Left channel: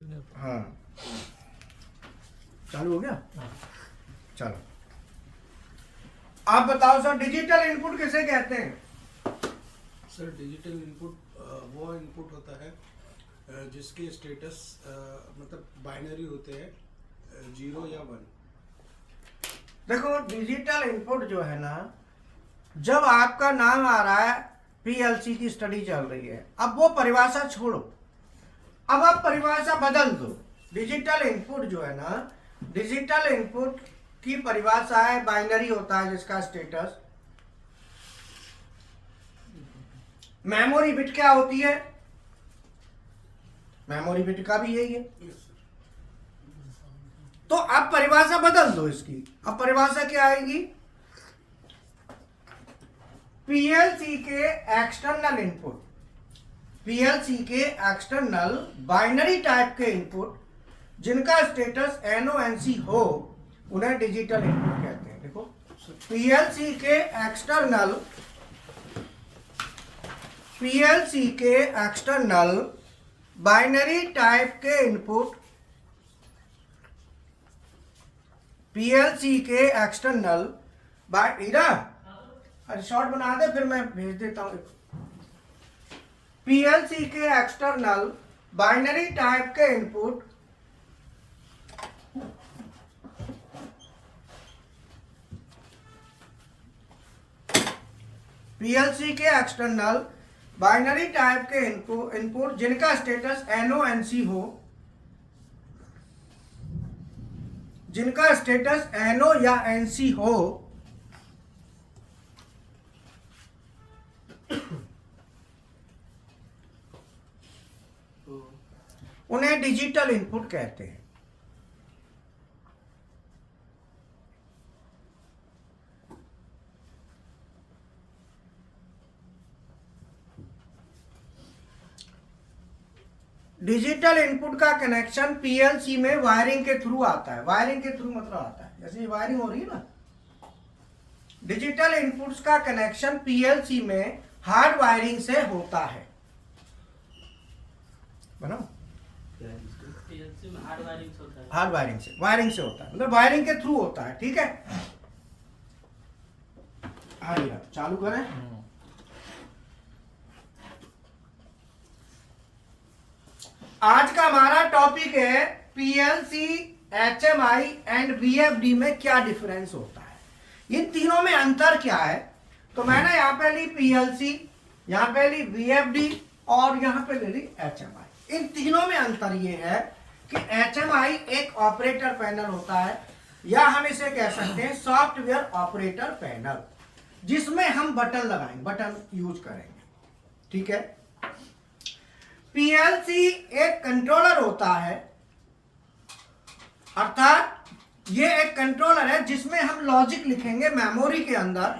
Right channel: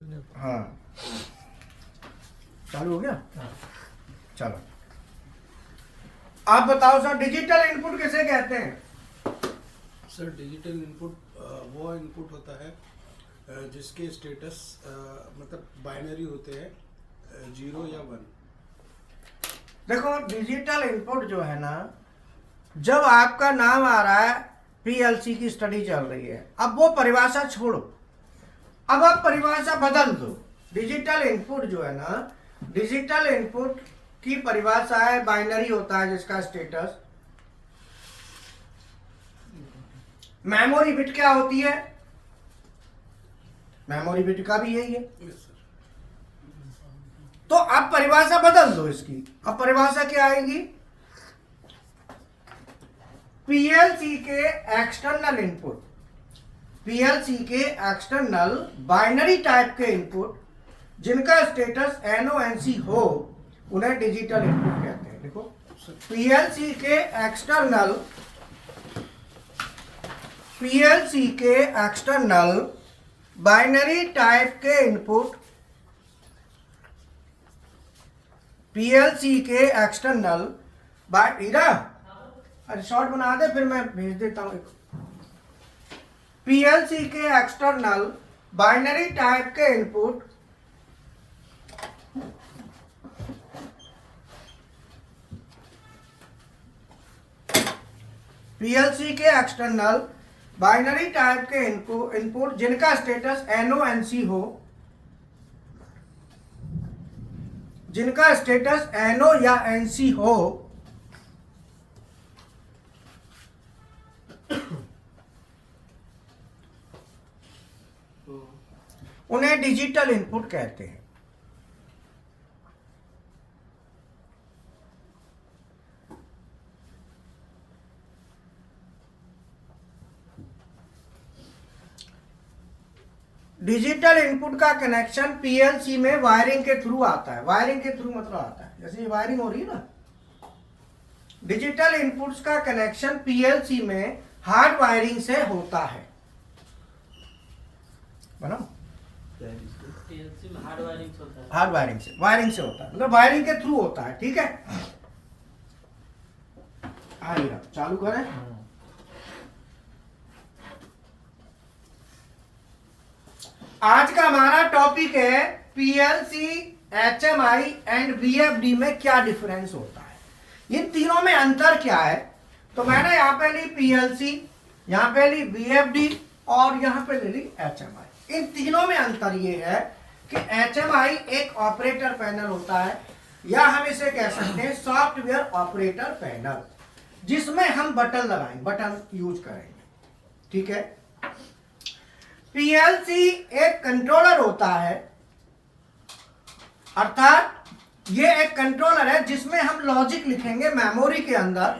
हाँ चालू हो गया। चलो आप बताओ सर, डिजिटल इनपुट किसे कहते हैं? सर डिजिटल इनपुट वो इनपुट होता है जिसके स्टेटस मतलब बाइनरी होते हैं, 0 या 1। देखो डिजिटल इनपुट जो है ना, जब आपका नाम आ रहा है पीएलसी की स्टडी चल रही है, अब वो परिभाषा छोड़ो, अब आप परिभाषा बदल दो। डिजिटल इनपुट जो है ना, डिजिटल इनपुट की परिभाषा है बाइनरी होता है जिसका स्टेटस। मेमोरी बिट क्या होती है? मेमोरी बिट का भी यही है। तो अब परिभाषा बदल दो इसकी। अब परिभाषा क्या आएगी? पीएलसी के एक्सटर्नल इनपुट, पीएलसी के एक्सटर्नल बाइनरी टाइप के इनपुट जिनका स्टेटस एनओएनसी हो, उन्हें डिजिटल इनपुट कहते हैं। देखो पीएलसी के एक्सटर्नल, पीएलसी के एक्सटर्नल बाइनरी टाइप के इनपुट, पीएलसी के एक्सटर्नल अरे शॉर्ट बना दे फिर मैं भेज देता हूं। पीएलसी के एक्सटर्नल बाइनरी टाइप के इनपुट पीएलसी के एक्सटर्नल बाइनरी टाइप के इनपुट जिनका स्टेटस एनओएनसी हो, जिनका स्टेटस एनओ या एनसी हो, उन्हें डिजिटल इनपुट कहते हैं। डिजिटल इनपुट का कनेक्शन पीएलसी में वायरिंग के थ्रू आता है। वायरिंग के थ्रू मतलब आता है जैसे वायरिंग हो रही है ना, डिजिटल इनपुट्स का कनेक्शन पीएलसी में हार्ड वायरिंग से होता है। बनाओ हार्ड वायरिंग से होता है। हार्ड वायरिंग से होता है, मतलब वायरिंग के थ्रू होता है। ठीक है, आइए चालू करें। आज का हमारा टॉपिक है पीएलसी, एचएमआई एंड वीएफडी में क्या डिफरेंस होता है, इन तीनों में अंतर क्या है। तो मैंने यहाँ पे ली पीएलसी, यहाँ पे ली वीएफडी और यहाँ पे ले ली एचएमआई। इन तीनों में अंतर ये है कि एचएमआई एक ऑपरेटर पैनल होता है, या हम इसे कह सकते हैं सॉफ्टवेयर ऑपरेटर पैनल, जिसमें हम बटन लगाएंगे, बटन यूज करेंगे। ठीक है, पीएलसी एक कंट्रोलर होता है, अर्थात ये एक कंट्रोलर है जिसमें हम लॉजिक लिखेंगे मेमोरी के अंदर,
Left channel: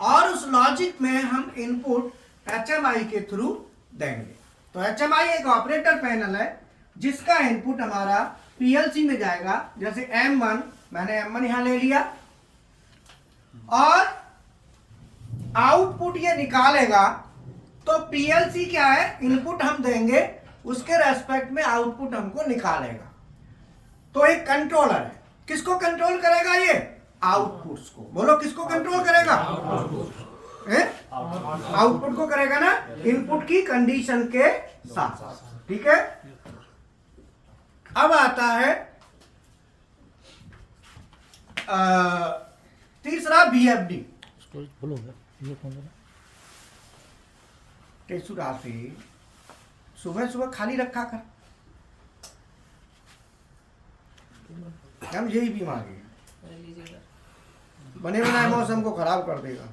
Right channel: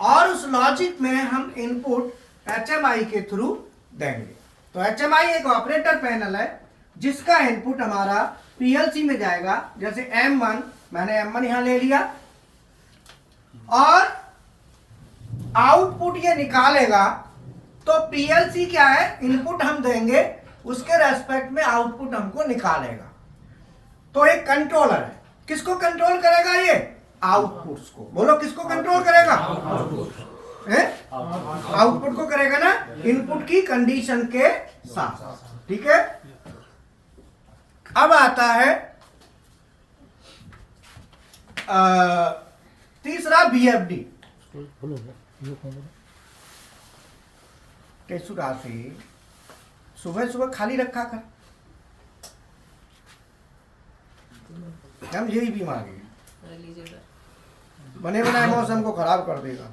और उस लॉजिक में हम इनपुट एचएमआई के थ्रू देंगे। तो एचएमआई एक ऑपरेटर पैनल है जिसका इनपुट हमारा पीएलसी में जाएगा। जैसे M1, मैंने M1 यहां ले लिया, और आउटपुट ये निकालेगा। तो पीएलसी क्या है, इनपुट हम देंगे, उसके रेस्पेक्ट में आउटपुट हमको निकालेगा। तो एक कंट्रोलर है, किसको कंट्रोल करेगा? ये आउटपुट्स को। बोलो किसको कंट्रोल करेगा? आउटपुट को करेगा ना, इनपुट की कंडीशन के साथ। ठीक है, अब आता है तीसरा वीएफडी। केसुरा से सुबह सुबह खाली रखा कर, हम यही बीमारी है, बने बनाए मौसम को खराब कर देगा।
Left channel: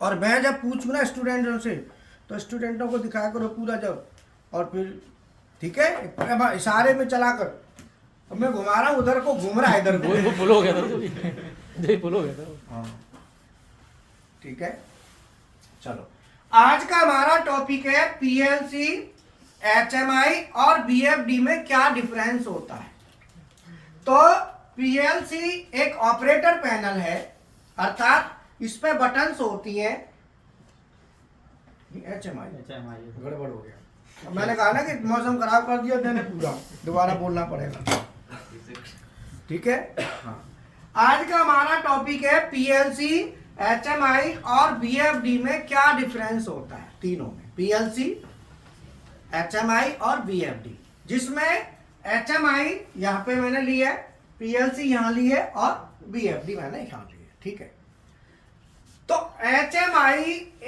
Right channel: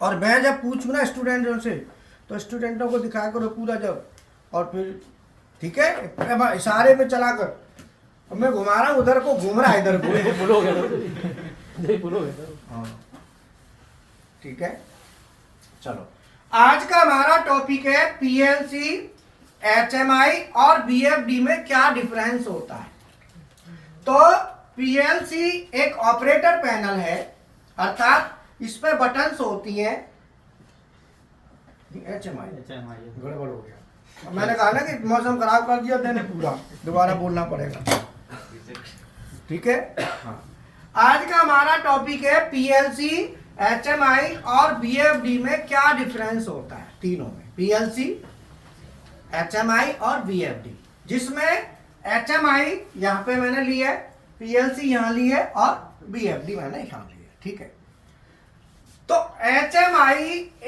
और मैं जब पूछूं ना स्टूडेंटों से, तो स्टूडेंटों को दिखाया करो पूरा जब, और फिर ठीक है इशारे में चला कर। अब मैं घुमा रहा हूँ, उधर को घूम रहा है, इधर हाँ ठीक है। चलो आज का हमारा टॉपिक है पीएलसी, एचएमआई और वीएफडी में क्या डिफरेंस होता है। तो पीएलसी एक ऑपरेटर पैनल है, अर्थात इस पे बटन्स होती हैं, HMI HMI गड़बड़ हो गया। अब मैंने कहा ना कि मौसम खराब कर दिया मैंने पूरा, दोबारा बोलना पड़ेगा। ठीक है, हाँ। आज का हमारा टॉपिक है PLC, HMI और VFD में क्या डिफरेंस होता है तीनों में, PLC, HMI और VFD, जिसमें HMI यहाँ पे मैंने ली है, PLC यहाँ ली है और VFD मैंने यहाँ ली है। ठीक है, तो HMI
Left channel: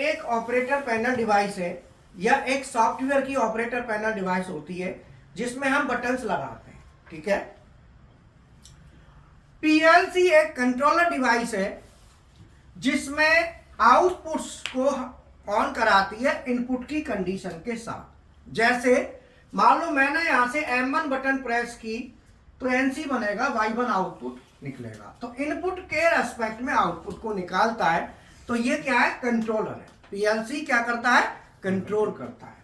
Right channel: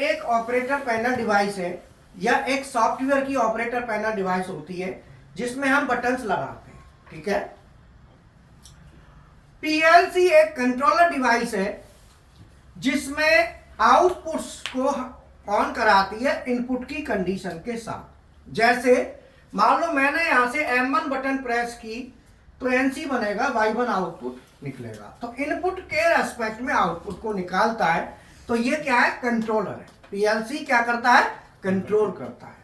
एक ऑपरेटर पैनल डिवाइस है या एक सॉफ्टवेयर की ऑपरेटर पैनल डिवाइस होती है जिसमें हम बटन्स लगाते हैं। ठीक है, PLC एक कंट्रोलर डिवाइस है जिसमें आउटपुट्स को ऑन कराती है इनपुट की कंडीशन के साथ। जैसे मान लो मैंने यहां से M1 बटन प्रेस की तो NC बनेगा, Y1 आउटपुट निकलेगा। तो इनपुट के रेस्पेक्ट में आउटपुट को निकालता है। तो ये क्या है, कंट्रोलर है। PLC क्या करता है, कंट्रोल करता है।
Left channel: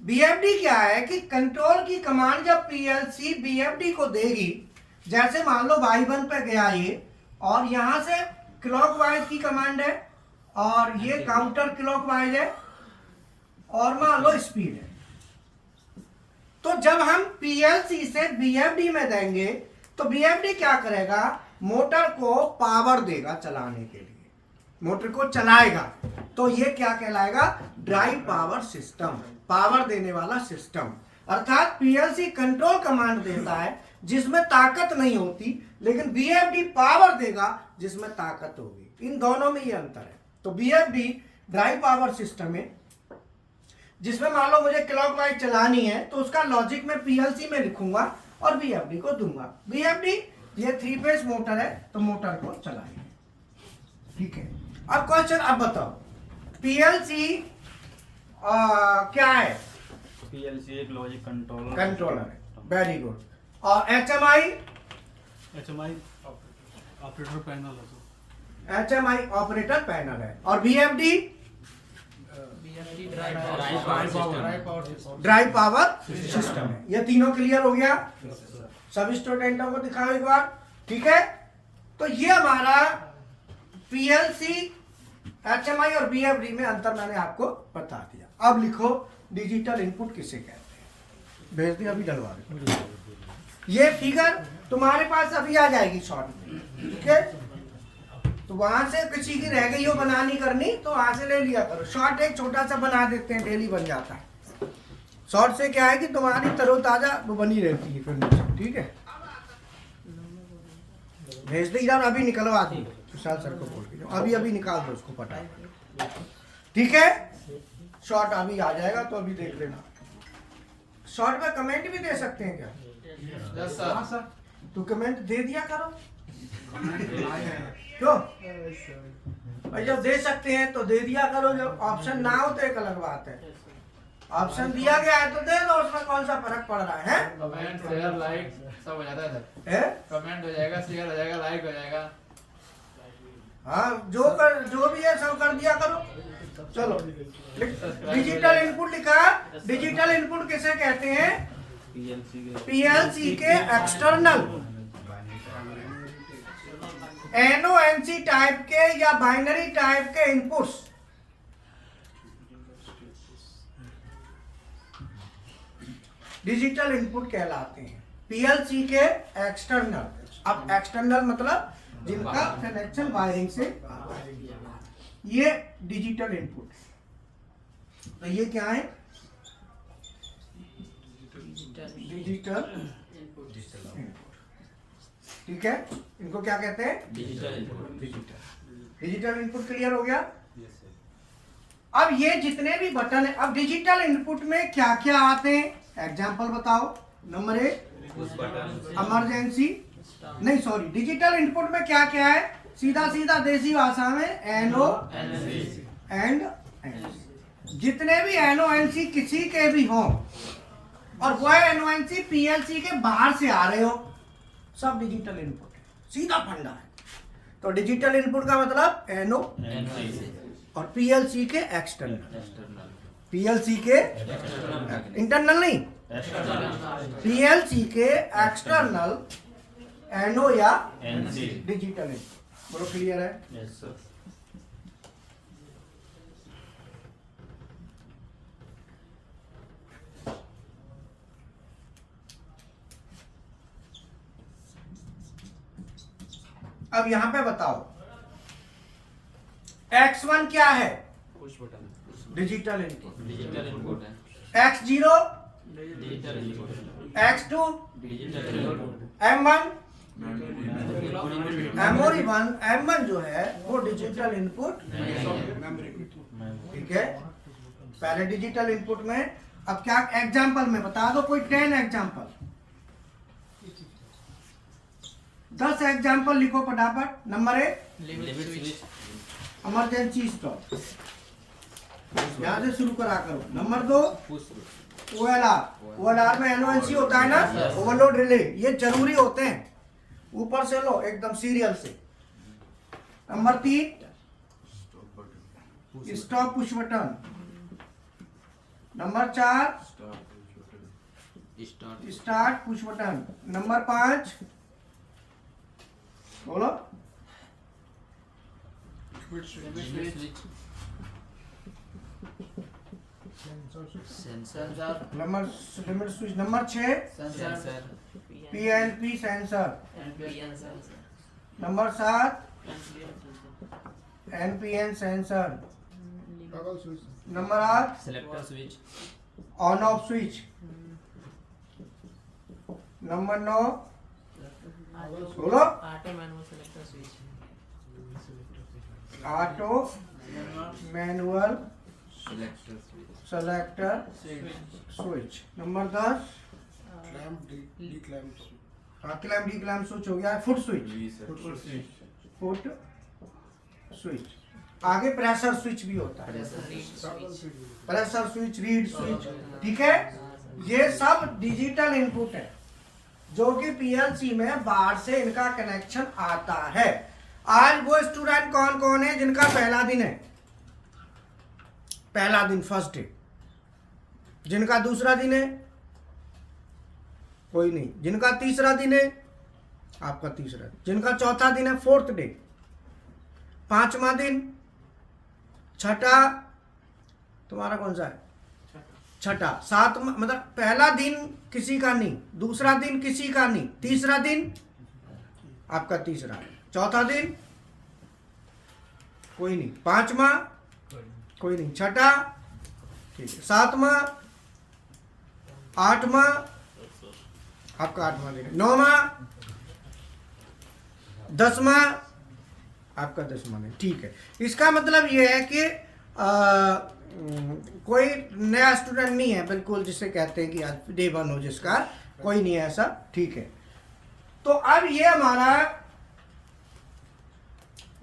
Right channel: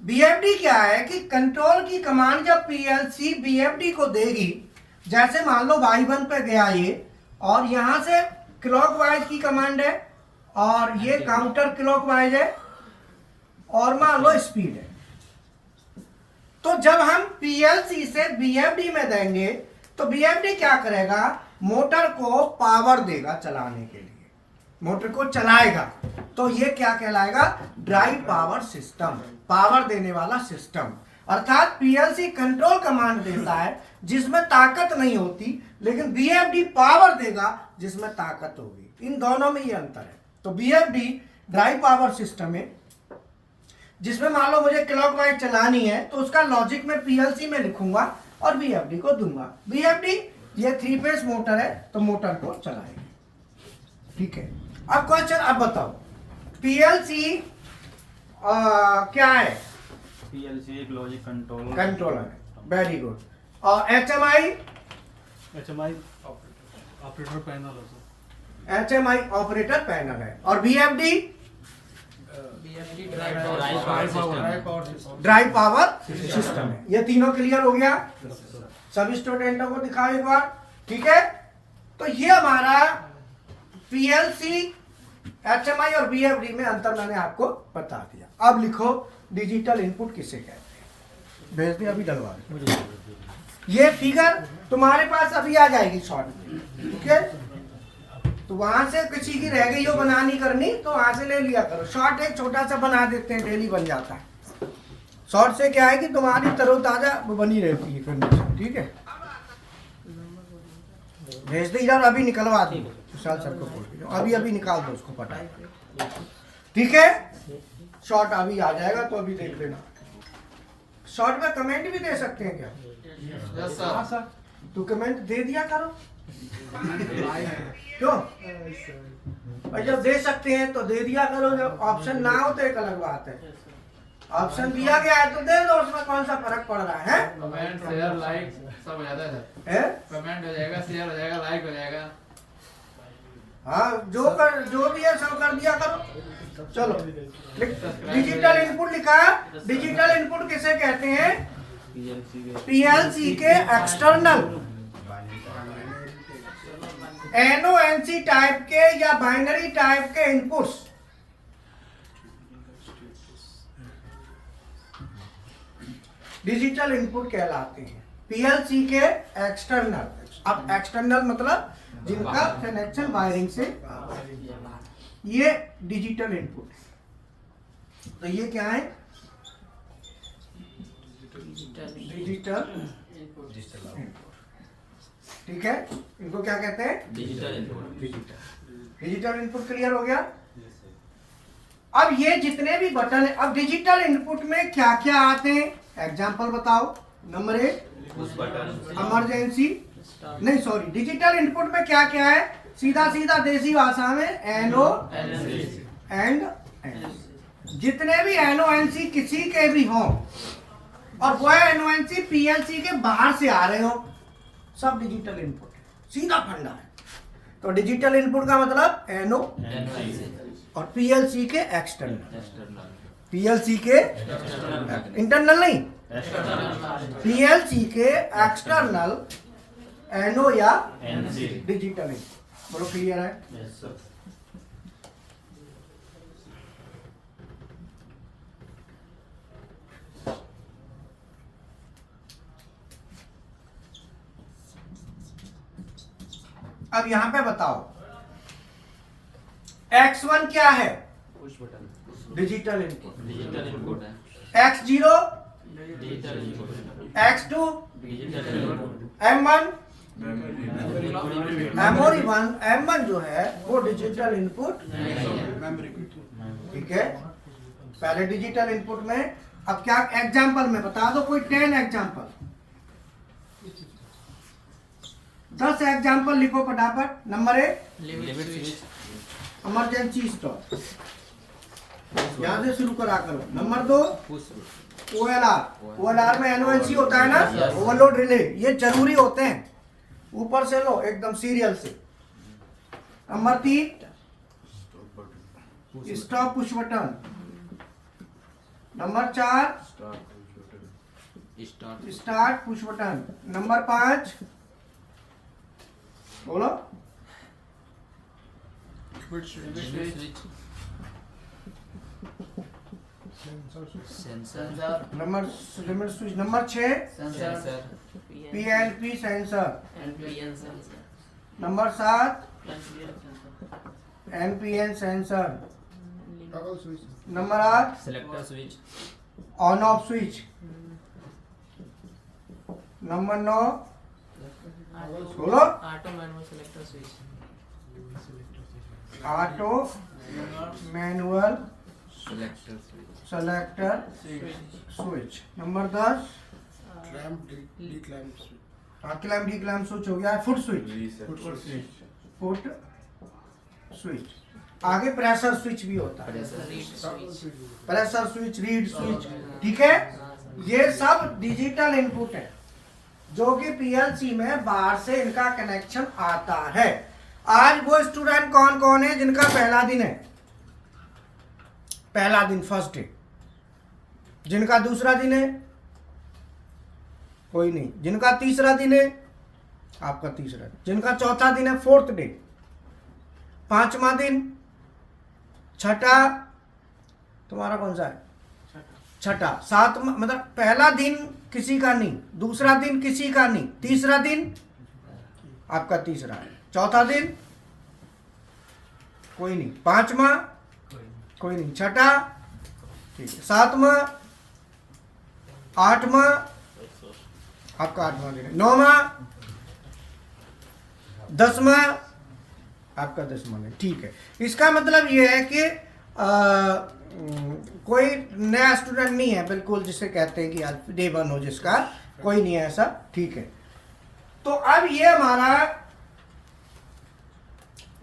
BFD क्या है कि कंट्रोल की कमांड जब PLC BFD को देगी, जैसे मान लो Y1 पे गया ये और यहां से क्लॉकवाइज की कमांड है और ये काउंटर क्लॉकवाइज है और मान लो स्पीड है, तो जब हम PLC से BFD में देंगे तो BFD क्या करेगा, मोटर को पावर देगा चलाने के लिए, मोटर को चलाएगा। तो ये क्या कहलाएगा, ड्राइव पावर सिस्टम, पावर देने वाला सिस्टम। अर्थात PLC कंट्रोल कमांड देता है जिसमें ताकत नहीं होती, लेकिन BFD पावर देगा जिसमें ताकत होगी। इन दोनों में ये अंतर है। तो BFD ड्राइव पावर सिस्टम है जिसमें मान लो मुझे क्लॉकवाइज चलानी है तो उसका लॉजिक में PLC में लिखूंगा और BFD को दूंगा। BFD ये 3 फेज मोटर है तो मोटर को चलाएगी। ठीक है, अब क्वेश्चन, अब बताओ PLC क्या है, PLC एक लॉजिक कंट्रोलर है। Very good. और HMI ऑपरेटर पैनल होता HMI ऑपरेटर पैनल है। और BFD ड्राइव पावर सिस्टम है। ये तीनों क्लियर हो गया, सभी स्टूडेंटों को दिखाओ एक बार। ठीक है, तो ये हमारा PLC, HMI और BFD में अंतर मैंने आपको बता दिया। अब लिखो डिजिटल इनपुट किसे कहते हैं, भेज दिया, अभी डलवा दे। ये फिगर तुम्हारे पास अभी आ जाएगी शॉर्ट में। ठीक है, तो वहां से किसी की रह गई हो बनानी करनी तो वहां से ले लिया करो। शॉर्ट एक छोटा सा बना देते हैं, डेली बन जाता है। शॉर्ट से क्या है कि तुम्हारी तरोताजा बनी रहती है फिर। ठीक है, भेज दे इधर, अभी निकलवा दी विशाल सर को बोल के, अभी निकाल दो उसको पटा। ठीक है, शॉर्ट अभी आ जाएगा तो अभी देख लेना। शॉर्ट में कमेंट भी दे सकते हैं क्या? हाँ सर, तू कमेंट दे दिया करो। क्यों भाई, जब दे सकते हैं तो दे दिया करो, जब ऑप्शन ना हो तो एक अलग बात है। ऑप्शन दिया गया है तो दे दो, उसमें कौन सा फर्क पड़ रहा है? कमेंट, शेयर, लाइक सब हो जाता है। कमेंट हो जाएगा, शेयर हो जाएगा, लाइक हो जाएगा। हाँ, जो भी है सब कर दिया करो। चलो, डिजिटल इनपुट लिखा है। डिजिटल इनपुट किसे कहते हैं? PLC के एक्सटर्नल NONC टाइप के या बाइनरी टाइप के इनपुट्स डिजिटल इनपुट कहलाते हैं। PLC के एक्सटर्नल, अब एक्सटर्नल मतलब जिनका कनेक्शन वायरिंग से, ये डिजिटल इनपुट है। तो ये क्या है? Digital input. ठीक है, इनको क्या कहते हैं? Digital input. Digital input clear हो गया। अब ये जितने भी बटन है, अब डिजिटल इनपुट में क्या क्या आते हैं एग्जांपल बताओ। नंबर 1 इमरजेंसी, नहीं सॉरी, डिजिटल इनपुट में क्या क्या है? सीधा सीधा देसी भाषा में NO एंड N। जितने भी NONC किसी के भी हों और वह NONC PLC के बाहर से आ रहे हो, सब डिजिटल इनपुट है, सीधा फंडा है। तो डिजिटल इनपुट का मतलब NO और PLC के एक्सटर्नल, PLC के इंटरनल नहीं, PLC के एक्सटर्नल NO या डिजिटल इनपुट। बोलो क्लियर है? अब यहां पे बताओ X1 क्या है? Push button digital input. Digital input है। X0, digital input X2, digital input M1, memory M1 जो है वो डिजिटल इनपुट, ठीक है। पहले डिजिटल इनपुट में, अब क्या एग्जांपल में बता दो कोई 10 एग्जांपल, 10 एग्जांपल लिखो फटाफट। Number 1 limit switch emergency stop, यहां से शुरू करा करो। नंबर 2 पुश OLR में एनओएनसी होता है ना, ओवरलोड रिले, ये जरूरी होते हैं। ऊपर से लो एकदम सीरियल से। Number 3 stop push button. Number 4 start push button. Number 5 बोलो limit switch sensor number limit switch. Number 6 sensor PLP sensor. Number 7 NPN sensor. Toggle switch. Number 8 selector switch on off switch. Number 9 बोलो auto manual selector switch. Auto manual selector switch selector switch. Number 10 clamp D clamp switch. Clamp D clamp switch हो गया है। Foot switch, foot switch. आगे pressure switch भी होता है, pressure switch, reed switch, ठीक है। ये सब डिजिटल इनपुट है जो कि पीएलसी में बाहर से इनका कनेक्शन आता है। आज वो स्टूडेंट कौन कौन है जिनका पहला दिन है? पहला दिन, फर्स्ट डे। जिनका दूसरा दिन है? कोई नहीं। जिनका तीसरा दिन है? आपका तीसरा। जिनका चौथा दिन है? Fourth day. पांचवा दिन? छठा? तुम्हारा कौन सा है? छठा। सातवां, मतलब पहला दिन किसी का नहीं, दूसरा दिन किसी का नहीं, तीसरा दिन आपका तीसरा है, चौथा दिन कोई नहीं, पांचवा कोई नहीं, छठा ठीक है, सातवां, आठवां आपका आठवां दिन है, नौवां, दसवां आपका दसवां दिन, ठीक है। इसका मतलब ये है कि कोई नया स्टूडेंट नहीं है बिल्कुल जिसे कहते हैं कि यार डे वन हो जिसका, कोई नहीं है ऐसा, ठीक है। तो अब ये हमारा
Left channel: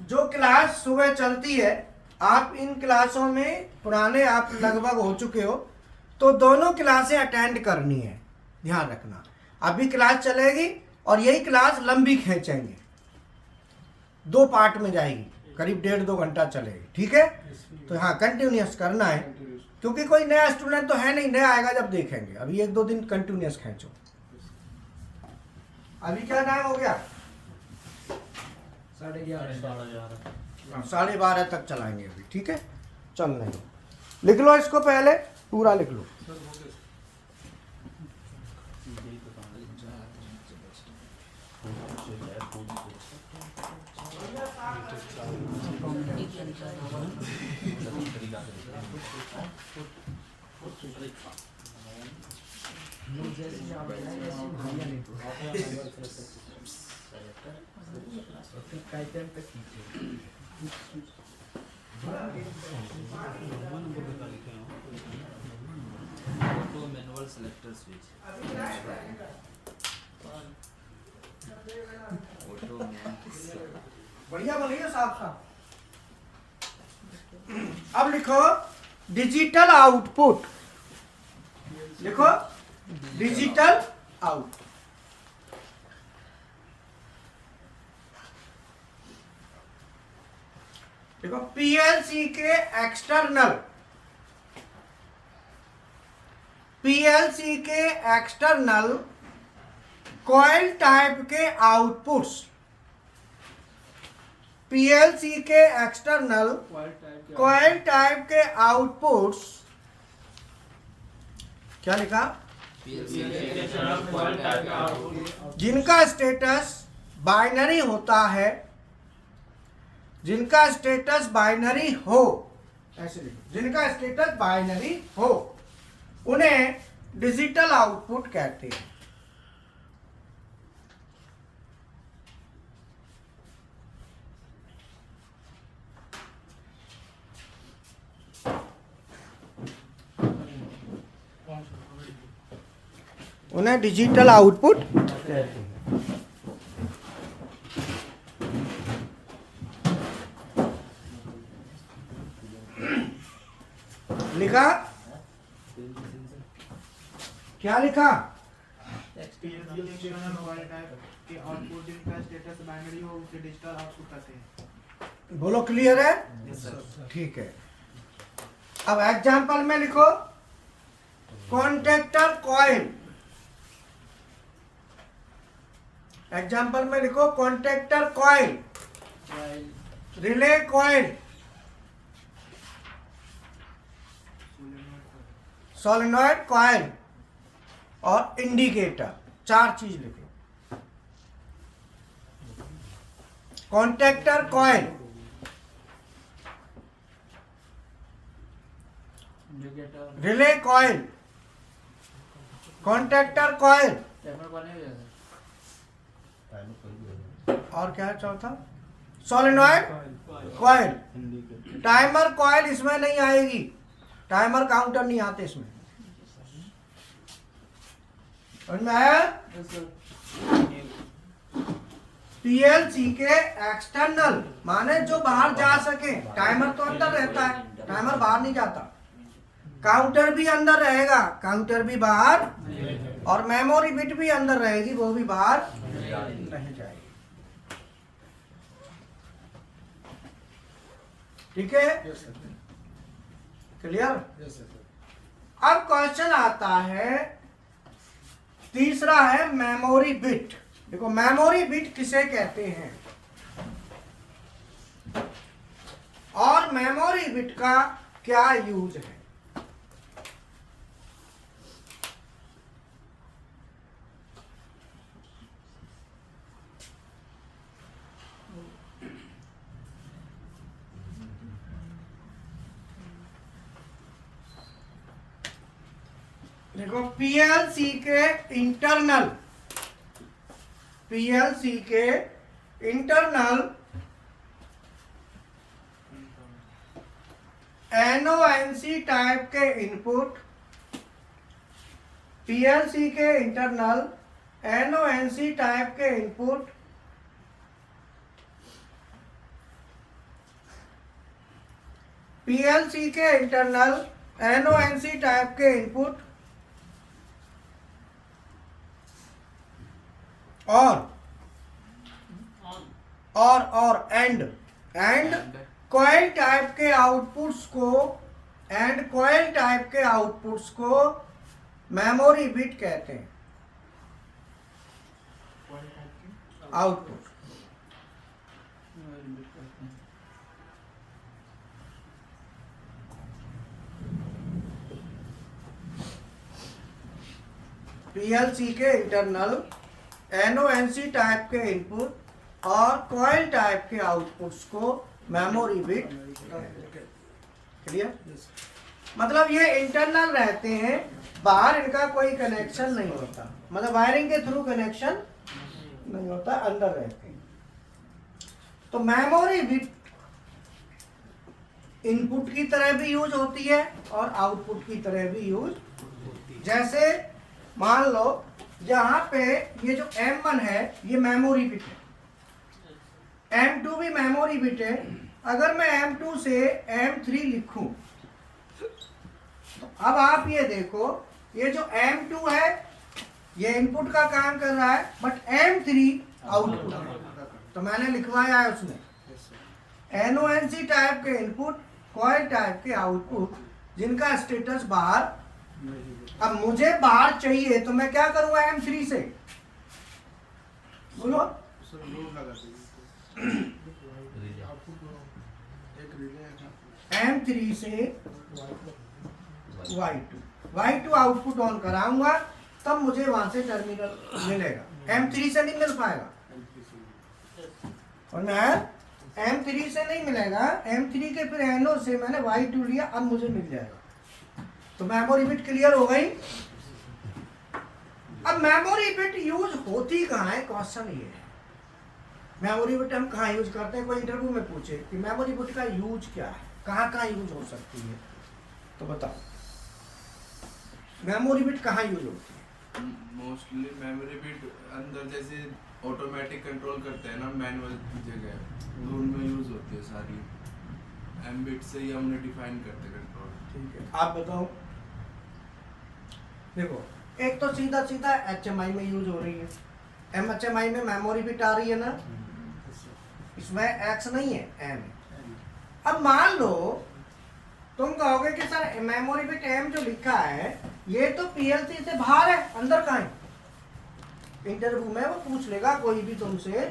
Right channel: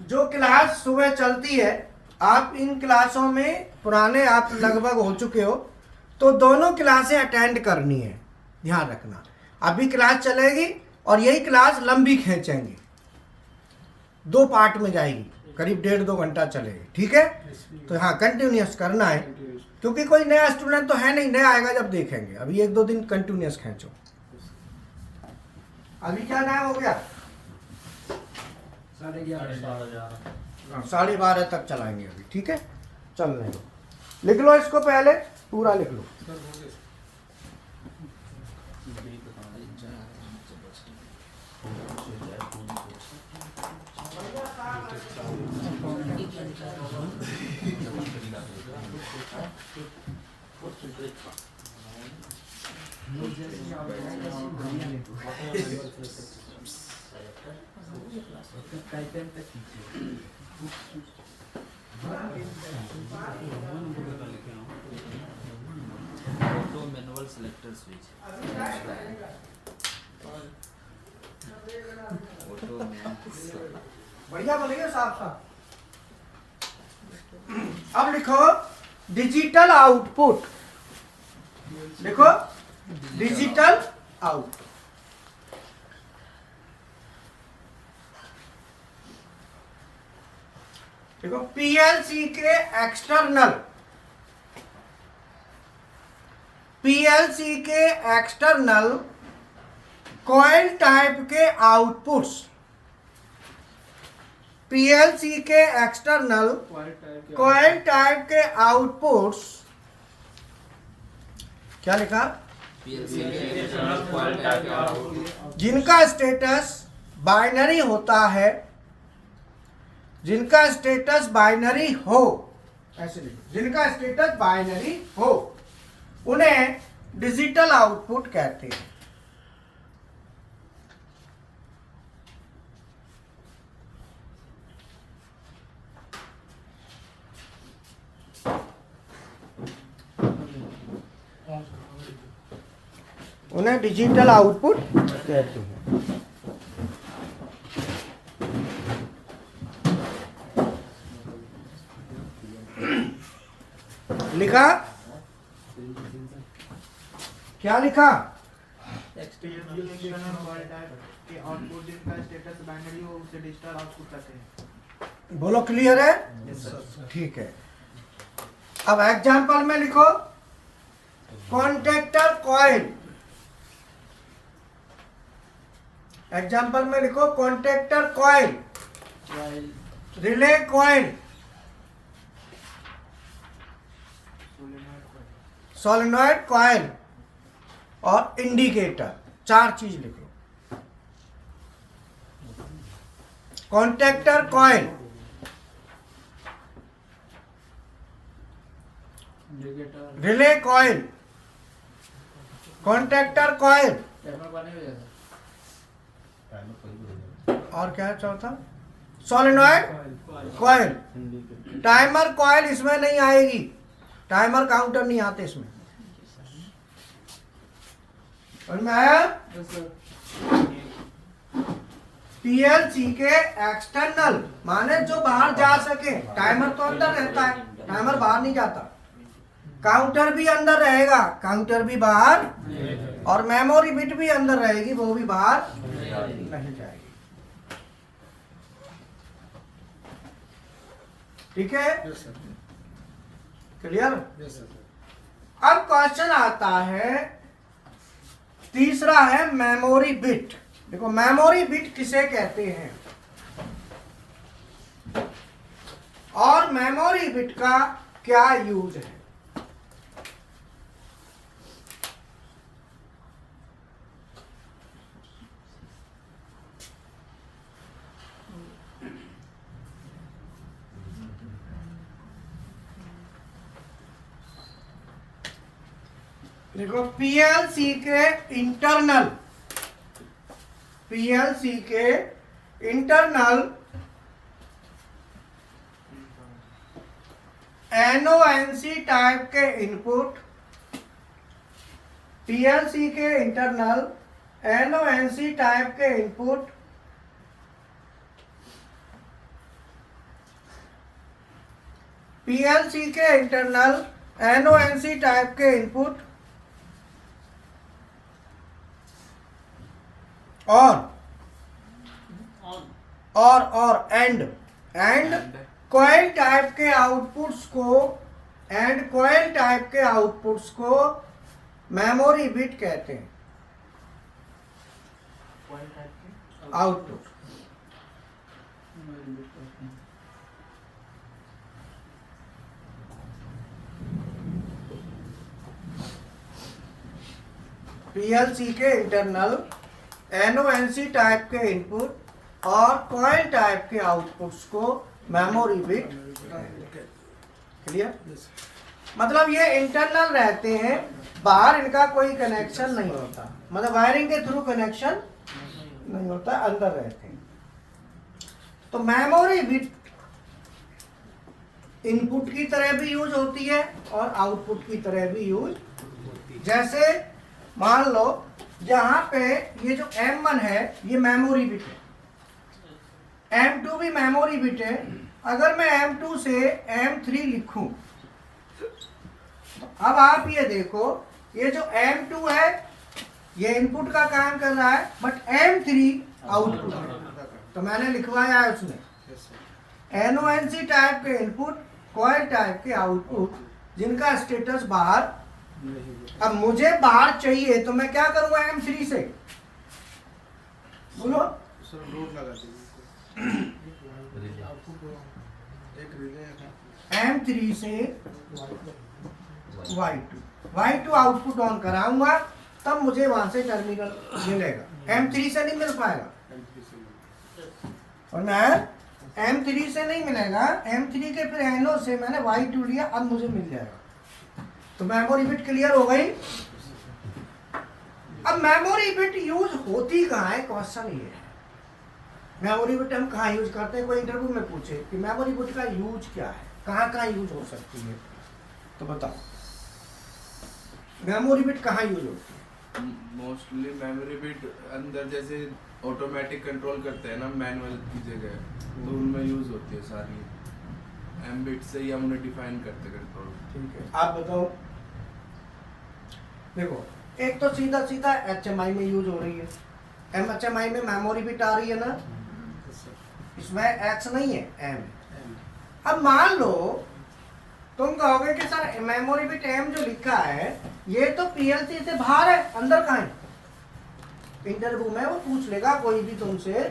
जो क्लास सुबह चलती है, आप इन क्लासों में पुराने आप लगभग हो चुके हो, तो दोनों क्लासें अटेंड करनी है, ध्यान रखना। अभी क्लास चलेगी और यही क्लास लंबी खींचेंगे, 2 पार्ट में जाएगी, करीब 1.5-2 घंटा चलेगी, ठीक है। तो हाँ कंटिन्यूस करना है, क्योंकि कोई नया स्टूडेंट तो है नहीं, नया आएगा जब देखेंगे। अभी 1-2 दिन कंटिन्यूस खींचो। अभी क्या टाइम हो गया? 11:30 तक चलाएंगे अभी, ठीक है। चलने दो, लिख लो इसको, पहले पूरा लिख लो। Auto manual selector switch, auto man, बढ़िया बोलिए साफ साफ। अब लिखो डिजिटल आउटपुट, लिखो डिजिटल आउट। देखो पीएलसी के एक्सटर्नल कॉइल टाइप के आउटपुट्स, पीएलसी के एक्सटर्नल कॉइल टाइप के आउटपुट्स, क्या लिखा? पीएलसी के कॉइल टाइप के आउटपुट जिनका स्टेटस बाइनरी होता है, जिनका स्टेटस बाइनरी हो, ऐसे लिखो, जिनका स्टेटस बाइनरी हो उन्हें डिजिटल आउटपुट कहते हैं। उन्हें डिजिटल आउटपुट कहते हैं। लिखा, क्या लिखा? के आउटपुट जिनका स्टेटस बाइनरी हो उसे डिजिटल आउटपुट कहते हैं। बोलो, क्लियर है? Yes, sir. ठीक है। अब एग्जाम्पल में लिखो, कॉन्टेक्टर कॉइल। एग्जाम्पल में लिखो, contactor coil, relay coil, solenoid coil और इंडिकेटर। 4 चीज लिख लो। Contactor coil, relay coil, contactor coil और क्या है चौथा? Solenoid coil. टाइमर कॉइल इसमें नहीं आएगी, टाइमर काउंटर नहीं आते इसमें। समझ में आया? पीएलसी के एक्सटर्नल माने जो बाहर जा सके। टाइमर तो अंदर रहता है, टाइमर बाहर नहीं जाता। काउंटर भी अंदर रहेगा, काउंटर भी बाहर, और मेमोरी बिट भी अंदर रहेगी, वो भी बाहर नहीं जाएगी। ठीक है? Yes, sir. Clear? Yes, sir. अब क्वेश्चन आता है, तीसरा है मेमोरी बिट। देखो, मेमोरी बिट किसे कहते हैं और मेमोरी बिट का क्या यूज है? देखो, पीएलसी के इंटरनल एनओएनसी टाइप के इनपुट, पीएलसी के इंटरनल एनओएनसी टाइप के इनपुट पीएलसी के इंटरनल एनओएनसी टाइप के इनपुट और एंड कॉइल टाइप के आउटपुट्स को मेमोरी बिट कहते हैं। आउटपुट पीएलसी के इंटरनल एनओएनसी टाइप के इनपुट और कॉइल टाइप के आउटपुट्स को memory bit. Clear? Yes, sir. मतलब ये इंटरनल रहते हैं, बाहर इनका कोई कनेक्शन नहीं होता, मतलब वायरिंग के थ्रू कनेक्शन नहीं होता, अंदर रहते हैं। तो मेमोरी बिट इनपुट की तरह भी यूज होती है और आउटपुट की तरह भी यूज होती है। जैसे मान लो यहाँ पे ये जो M1 है ये मेमोरी बिट है, M2 भी मेमोरी बिट है। अगर मैं M2 से M3 लिखूं तो अब आप ये देखो, ये जो M2 है ये इनपुट का काम कर रहा है, बट M3 आउटपुट है। तो मैंने लिखवाया है उसमें Yes, sir. एनओएनसी टाइप के इनपुट, कॉइल टाइप के आउटपुट, जिनका स्टेटस बाहर। अब मुझे बाहर चाहिए तो मैं क्या करूंगा M3 से? बोलो। Sir, load लगा दीजिए. Output एक relay है. M3 से Y2 आउटपुट ऑन कराऊंगा, तब मुझे वहां से टर्मिनल मिलेगा। M3 से नहीं मिल पाएगा। M3 से. और मैं M3 से नहीं मिलेगा, M3 के फिर NO से मैंने Y2 लिया, अब मुझे मिल जाएगा। तो मेमोरी बिट क्लियर हो गई। अब मेमोरी बिट यूज होती कहाँ है, क्वेश्चन ये है। मेमोरी बिट हम कहाँ यूज करते हैं, कोई इंटरव्यू में पूछे कि मेमोरी बिट का यूज क्या है, कहाँ कहाँ यूज हो सकती है, तो बताओ मेमोरी बिट कहाँ यूज होती है? मोस्टली मेमोरी बिट अंदर जैसे ऑटोमेटिक कंट्रोल करते हैं ना मैनुअल की जगह, तो उनमें यूज होती है सारी। एम बिट से ही हम उन्हें डिफाइन करते कंट्रोल। ठीक है, आप बताओ। देखो एक तो सीधा सीधा HMI में यूज हो रही है, HMI में मेमोरी बिट आ रही है ना, इसमें X नहीं है, M। अब मान लो तुम कहोगे कि सर मेमोरी बिट M जो लिखा है ये तो PLC से बाहर है, अंदर कहाँ है? इंटरव्यू में वो पूछ लेगा कोई भी तुमसे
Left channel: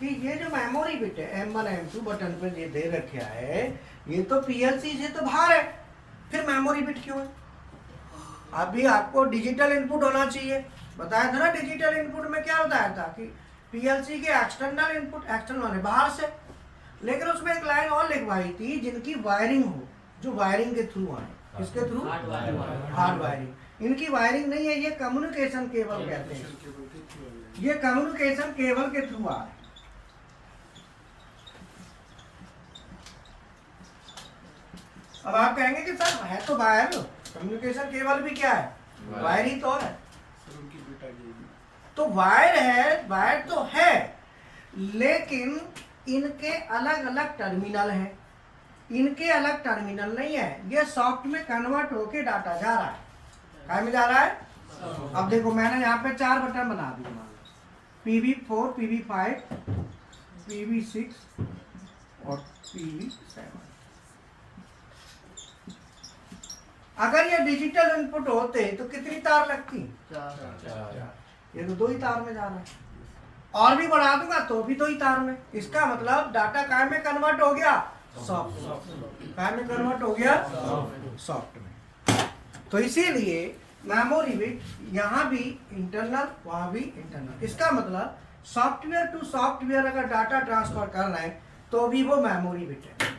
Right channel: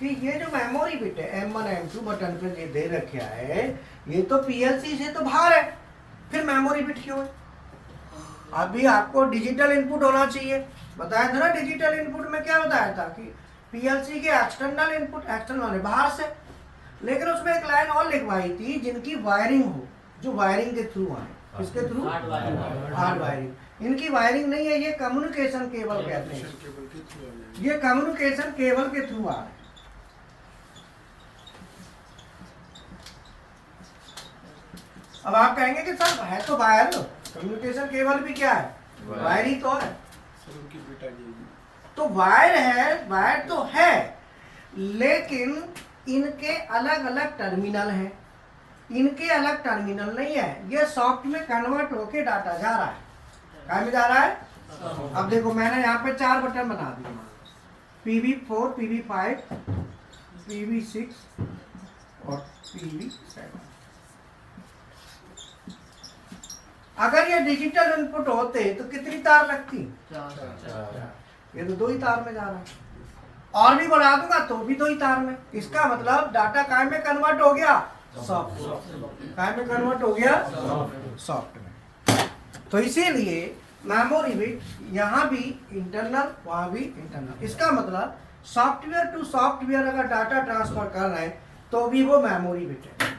कि ये जो मेमोरी बिट है M1 M2 बटन पे ये दे रखा है, ये तो PLC से तो बाहर है, फिर मेमोरी बिट क्यों है? अभी आपको डिजिटल इनपुट होना चाहिए, बताया था ना। डिजिटल इनपुट में क्या बताया था कि PLC के एक्सटर्नल इनपुट, एक्सटर्नल बाहर से, लेकिन उसमें एक लाइन और लिखवाई थी जिनकी वायरिंग हो, जो वायरिंग के थ्रू आए। किसके थ्रू? Hard wiring. इनकी वायरिंग नहीं है, ये कम्युनिकेशन केबल कहते हैं, ये कम्युनिकेशन केबल के थ्रू आ रहे हैं। अब आप कहेंगे कि सर है तो वायर, कम्युनिकेशन केबल भी क्या है, वायर ही तो है। तो वायर है, वायर तो है, लेकिन इनके अलग अलग टर्मिनल हैं, इनके अलग टर्मिनल नहीं है। ये सॉफ्ट में कन्वर्ट होके डाटा जा रहा है, क्या में जा रहा है? अब देखो मैंने यहाँ पे 4 बटन बना दिए, PV4, PV5, PV6 और PV7। अगर ये डिजिटल इनपुट होते तो कितनी तार लगती? ये तो 2 ही तार में जा रहा है, और भी बढ़ा दूंगा तो भी 2 ही तार में। इसका मतलब डाटा काय में कन्वर्ट हो गया? सॉफ्ट। काय में कन्वर्ट हो गया? सॉफ्ट में। तो इसीलिए मेमोरी बिट यहाँ भी इंटरनल, वहां भी इंटरनल। इसका मतलब सॉफ्टवेयर टू सॉफ्टवेयर अगर डाटा ट्रांसफर कर रहे हैं तो भी वो मेमोरी बिट है।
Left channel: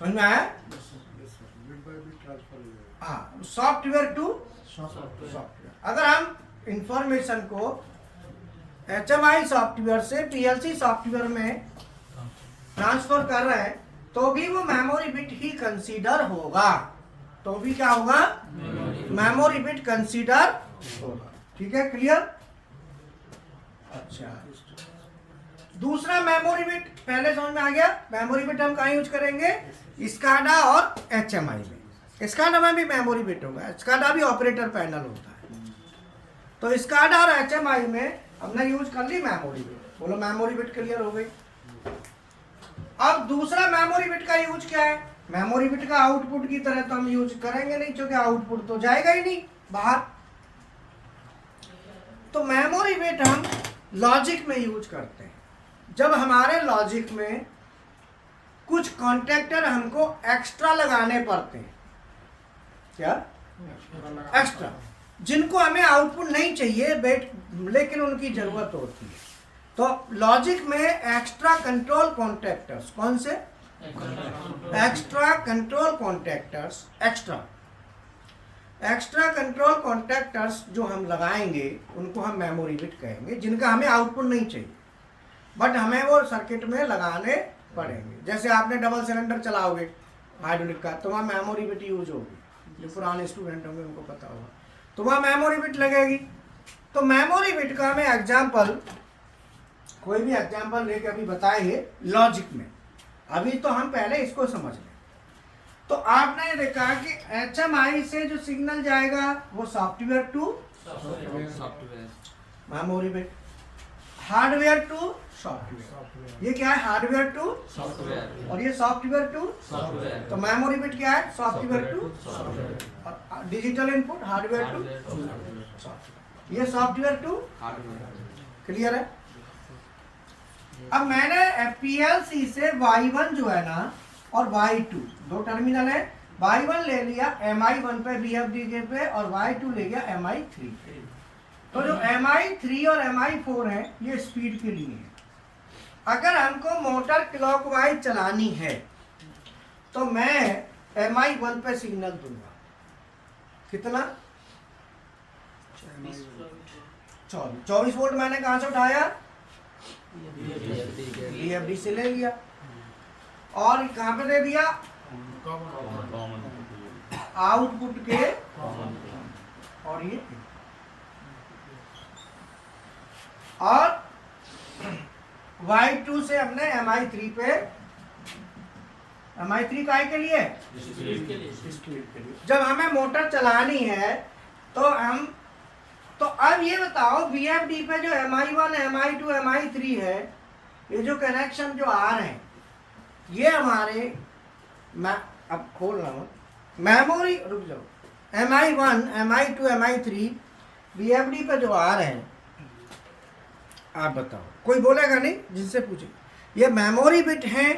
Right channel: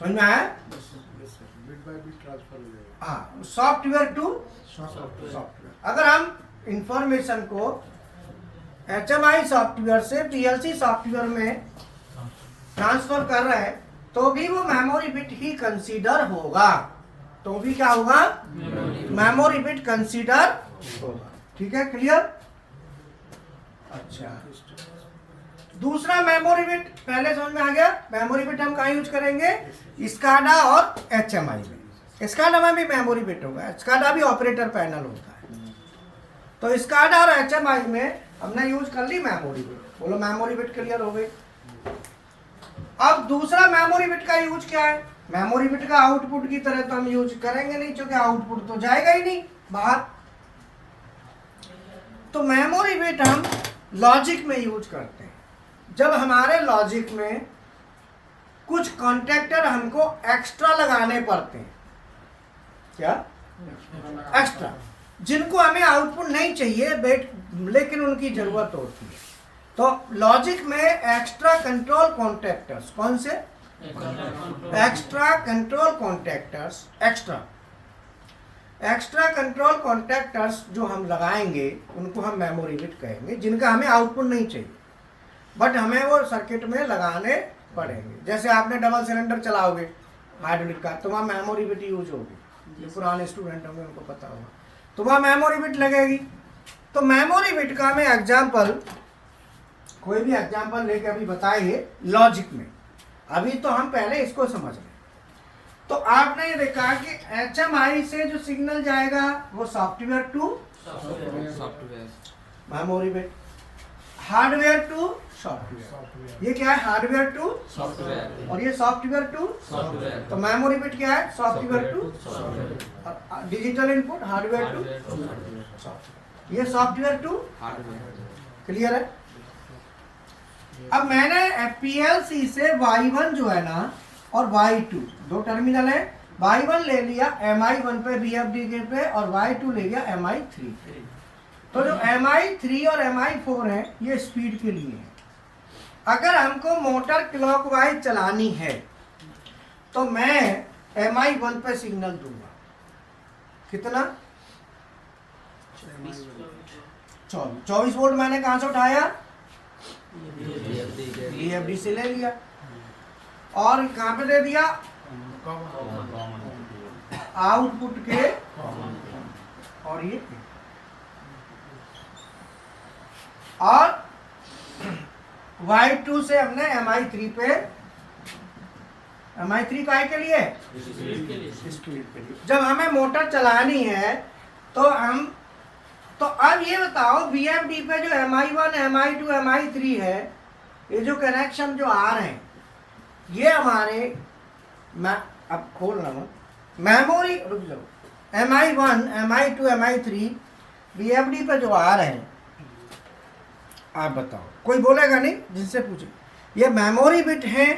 समझ में आया? हाँ, सॉफ्टवेयर टू सॉफ्टवेयर। अगर हम इंफॉर्मेशन को HMI सॉफ्टवेयर से PLC सॉफ्टवेयर में ट्रांसफर कर रहे हैं तो भी वो मेमोरी बिट ही कंसीडर होगा, तो भी क्या होगा? मेमोरी बिट कंसीडर होगा। ठीक है, क्लियर? अच्छा, दूसरा मेमोरी बिट पहले समझ में आ गया। मेमोरी बिट हम कहाँ यूज करेंगे? स्काडा और HMI में। स्काडा में भी मेमोरी बिट होगा, स्काडा भी ऑपरेटर पैनल होता है। तो स्काडा और HMI में हमने यूज कर ली मेमोरी बिट। बोलो मेमोरी बिट क्लियर हो गई। अब दूसरा मेमोरी बिट का यूज क्या है? मेमोरी बिट का आउटपुट की तरह तो हम यूज करेंगे नहीं, क्योंकि आउटपुट तो जाएगा ही नहीं बाहर। तो मेमोरी बिट हम लॉजिक में यूज करते हैं, जब हमारे लॉजिक में कुछ कॉन्टेक्टर हमको एक्स्ट्रा लगाने पड़ते हैं। क्या? एक्स्ट्रा, जिनको हमें आउटपुट नहीं चाहिए बेट, लेकिन उनकी जरूरत होती है। तो लॉजिक में एक्स्ट्रा कंट्रोल कॉन्टेक्टर्स, कौन से? Extra control contractors, extra control contractors जो हम लगाएंगे उनको हम मेमोरी बिट कहेंगे, जिनका हमें आउटपुट नहीं चाहिए बट हमें वो सर्किट में लगाने पड़ेंगे। जैसे आपने डबल सिलेंडर चलाओगे हाइड्रोलिक का, तो वहाँ मेमोरी बिट यूज होगी। जो पुराने स्टूडेंट होंगे उनको पता होगा, तो वहाँ मेमोरी बिट लगेगी। तो मेमोरी बिट का हमें एग्जाम्पल, कोई भी एग्जाम्पल लेके अभी बताएंगे लॉजिक में। अभी तो हम पहले इसको समझ लें। तो आपने देखा कि HMI से जो सिग्नल जाएगा वो software to software, memory bit, hardware to software. ये क्या है? हार्डवेयर टू सॉफ्टवेयर और ये सॉफ्टवेयर टू सॉफ्टवेयर। तो मेमोरी बिट क्या है? सॉफ्टवेयर टू सॉफ्टवेयर, और digital input hardware to hardware to software, software. ये सॉफ्टवेयर टू हार्डवेयर। क्लियर है? अब मैंने PLC से Y1 जो है ना और Y2 दो टर्मिनल है, Y1 ले लिया MI1 पे BFD पे और Y2 ले लिया MI3 पे। तो जो MI3 और MI4 है ये स्पीड के लिए है। अगर हमको मोटर क्लॉकवाइज चलानी है तो मैं MI1 पे सिग्नल दूंगा, कितना 24 वोल्ट मैंने कहां से उठाया, BFD से ले लिया, और कहां पे दे दिया, आउटपुट के, और ये और Y2 से हमने MI3 पे, MI3 काहे के लिए, स्पीड के लिए। जब हमें मोटर चलानी है तो हम, तो अब ये बताओ BFD पे जो MI1 MI2 MI3 है, ये जो कनेक्शन जो आ रहे हैं ये हमारे, मैं अब खोल रहा हूँ, मेमोरी, रुक जाओ, MI1 MI2 MI3 BFD पे जो आ रहे हैं, आप बताओ, कोई बोलेगा नहीं, जिनसे पूछे ये मेमोरी बिट है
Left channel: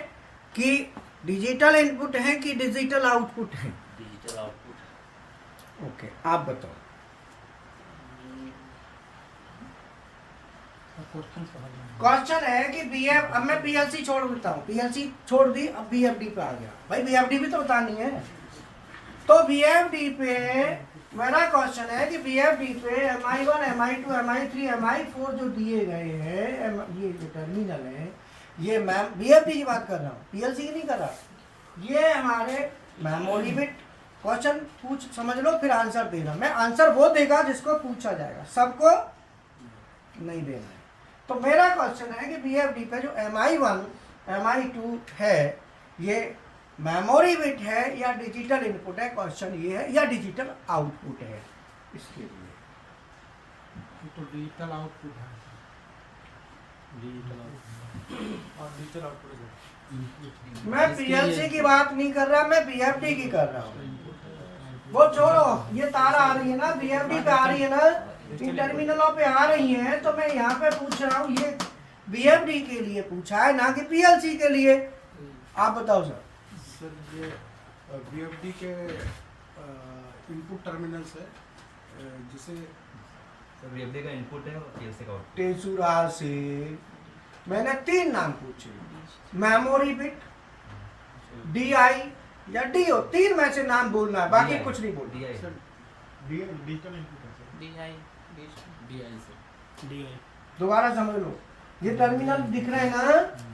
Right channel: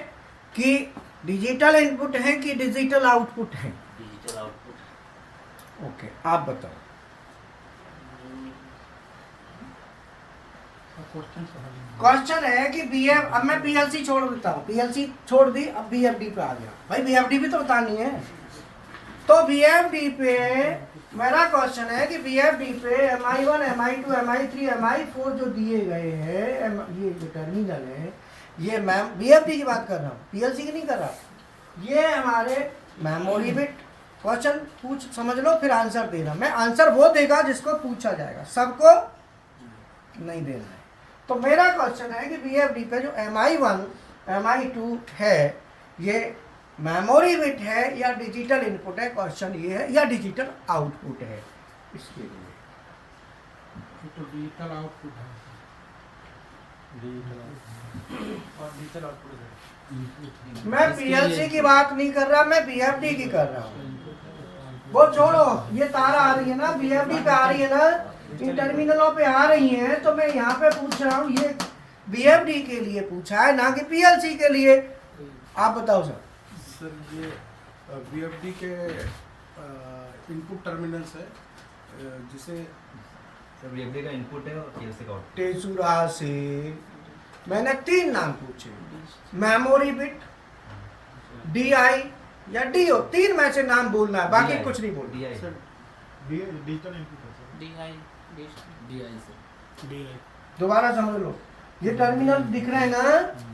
कि डिजिटल इनपुट है कि डिजिटल आउटपुट है, डिजिटल आउटपुट। ओके आप बताओ। क्वेश्चन है कि BF, अब मैं PLC छोड़ देता हूँ, PLC छोड़ दी, अब BFD पे आ गया, भाई BFD भी तो बतानी है। तो BFD पे मेरा क्वेश्चन है कि BFD पे MI1 MI2 MI3 MI4 जो दिए गए हैं, ये जो टर्मिनल है, ये मैं BFD की बात कर रहा हूँ, PLC की नहीं कर रहा, ये हमारे मेमोरी बिट। क्वेश्चन पूछ समझ लो फिर आंसर देना, मैं आंसर वो देगा जिसको पूछा जाएगा, सबको नहीं देना है। तो मेरा क्वेश्चन है कि BFD पे जो MI1 MI2 है, ये मेमोरी बिट है या डिजिटल इनपुट है, क्वेश्चन ये है, या डिजिटल आउटपुट है, इसके लिए तो डिजिटल आउटपुट है और डिजिटल आउटपुट है। मैं PLC की बात नहीं कर रहा, मैं BFD की कर रहा हूँ। वो छोड़ो, ये तार आ रही है ना, BFD पे आ रही है ना, इन टर्मिनलों पे आ रही है, तो मैं यहाँ पे पूछ रहा हूँ, ये BFD के लिए पूछा है ना कि PLC के लिए, आप बताओ सर। सर ये BFD के इनपुट टर्मिनल्स है, जिसे सब BFD का इनपुट है और PLC का आउटपुट। तेसुरा से मैंने 3 नाम पूछे, मेमोरी बिट, DI या DO, 3 में से नाम बोलना है, बाकी DI, कुछ नहीं बोलना। DI सर डिजिटल इनपुट है सर। DI से DI। दोबारा समझ लो, ये टर्मिनल दिख रहा है ना,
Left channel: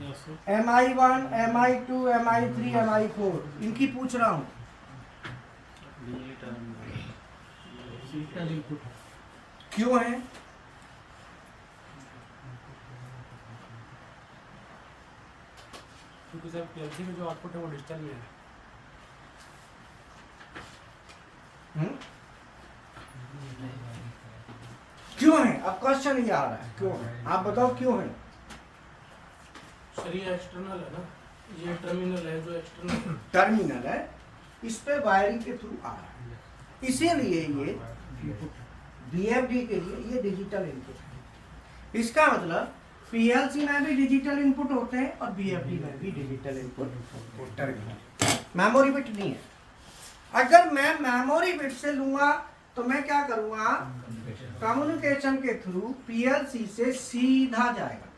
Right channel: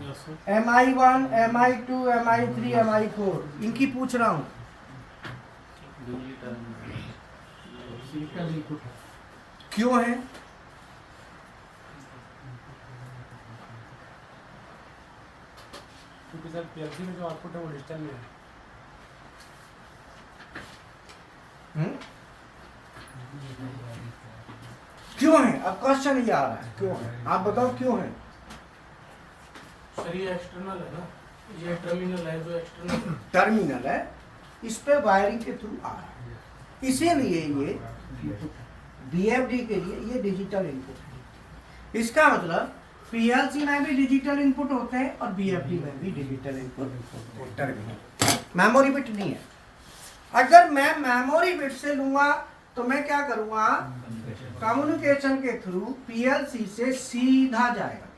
yes sir. MI1 MI2 MI3 MI4, इनकी पूछ रहा हूँ। डिजिटल इनपुट है। क्यों है? क्योंकि सर PLC में जो आउटपुट है वो डिजिटल में है। क्यों है? अब क्वेश्चन ये आ रहा है, क्यों है? आप बताओ क्यों है? सर ये एक्सटर्नल है ना, ये टर्मिनल है जो एक्सटर्नल टर्मिनल है, इस पे वायरिंग के थ्रू आ रहा है, इसीलिए ये BFD के लिए ये डिजिटल इनपुट है। इसका मतलब PLC में भी डिजिटल इनपुट होते हैं और BFD में भी digital input terminal, memory bit नहीं है। अगर मैं मेमोरी बिट से लूंगा तो मैं क्या करूंगा, कम्युनिकेशन के थ्रू PLC से सीधा जाएगा।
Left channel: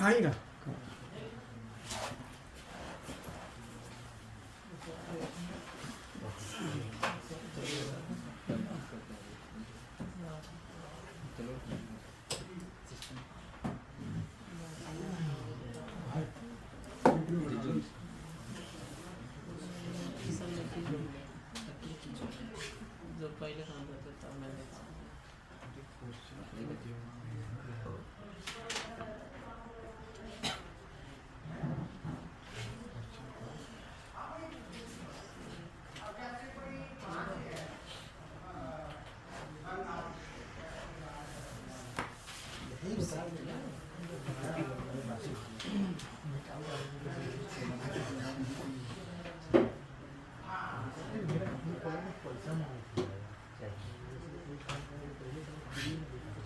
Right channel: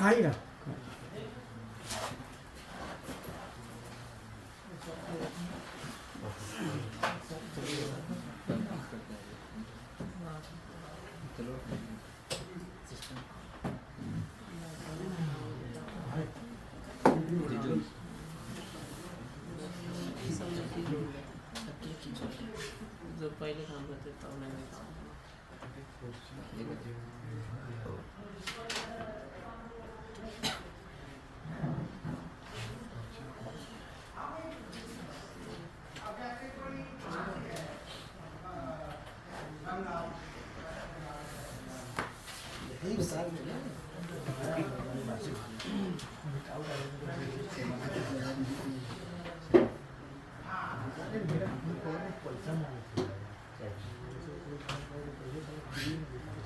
आएगा जो पहले काम करते तब मैंने काम तो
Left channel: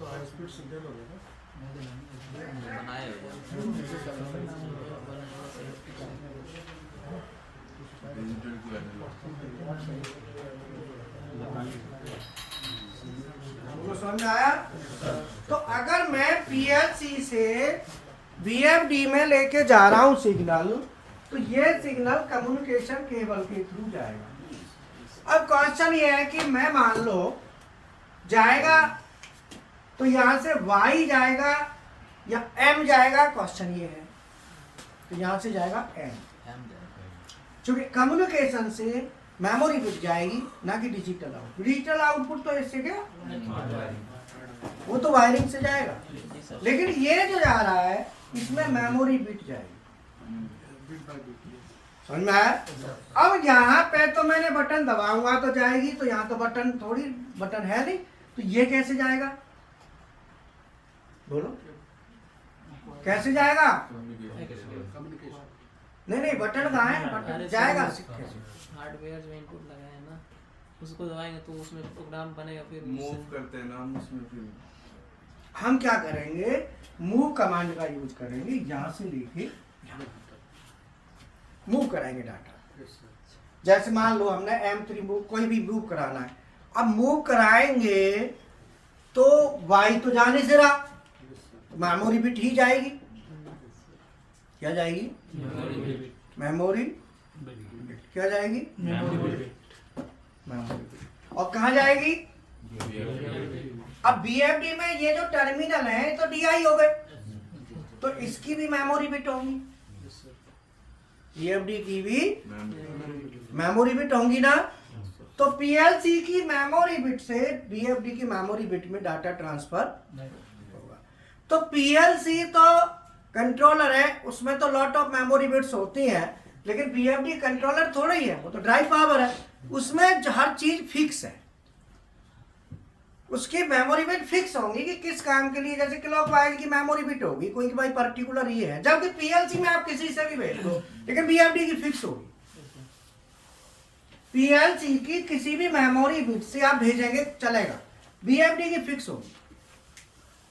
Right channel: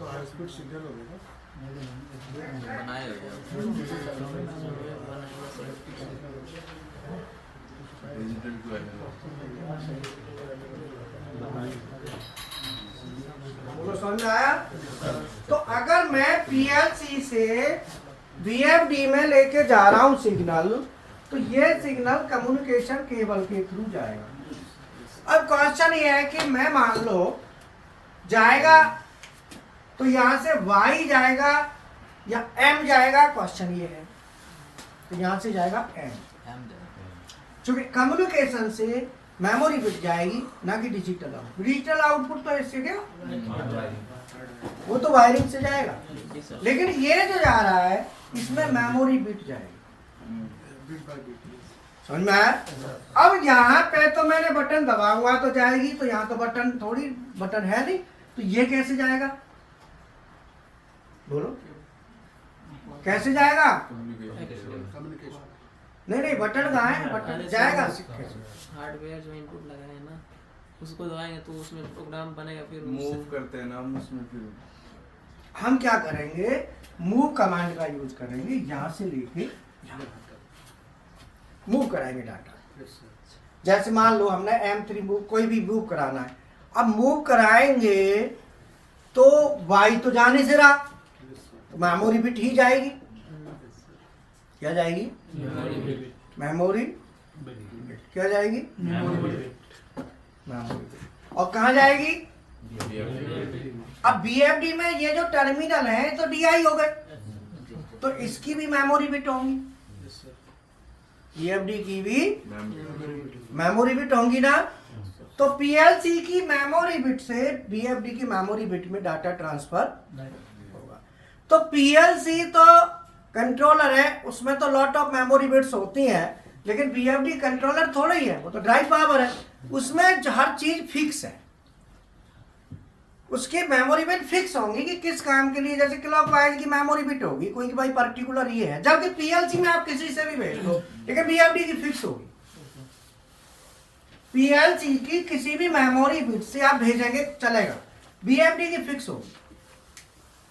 हाई स्पीड सिग्नल हो गया ना। बनाए हो जाओ। Digital to analogue. बोलो समझ में आया? तो अगर मैं पीएलसी से वीएफडी में लेके जा रहा हूं सिग्नल, तो ये सिग्नल कम्युनिकेशन केबल के थ्रू जाएगा। अब क्वेश्चन ये है कि मैं मान लो जाएगा तो यहां से वाई जाएगा या एम जाएगा, क्वेश्चन ये है। तो यहां से जाएगा एम, क्योंकि कम्युनिकेशन से मेमोरी बिट जाएगी ना कि डिजिटल आउटपुट। डिजिटल आउटपुट तो इससे क्या, वो तो वायरिंग से जाएगा, लेकिन ये जो जा रहा है इसमें मेमोरी बिट जाएगी। Bit by bit. समझ में आया? अब यहाँ पे तो मैंने बटन दबा हुआ तो जाएगी, तो यहाँ तो बटन थोड़ी बटन है नहीं, तो ये कैसे जाएगा? बोलो कैसे जाएगा? कम्युनिकेशन। नहीं बटन कहाँ है? बटन जाएगा हार्डवेयर जो इनपुट लगाए हैं ना, उसको दबाएंगे तो उसमें प्रोग्राम बनेगा, फिर मूव करते हैं ना हम उसमें, फिर हम क्या करेंगे, मूव कमांड का यूज करेंगे, यहाँ से लेके मूव कराएंगे डाटा। जैसे मान लो हमने M3 मूव, कोई भी मूव कराना है, अब मूव कराएंगे तो वाई तो जाने से रहा, तो मेमोरी बिट ही जाएगी। क्या जाएगी? मेमोरी क्या जाएगी? Memory bit. और कहाँ जाएगी? अब बीएफडी में ये जो टर्मिनल है तो डीआई हो गए, तो इसकी भी मेमोरी बिट होंगी, बीएफडी की भी मेमोरी बिट होंगी ना। तो पीएलसी की मेमोरी बिट से बीएफडी की मेमोरी बिट में डाटा ट्रांसफर होगा। तो पीएलसी तो कंट्रोलर है, उसमें तो लॉट ऑफ मेमोरी बिट्स होती हैं, लेकिन बीएफडी कंट्रोलर थोड़ा ही है, वो तो ड्राइव पावर है, उसमें हर चीज फिक्स है, उसकी मेमोरी बिट फिक्स होंगी कि किस काम के लिए। जैसे क्लॉकवाइज की मेमोरी बिट होगी कोई कि भाई पर्टिकुलर ये है, जबकि पीएलसी में आप किसी से भी भेज दो, लेकिन बीएफडी की फिक्स होगी। पीएलसी की किसी भी मेमोरी बिट से आप भेजेंगे चलेगा, बीएफडी की फिक्स होगी।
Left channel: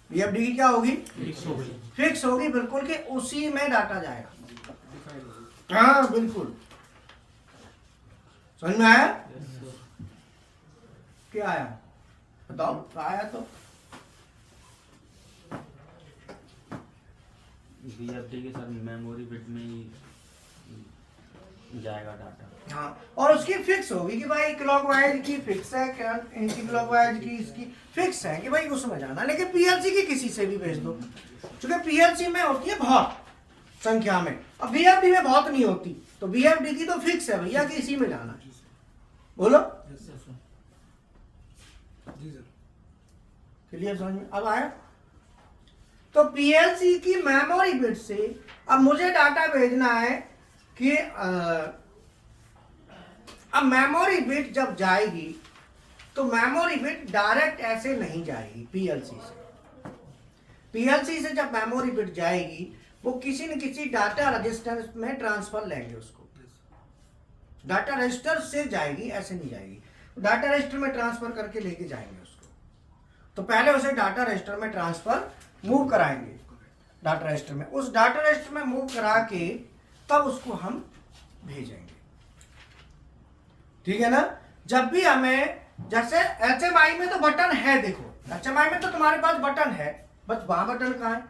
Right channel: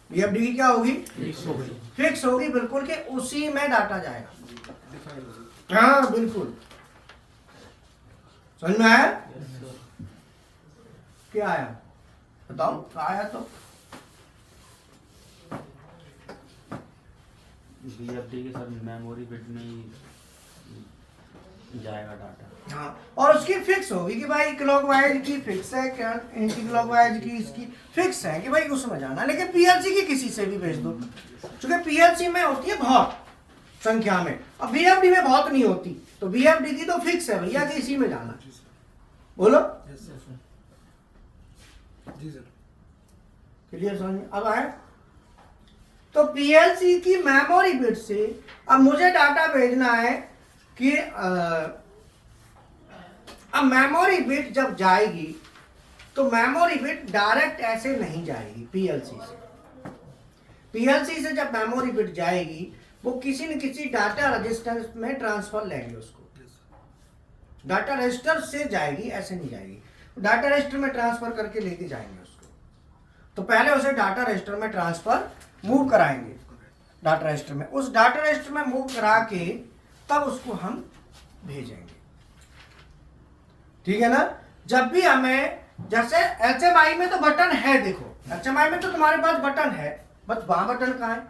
बीएफडी की क्या होगी? फिक्स होगी बिल्कुल, कि उसी में डाटा जाएगा। हाँ बिल्कुल, समझ में आया? क्या आया बताओ, क्या आया? तो बीएफडी के साथ मेमोरी बिट में ही जाएगा डाटा। हाँ, और उसकी फिक्स होगी कि भाई क्लॉकवाइज की फिक्स है, एंटी क्लॉकवाइज की इसकी फिक्स है कि भाई उसमें जाना। लेकिन पीएलसी की किसी से भी भेज दो, क्योंकि पीएलसी में होती है बहुत संख्या में, अब बीएफडी में बहुत नहीं होती, तो बीएफडी की तो फिक्स है भैया कि इसी में जाना। बोलो जी सर। क्लियर समझ? अब आए तो पीएलसी की मेमोरी बिट से अब मुझे डाटा भेजना है कि अब मेमोरी बिट जब जाएगी तो मेमोरी बिट डायरेक्ट ऐसे नहीं जाएगी पीएलसी से। पीएलसी से जब मेमोरी बिट जाएगी वो किसी न किसी डाटा रजिस्टर में ट्रांसफर लेंगे उसको, डाटा रजिस्टर से जाएगी, ऐसे नहीं जाएगी, डाटा रजिस्टर में ट्रांसफर करके लेके जाएंगे उसको। तो पहले उसे डाटा रजिस्टर में ट्रांसफर मूव कराएंगे, डाटा रजिस्टर में, उस डाटा रजिस्टर में मूव करा के तब उसको हम भेजेंगे। ठीक है ना? जब भी हमें, जैसे एचएमआई में तो बटन है, देखो एचएमआई में तो तुम्हारे पास बटन है, बस वहां बटन कहाँ है?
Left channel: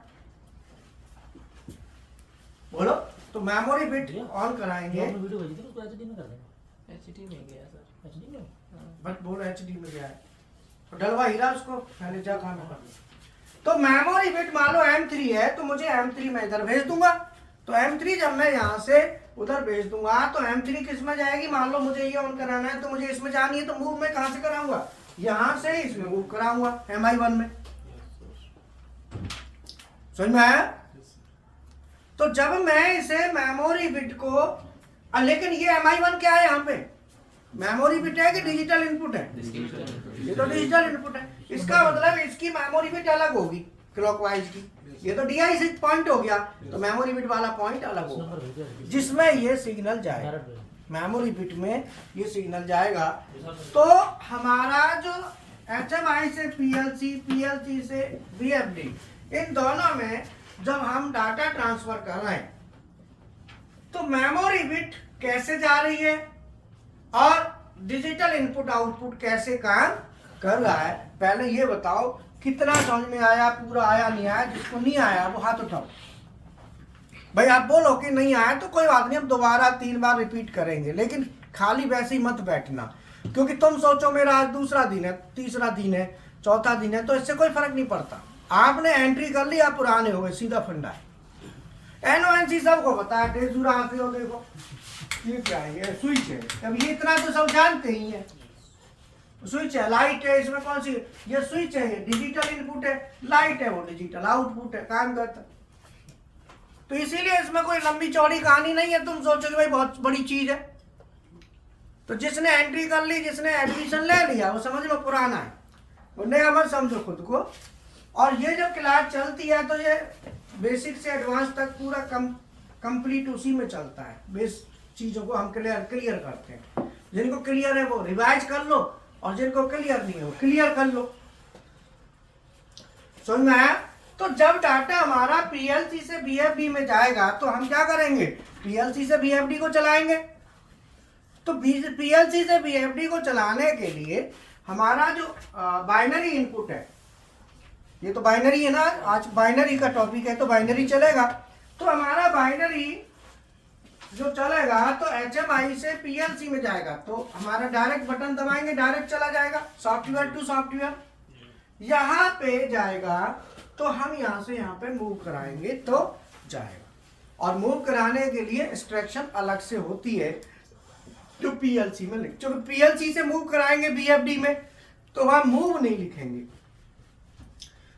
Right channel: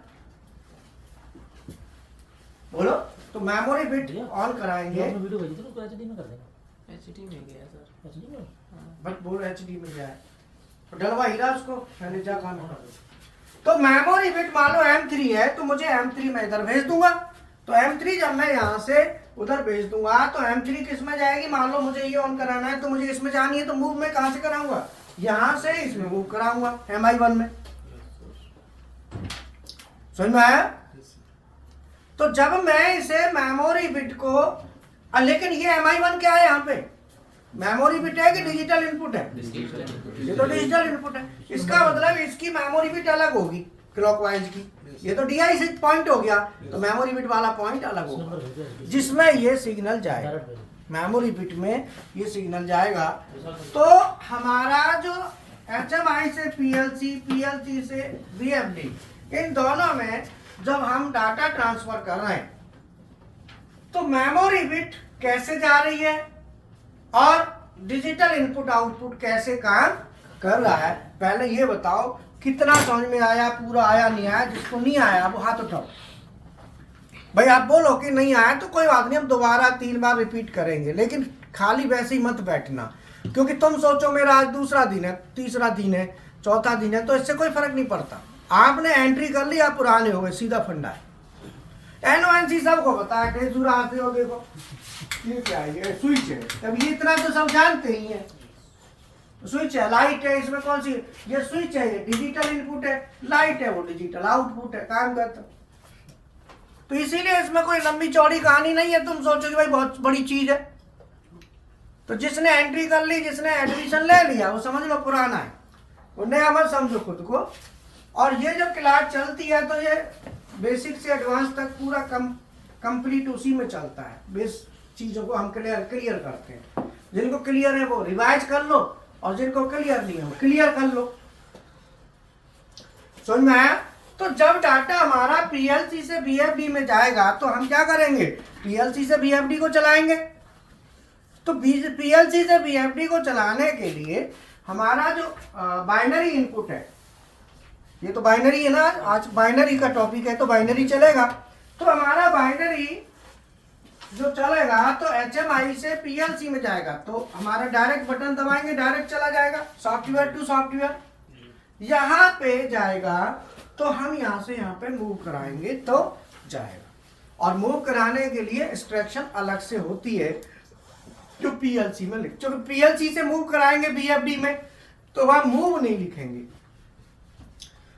बोलो। तो मेमोरी बिट ऑन कराएंगे, एचडी में गया सर। बट बोलो एचडी में गया है तो डलवा हीरा उसको, मैंने क्या काम होगा। तो मेमोरी बिट मान लो M3 है, तो मुझे M3 में इधर भेज दूंगा, तो M3 जब मैं यहाँ से उधर भेज दूंगा तो M3 किस में जाएगी? मान लो मुझे ये ऑन कराना है तो मुझे इसमें जानी है, तो मूव में कहाँ से कराऊंगा? यहाँ से इसमें मूव कराऊंगा MI1 में। समझ में आया? तो जब मैं इसे मेमोरी बिट को, लेकिन ये MI1 क्या है? यहाँ पे मेमोरी बिट है कि डिजिटल इनपुट है? ये तो डिजिटल इनपुट है, इसका मतलब इसकी मेमोरी बिट अलग होगी, क्लॉकवाइज की, ये तो DI से पॉइंट हो गया, तो मेमोरी बिट वाला पॉइंट अलग होगा जिसमें ये सिग्नल जाएगा, मेमोरी बिट में ये सिग्नल जाएगा। तो हमारा जो HMI से PLC, PLC से VFD, इन दोनों में जब हम डाटा ट्रांसफर कर रहे हैं तो मेमोरी बिट कैसे जा रही है और डिजिटल इनपुट आउटपुट कैसे काम कर रहा है, पहले ये बताओ कितना समझ में आया, पूरा आया नहीं आया? जिसको नहीं आया वो हाथ उठाओ। भाई आप बोलो कि नहीं आया तो कोई बात नहीं, हम दोबारा 3 बार रिपीट करेंगे, लेकिन खाली वैसे ही मत बैठना, क्योंकि तुम सोचो मेरा आज दूसरा दिन है, तीसरा दिन है, चौथा दिन है, तो इससे कोई फर्क नहीं पड़ता। आपने एंट्री कर ली, आप पुराने हो गए, सीधा फंडा है। NONC सबको पता है, डेजूरा आते हो, देखो ये क्या है, ये स्विच है, अब ये इतना तो सब जानते ही है, स्विच है, लाइट है, इसमें कौन सी, ये स्विच है, ये डिजिटल इनपुट है, लाइट है वो डिजिटल आउटपुट है, काम करता है। तो इसीलिए इसमें कोई लंबी चौड़ी कहानी नहीं है, तुम सोचो कि भाई बहुत बड़ी चीज है। तो जिसने एंट्री कर ली, जिसने एडमिशन ले लिया, वो समझ लो पुराना है, वो नया मत समझो खुद को। और ये जब क्लास चलती है तो ये बेसिक से एडवांस तक पूरा कंप्लीट उसी में चलता है, बेस चीज़ों को हम क्लियर करते हैं। जिनको क्लियर है वो रिवाइज कर लो, और जिनको क्लियर नहीं है वो क्लियर कर लो। समझ में आया? तो जब डाटा हमारा PLC से VFD में जाएगा तो हम क्या करेंगे, PLC से VFD को चलाएंगे। तो PLC से VFD को चलाने के लिए हमारा जो बाइनरी इनपुट है, ये तो बाइनरी है ना, आज बाइनरी का टॉपिक है तो बाइनरी चलेगा। तो हमारा बाइनरी जो चलेगा तो HMI से PLC में जाएगा, तो हमारा डायरेक्ट बटन दबाएंगे, डायरेक्ट चला जाएगा सॉफ्टवेयर टू सॉफ्टवेयर। यहाँ पे जाएगा तो हम यहाँ से यहाँ पे मूव कराएंगे तो जाएगा, और मूव कराने के लिए इंस्ट्रक्शन अलग से होती है जो PLC में लिख, जो PLC से मूव कराएंगे VFD में तो वहाँ मूव नहीं लिखेंगे।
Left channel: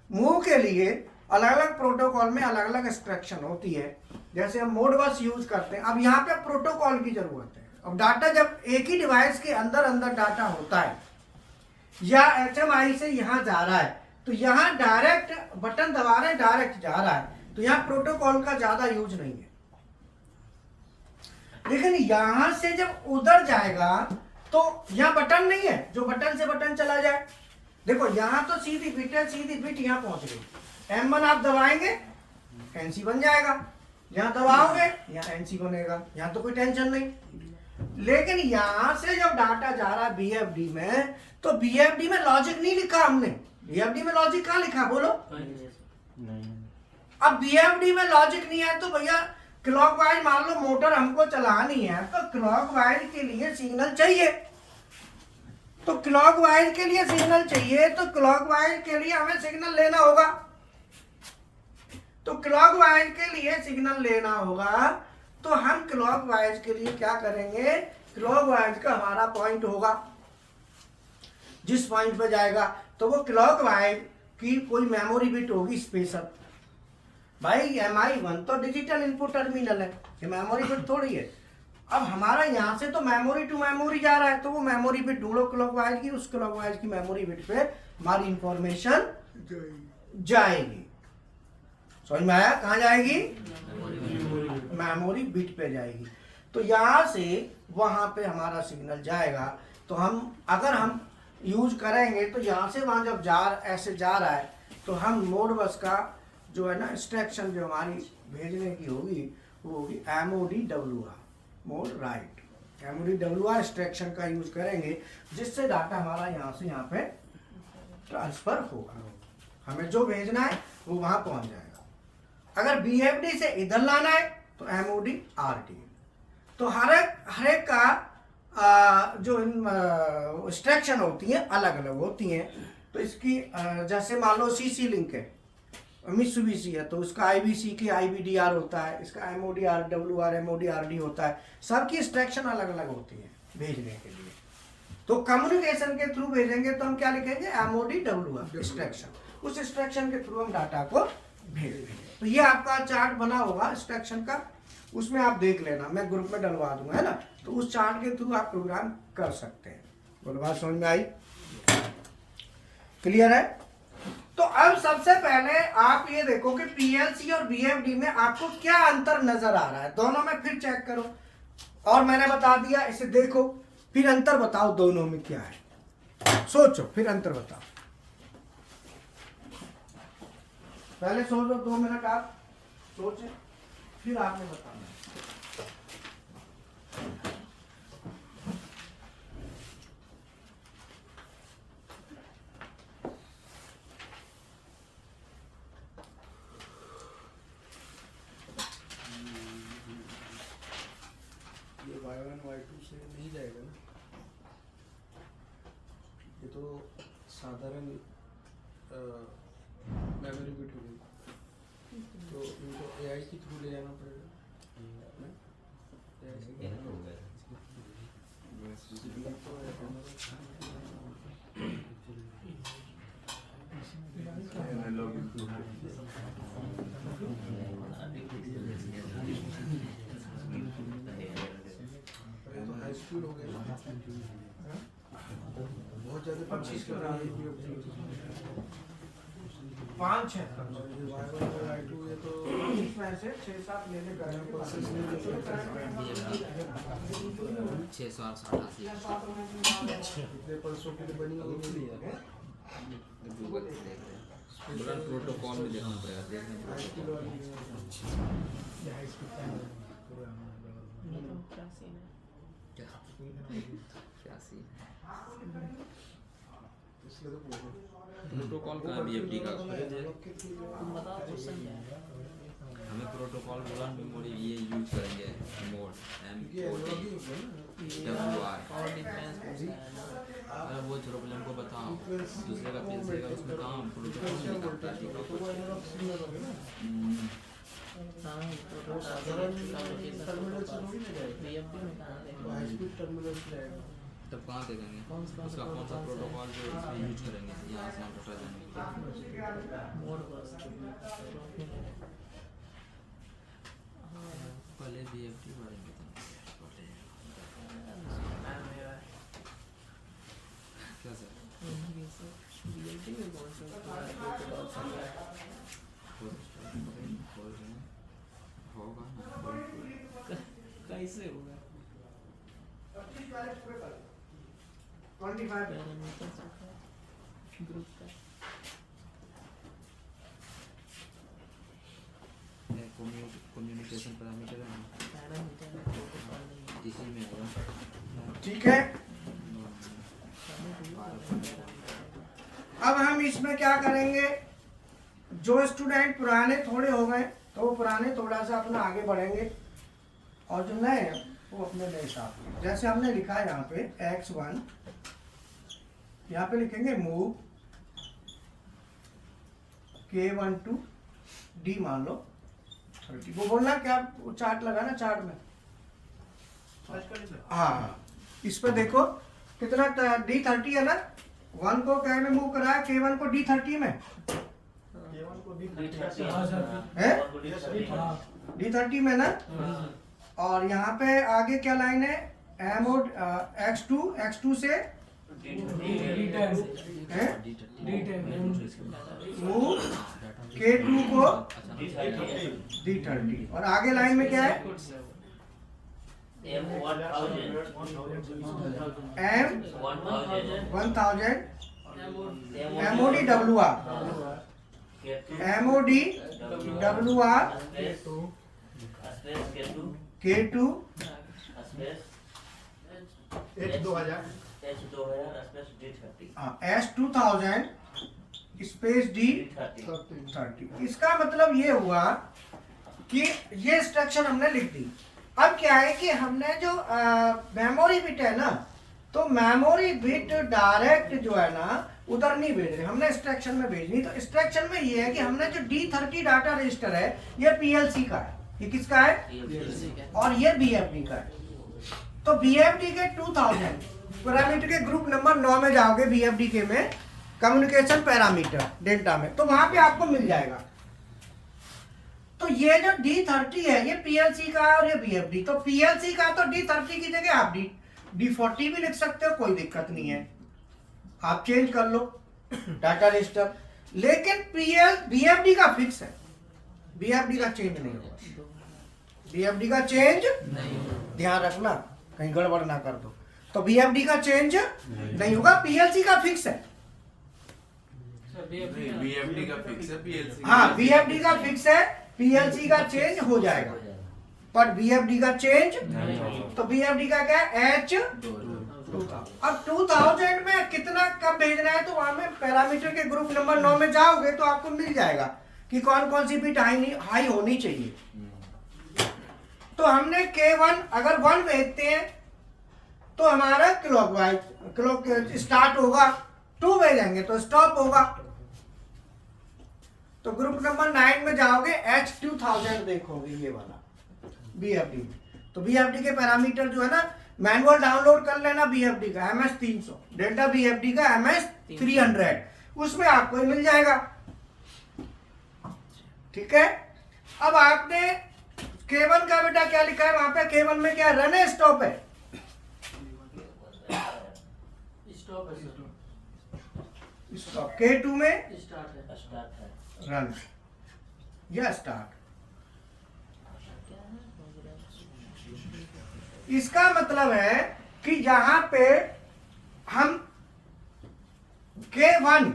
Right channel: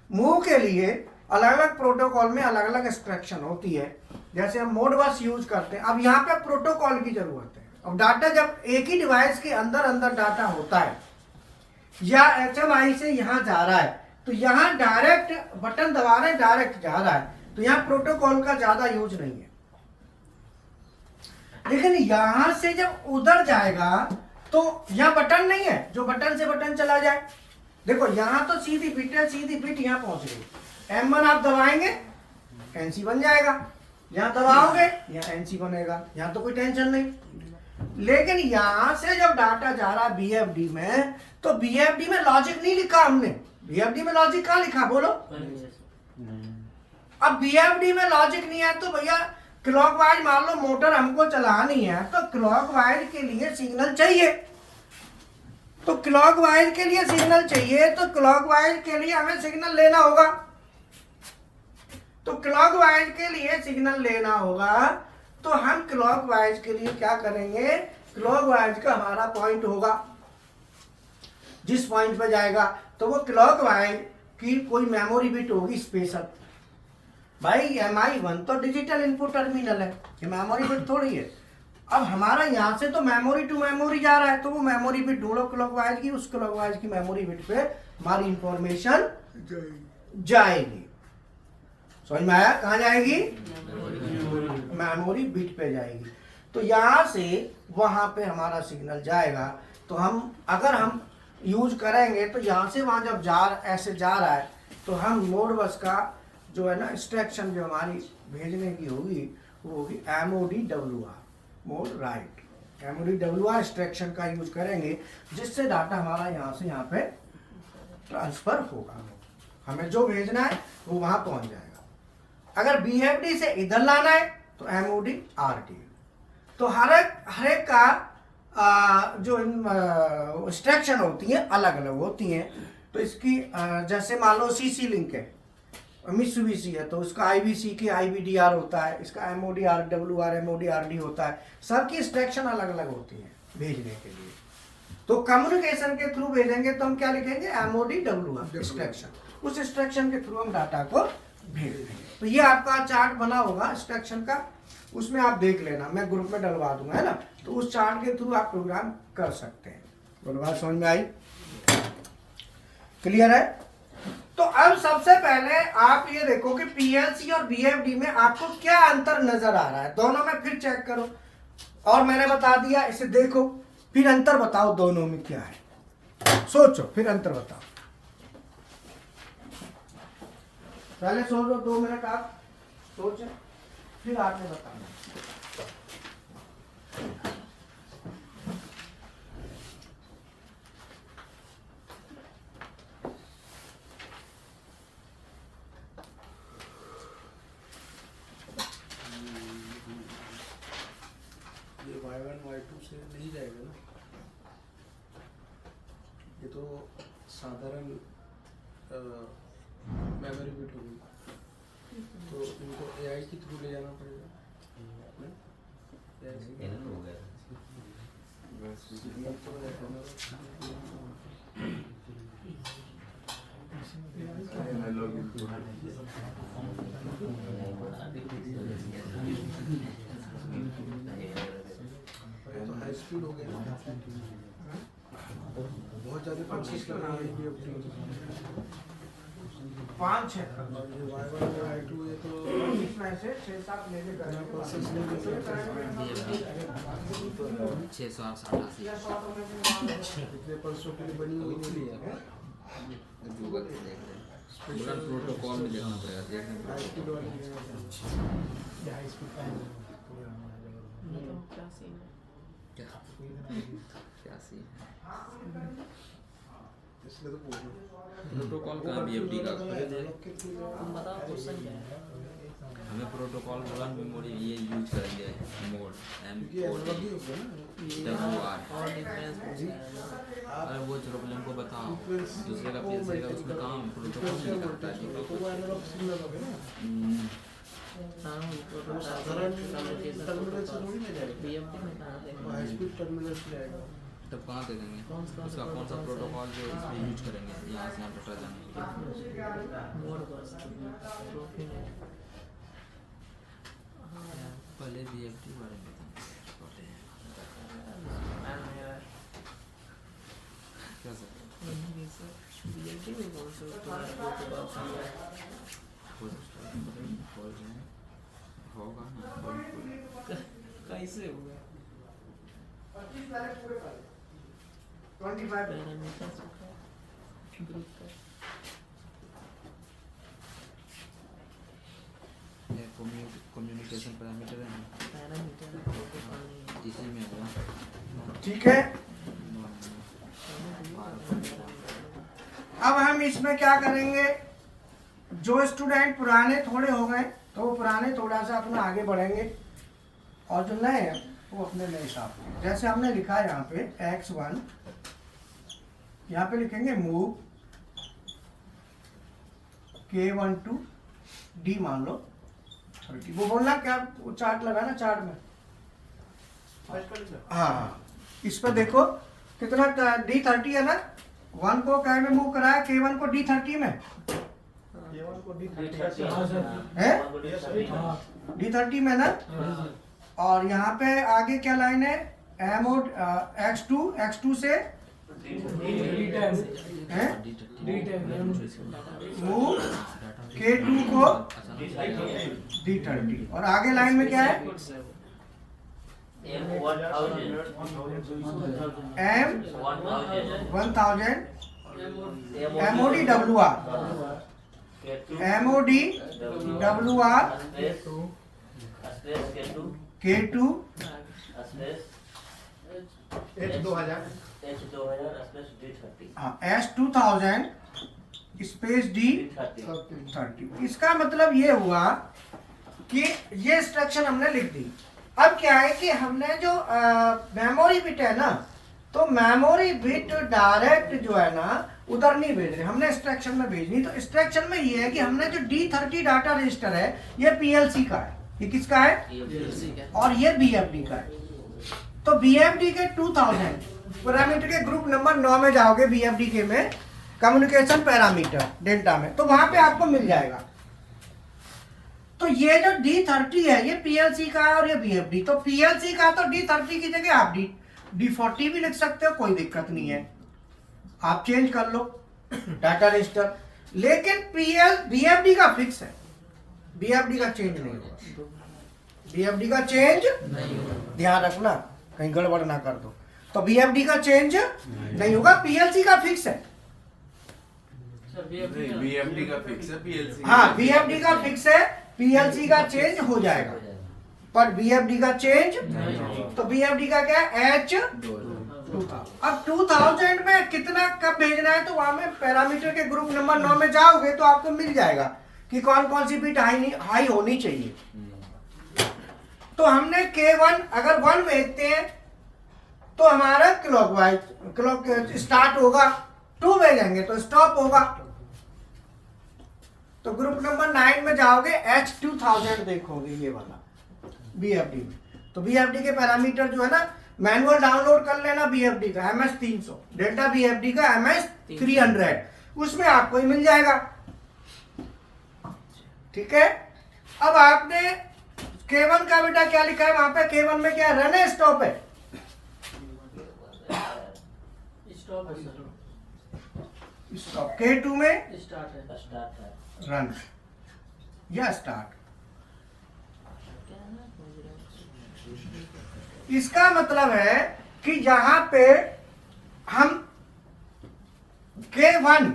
मूव के लिए अलग अलग प्रोटोकॉल में अलग अलग इंस्ट्रक्शन होती है, जैसे हम मोड बस यूज करते हैं। अब यहाँ पे प्रोटोकॉल की जरूरत है। अब डाटा जब एक ही डिवाइस के अंदर अंदर डाटा होता है या HMI से यहाँ जा रहा है, तो यहाँ डायरेक्ट बटन दबा रहे डायरेक्ट जा रहा है, तो यहाँ प्रोटोकॉल का ज्यादा यूज नहीं है। लेकिन यहाँ से जब उधर जाएगा तो यहाँ बटन नहीं है जो बटन से बटन चला जाए। देखो यहाँ तो सीधी बिट है, सीधी बिट यहाँ पहुंच गई, M1 आप दबाएंगे NC बन जाएगा, यहाँ दबाओगे यहाँ NC बनेगा, यहाँ तो कोई टेंशन नहीं। लेकिन यहाँ से जब डाटा जा रहा है VFD में, तो VFD में लॉजिक नहीं लिखा हमने। VFD में लॉजिक कहाँ लिखा बोलो? अब VFD में लॉजिक नहीं है तो भैया क्लॉकवाइज मान लो मोटर हमको चलानी है, तो क्लॉकवाइज के लिए सिग्नल चाहिए। तो क्लॉकवाइज के लिए सिग्नल चाहिए, तो क्लॉकवाइज के लिए हमें सिग्नल लेना होगा। तो क्लॉकवाइज के लिए सिग्नल लेना होगा, तो हम क्लॉकवाइज के लिए क्या करेंगे, क्लॉकवाइज का हमारा पॉइंट होगा, जिस पॉइंट पे जाएगा तो वो क्लॉकवाइज की कोई मेमोरी बिट होगी स्पेशल। भाई MI1 तो डिजिटल इनपुट टर्मिनल है, ये मेमोरी बिट थोड़ी है। अब हमारा यहाँ से तो मेमोरी टू मेमोरी जा रहा है, तो वो मेमोरी बिट ढूंढो क्लॉकवाइज की, उस क्लॉकवाइज की मेमोरी बिट पे हमारी इंफॉर्मेशन जाएगी। समझ में आया? कहाँ जाएगी? मेमोरी बिट पे जाएगी। तो यहाँ से वहां पे हमारा सिग्नल जाएगा। तो हम अगर हम यूज करेंगे तो यहाँ से वहां जब ऐसे जा रहा है, तो हम मोड बस का जो है ना इंस्ट्रक्शन जो हमारी भेजने की होगी वो होगी MODWR, mode right. MODWR instruction का यूज करेंगे, जिससे डाटा हमारा यहाँ से यहाँ पे ट्रांसफर होगा। हमें जो भेजना है वो वहां पहुंच जाएगा। अगर VFD से इधर लाना है तो MODRD। तो हर एक का जो इंस्ट्रक्शन होती हैं अलग अलग होती हैं। तो इसकी जैसे मान लो CC लिंक है, मित्सुबिशी है, तो उसका IBC की IBDR होता है, इसका MODRWR MODRD होता है। सबकी इंस्ट्रक्शन अलग अलग होती है भेजने के लिए। तो कम्युनिकेशन के थ्रू भेजेंगे तो हम क्या लिखेंगे, MODWR इंस्ट्रक्शन। उस इंस्ट्रक्शन के थ्रू हम डाटा को भेज देंगे। तो ये आपका चार्ट बना होगा इंस्ट्रक्शन का, उसमें आप देख लेना, मैं ग्रुप में डलवा दूंगा, है ना। तो उस चार्ट के थ्रू आप प्रोग्राम कर सकते हैं। बोलो बात समझ में आई? क्लियर है? तो अब सबसे पहले आप ये देखो कि पीएलसी और बीएफडी में आपको क्या अंतर नजर आ रहा है, दोनों में फिर चेक करो। और मैंने बता दिया, इसे देखो फिर अंतर बताओ दोनों में क्या है, सोचो फिर अंतर बताओ। पहले सोचो 2 मिनट आप सोचे, फिर आपने बताना। ये Y1 Y2 से नहीं जाएगा ना, ये तो साधारण मेमोरी बिट होगी, तो इनको AI के थ्रू ले जाना पड़ेगा। हाई स्पीड हो गया, बहुत ज़्यादा परचेज कर रहा है BFD। 5 है और ये Y1 और Y2 ये तो इसमें से 6-7 ले ले करना प्रोसेस नहीं कर सकते। 688 कितने पल्सों के लिए बनी हुई है गूगल पे देख रहे हैं बुलंद प्रोटोकॉल में देखना पड़ेगा, देखना पड़ेगा। ये तो क्या सीन है? क्या सीन है? इसलिए तो पूछ रहा हूँ। प्रोटोकॉल का BFD का तुम बताओ क्वेश्चन क्या है? हमें प्रोटोकॉल बुलंद मेमोरी ये यूज करेंगे, मोड क्योंकि एनालॉग ही होगा ना, WR। और डिफरेंस पूछा है ना। अरे वो चलो पहले हमको बताओ, दूसरे का PLC का उसमें काम प्रोटोकॉल में दिखाता है, दिखाओ कुछ। हाँ, ये प्रोटोकॉल BFD में कहाँ देखो? हाई स्पीड टर्मिनल से आएगा। तब कहाँ देखेंगे उसका कौन सा प्रोटोकॉल जो इसमें यूज करेंगे यहाँ से यहाँ डाटा जाने के लिए। मोड बस पहले BFD बारे में बताना पहले क्या सर BFD में कौन सा प्रोटोकॉल होगा ना कैसे होगा? 25 पैरामीटर ग्रुप का कम्युनिकेशन पैरामीटर है ना, पैरामीटर प्रोटोकॉल नहीं है। इसी में होगा। ठीक है। अब हम इसमें क्या करेंगे, जो स्टूडेंट पुराने थोड़े हो गए तो वो पुराने थोड़ा सा अपना आगे बढ़ेंगे, और जो नए हैं वो अपने नए हिसाब से, जैसे हमने लिखा है यहाँ पे X1, यहाँ पे लिखेंगे मूव K1 to D मान लो 30। वो बोलना क्या, वो चार्ट लगा ना चार्ट में, हाँ इस पर देखो कितना D30 है ना, 1 को क्या में मूव करा है, K1 को D30 में है, D30 में ना। और यहाँ पे आगे क्या लाइन है, एमोड X2 से है मूव K2 को D30, और आगे लाइन में क्या है, M1000 MOD WR K2 S2000 space D30। इसका मतलब ये हुआ कि ये इंस्ट्रक्शन हमने लिख दी। अब क्या है कि हमने जो मेमोरी बिट है ना, तो मेमोरी बिट डायरेक्ट जो है ना उधर नहीं भेज रहे, हमने इंस्ट्रक्शन में भेजनी। तो इंस्ट्रक्शन में ये है कि हमने जो D30 डाटा रजिस्टर है ये PLC का है, ये किसका है, और ये BFD का है। तो BFD के 2000 पैरामीटर के ग्रुप नंबर 9 में जाओगे, BFD के में कम्युनिकेशन पैरामीटर डेल्टा में, तो वहां पे आपको मिल जाएगा। तो ये जो D30 है ये PLC का है और ये BFD। तो PLC का तो D30 की जगह आप D40 भी लिख सकते हो, कोई दिक्कत नहीं है, आप चेंज कर लो डाटा रजिस्टर। लेकिन बीएफडी का फिक्स है, बीएफडी का चेंज नहीं होगा, बीएफडी का चेंज ध्यान रखना कहीं गड़बड़ ना कर दो। तो बीएफडी का चेंज नहीं होगा, पीएलसी का फिक्स है। बीएफडी का फिक्स है, पीएलसी हाँ बीएफडी का फिक्स है, पीएलसी का चेंज हो जाएगा पर बीएफडी का चेंज। तो बीएफडी का क्या है H2000। अब 2000 में कितना कब भेजना है तो वहां में पैरामीटर के ग्रुप नंबर 9 में जाओगे तो आपको मिल जाएगा कि कौन कौन सी बिट हाई होनी चाहिए। तो हमने K1 अगर 1 भेजते हैं तो हमारा क्लॉक स्टार्ट होगा, 2 भेजेंगे तो स्टॉप होगा। तो ग्रुप नंबर 9 में जाओगे H2000 देखोगे ये वाला बीएफडी में। तो बीएफडी के पैरामीटर जो है ना मैनुअल डाउनलोड कर लेना, बीएफडी का MS300, डेल्टा बीएफडी का MS300, उसमें आपको ही मिल जाएगा। ठीक है, अब आपने K1 का बेटा क्या लिखा है वहां पे, K1 में क्या रन है स्टॉप है? स्टॉप। K2 में रन या स्टार्ट। इसका मतलब है कि यहां पे हम K1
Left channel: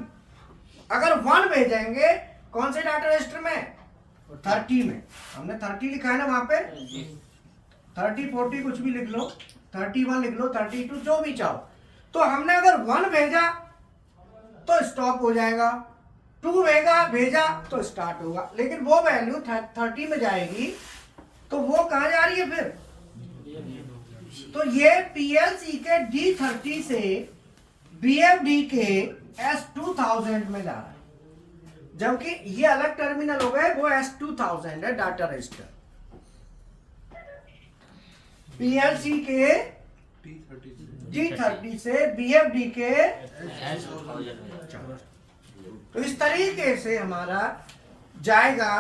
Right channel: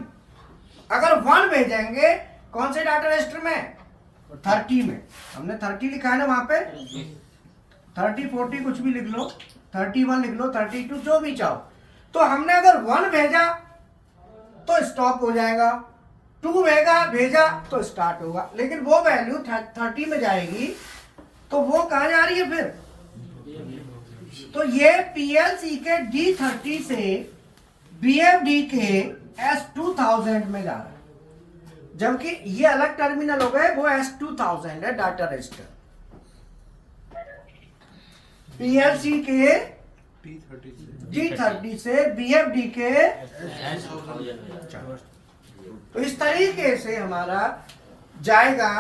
अगर 1 भेजेंगे कौन से डाटा रजिस्टर में, 30 में। हमने 30 लिखा है ना वहां पे, 30 40 कुछ भी लिख लो, 31 लिख लो, 32 जो भी चाहो। तो हमने अगर 1 भेजा तो स्टॉप हो जाएगा, 2 भेजा तो स्टार्ट होगा। लेकिन वो वैल्यू 30 में जाएगी तो वो कहां जा रही है फिर? तो ये पीएलसी के D30 से बीएफडी के S2000 में जा रहा है, जबकि ये अलग टर्मिनल हो गए, वो S2000 है डाटा रजिस्टर। पीएलसी के D30 से बीएफडी के तो इस तरीके से हमारा जाएगा।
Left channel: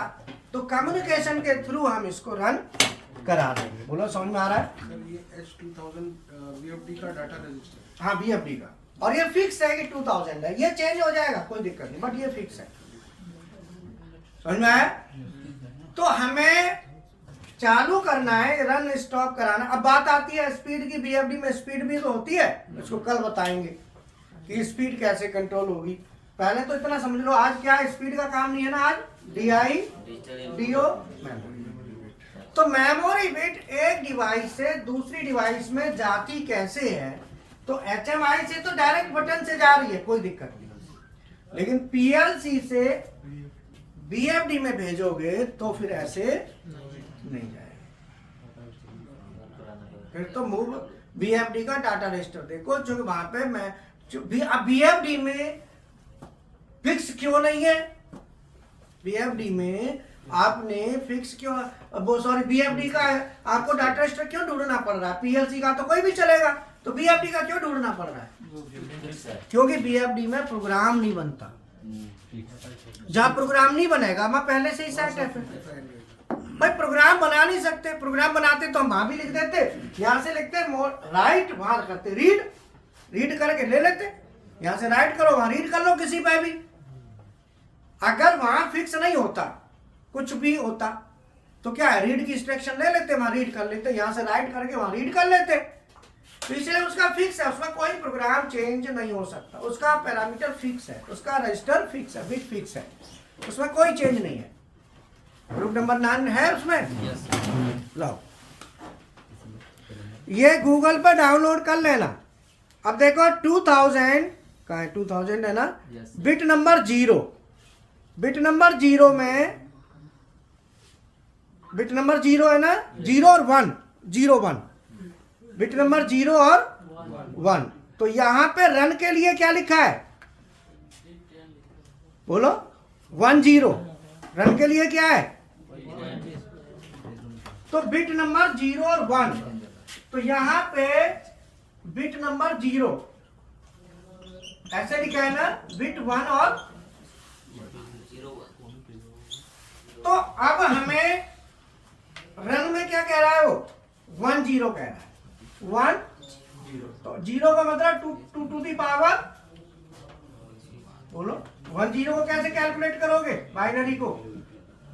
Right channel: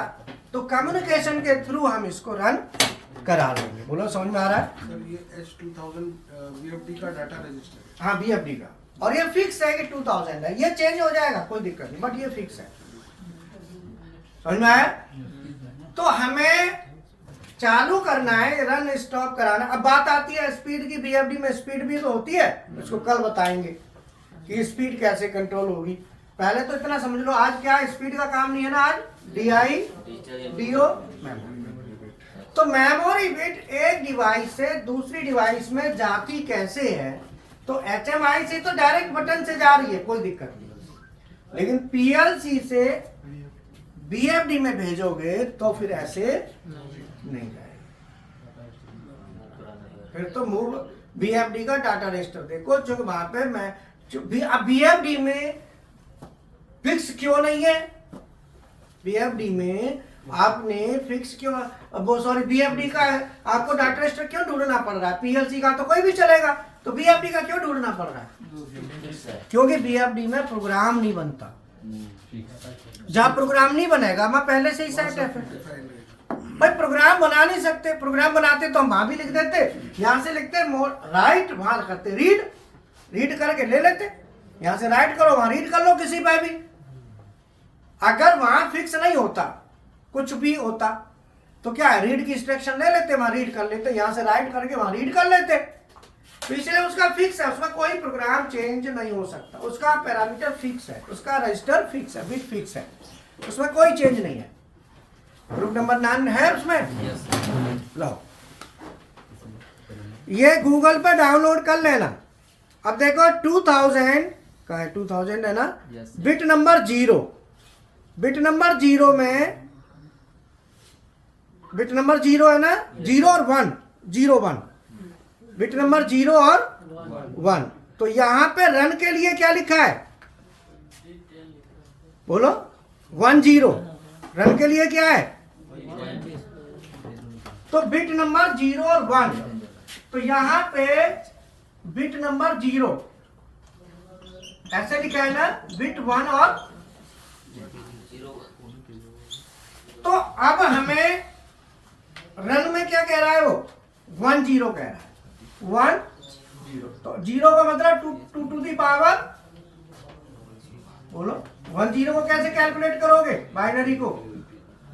तो कम्युनिकेशन के थ्रू हम इसको रन करा देंगे। बोलो समझ में आ रहा है? सर ये S2000 बीएफडी का डाटा रजिस्टर है। हाँ बीएफडी का, और ये फिक्स है कि 2000 है, ये चेंज हो जाएगा कोई दिक्कत नहीं, बट ये फिक्स है। समझ में आया? तो हमें चालू करना है, रन स्टॉप कराना। अब बात आती है स्पीड की, बीएफडी में स्पीड भी तो होती है, इसको कल बताएंगे कि स्पीड कैसे कंट्रोल होगी। पहले तो इतना समझ लो, आज क्या स्पीड का काम नहीं है ना, आज DI DO मेमोरी। तो मेमोरी बिट एक डिवाइस से दूसरी डिवाइस में जाती कैसे है? तो HMI से तो डायरेक्ट बटन से जा रही है, कोई दिक्कत नहीं। लेकिन पीएलसी से बीएफडी में भेजोगे तो फिर ऐसे नहीं जाएगा। फिर तो मूव बीएफडी का डाटा रजिस्टर देखो, जो वहां पे मैं बीएफडी में फिक्स क्यों नहीं है? बीएफडी में आपने फिक्स क्यों, सॉरी बीएफडी का आपको डाटा रजिस्टर क्यों ढूंढना पड़ रहा है? पीएलसी का तो कोई भी चलेगा, तो बीएफडी का क्यों ढूंढना पड़ रहा है? क्योंकि बीएफडी में प्रोग्राम नहीं बनता। जहां प्रोग्राम नहीं बनेगा वहां पहले से ही सेट है। भाई प्रोग्राम बना नहीं सकते, प्रोग्राम बनाते तो हम वहां भी लिख देते, यहां से लिखते राइट, वहां करते रीड करके ले लेते, यहां से राइट करो वहां रीड कर लो किसी पे भी। अगर वहां फिक्स नहीं होता, कुछ भी होता तो क्या है, रीड की इंस्ट्रक्शन ले लेते, वहां रीड कर लेते, यहां से राइट करके वहां रीड कर लेते। तो इसलिए उसका फिक्स है, उसमें कोई प्रोग्राम चेंज नहीं हो सकता, उसका पैरामीटर फिक्स है, उसका रजिस्टर फिक्स है, बिट फिक्स है, उसमें कोई चेंज नहीं है। ग्रुप नंबर 9 है उसमें, लो ये गूगल पर डाउनलोड कर लेना। अब देखो 2000 का है, 2000 है ना, बिट नंबर 0, बिट नंबर 0 में, बिट नंबर 0 है ना, 0 और 1, 0 1, बिट नंबर 0 और 1। तो यहां पे रन के लिए क्या लिखा है? बोलो 1 0, रन के लिए क्या है? तो बिट नंबर 0 और 1, तो यहां पे बिट नंबर 0 ऐसे लिखा है ना, बिट 1 और, तो अब हमें रन में क्या कह रहा है वो? 1 0 कह रहा है, 1 0। तो 0 का मतलब 2 टू दी पावर, बोलो 10 को कैसे कैलकुलेट करोगे बाइनरी को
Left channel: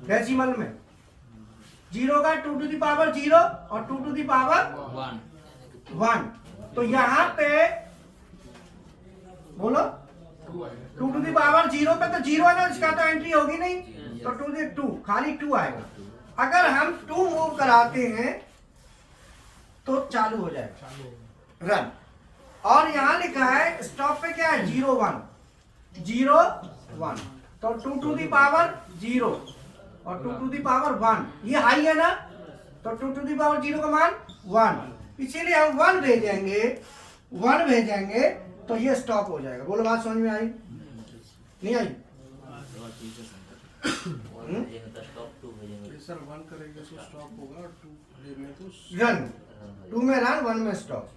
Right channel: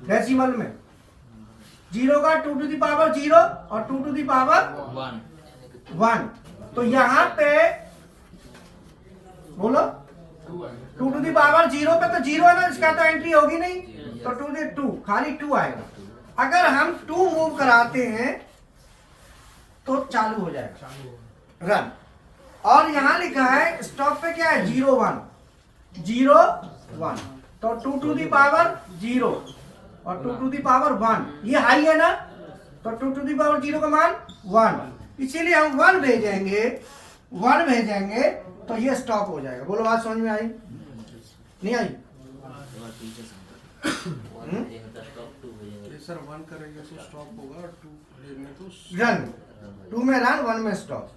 डेसिमल में? 0 का 2 टू द पावर 0 और 2 टू द पावर 1। तो यहाँ पे बोलो 2 टू द पावर 0 पे तो 0 है ना, इसका तो एंट्री होगी नहीं, तो 2 टू 2 खाली 2 आएगा। अगर हम 2 मूव कराते हैं तो चालू हो जाएगा रन। और यहां लिखा है स्टॉप पे क्या है 0 1 0 1, तो 2 टू द पावर 0 और 2 टू द पावर 1, ये हाई है ना, तो 2 टू द पावर 0 का मान 1, इसीलिए हम 1 भेजेंगे तो ये स्टॉप हो जाएगा। बोलो बात समझ में आई नहीं आई? सर 1 करेंगे तो स्टॉप होगा, 2 लेंगे तो रन, 2 में रन 1 में स्टॉप,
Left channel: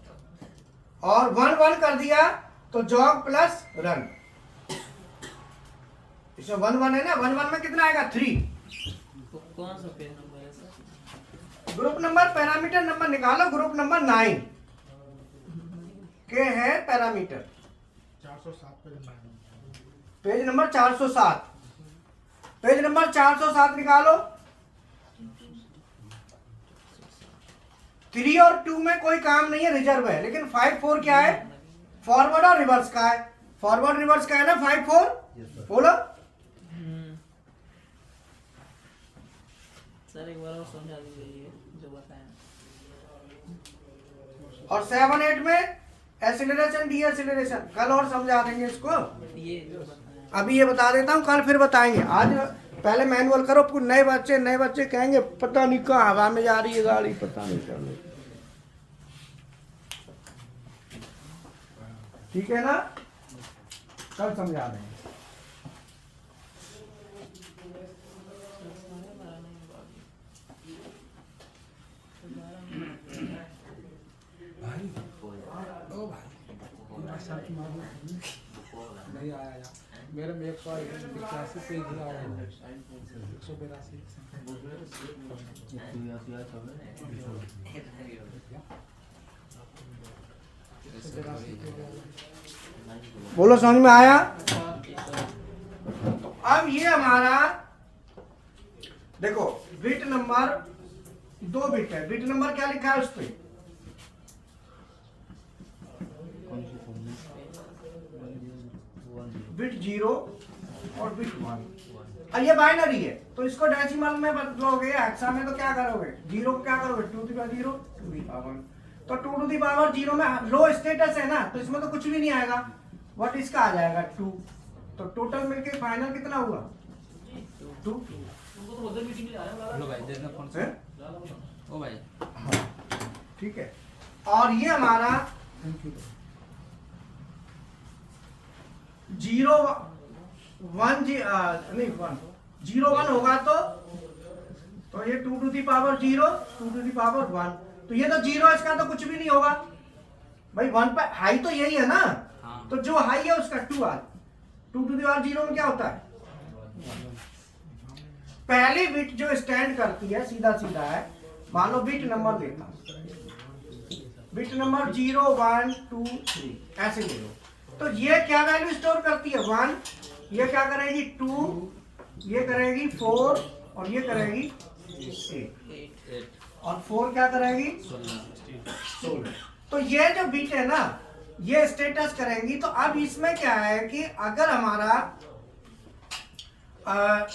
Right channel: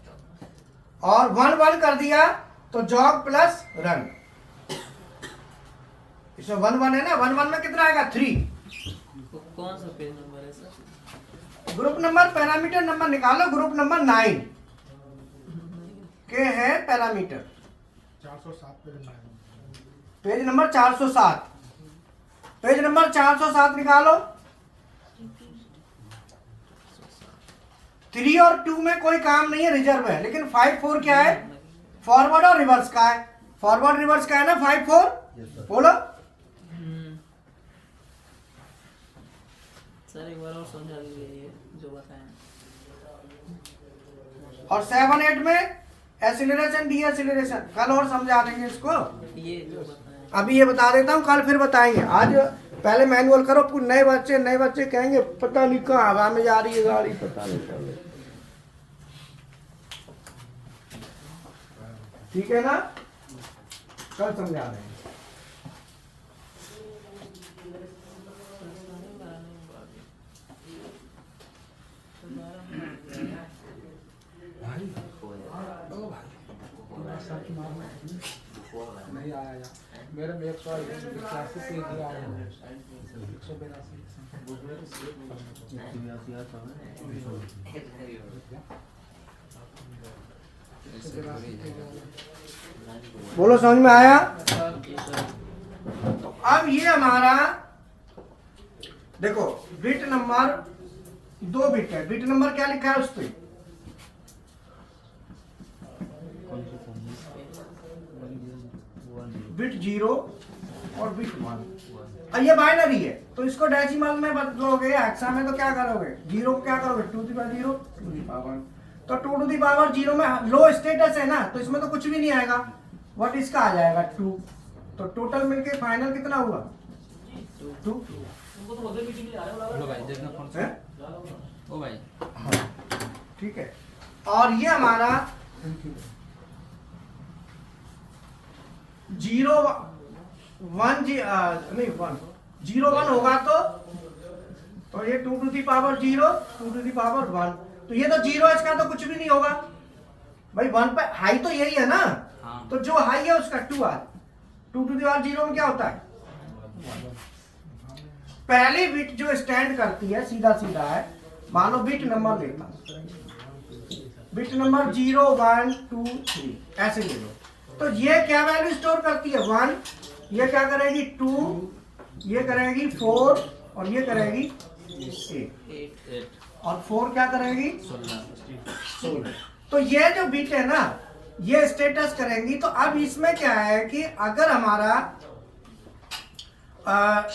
और 1 कर दिया तो जॉग प्लस रन। इसमें 1 है ना, 1 में कितना आएगा 3। तो कौन सा पेज नंबर है sir? Group number parameter number निकालो, ग्रुप नंबर 9 के है पैरामीटर, 407 पे जमा पेज नंबर 407, पेज नंबर 407 निकालो। 3 और 2 में कोई काम नहीं है, रिजर्व है, लेकिन 5 4 क्या है, फॉरवर्ड और रिवर्स का है। फॉरवर्ड रिवर्स का है ना 5 4, बोलो सर एक बार और समझा दीजिए ये जो बताएं। और 7 8 में एसिलरेशन डी एसिलरेशन, कल और समझा देंगे इसको, ये जो बताएं अभी ये बता देता हूँ, कल फिर बताएंगे। आज पहले मैनुअल करो, कुछ नए बच्चे कहेंगे पता नहीं कहाँ हवा में जा रही है गाड़ी, पता नहीं चल रही। ठीक है ना, कल समझा देंगे। नहीं आया यार, मेरे में 181 पे ही आया है, 182 बोलो समझ में आया? सर तो अब ये हमारा देखो बिट नंबर 2 बिट है, बिट नंबर क्या लिखा है उस पे? बिट 0 और बिट 1। अब ये बाइनरी है तो इसको डेसिमल में बदलोगे, हेक्सा में तो क्या करोगे, 0 को क्या करोगे 2 to the power 0 to the power 1, तो 2 टू द पावर 0 में लो स्टेटस है ना, तो इसमें तो कुछ भी नहीं आएगा, व्हाट इसका आ जाएगा 2, तो टोटल मिलके फाइनल कितना हुआ 2। लो भाई देखना फोन से, ओ भाई हाँ ठीक है। और ये हमारा 0 1 नहीं 1 0 1 होगा तो ये 2 to the power 0 2 to the power 1, तो ये तो 0 इसका तो कुछ भी नहीं होगा भाई, 1 पे हाई तो यही है ना, हाँ। तो जो हाई है उसका 2 आ, 2 टू द पावर 0 में क्या होता है, पहली बिट जो स्टैंड करती है सीधा सीधा है, मानो बिट नंबर लेता हूं, बिट नंबर 0 1 2 3 ऐसे ले लो, तो ये क्या वैल्यू स्टोर करती है 1, ये क्या करेगी 2, ये करेगी 4 और ये करेगी 8 और 4 क्या करेगी 16। तो ये जो बिट है ना ये स्टेटस करेंगी। तो अब इसमें क्या है कि अगर हमारा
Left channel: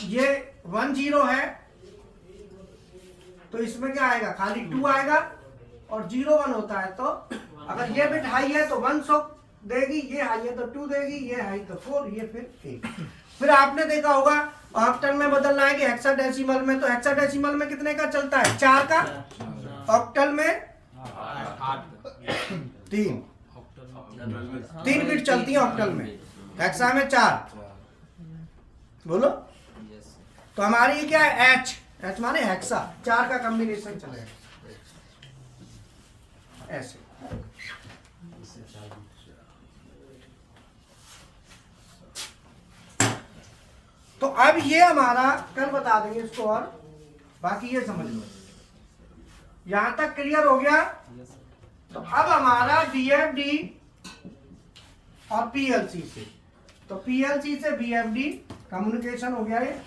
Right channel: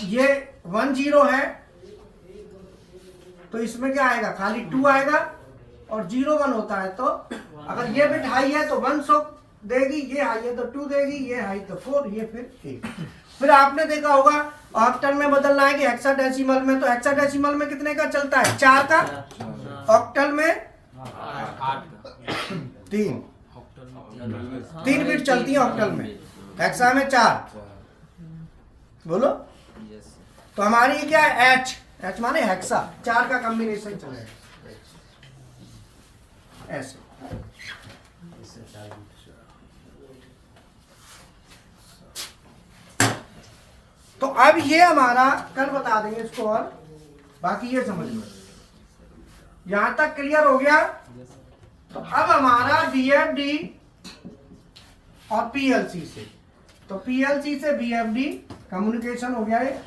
ये 1 0 है तो इसमें क्या आएगा, खाली 2 आएगा, और 0 1 होता है तो अगर ये बिट हाई है तो 1 सो देगी, ये हाई है तो 2 देगी, ये हाई तो 4, ये फिर 8। फिर आपने देखा होगा ऑक्टल में बदलना है कि हेक्साडेसिमल में, तो हेक्साडेसिमल में कितने का चलता है 4 का, ऑक्टल में 8 3 ऑक्टल 3 बिट चलती है ऑक्टल में, हेक्सा में 4। बोलो यस तो हमारी ये क्या है एच माने हेक्सा, 4 का कॉम्बिनेशन चलेगा ऐसे। तो अब ये हमारा कल बता देंगे इसको, और बाकी ये समझ लो, यहां तक क्लियर हो गया। तो अब हमारा बीएफडी और पीएलसी से तो पीएलसी से बीएफडी कम्युनिकेशन हो गया ये।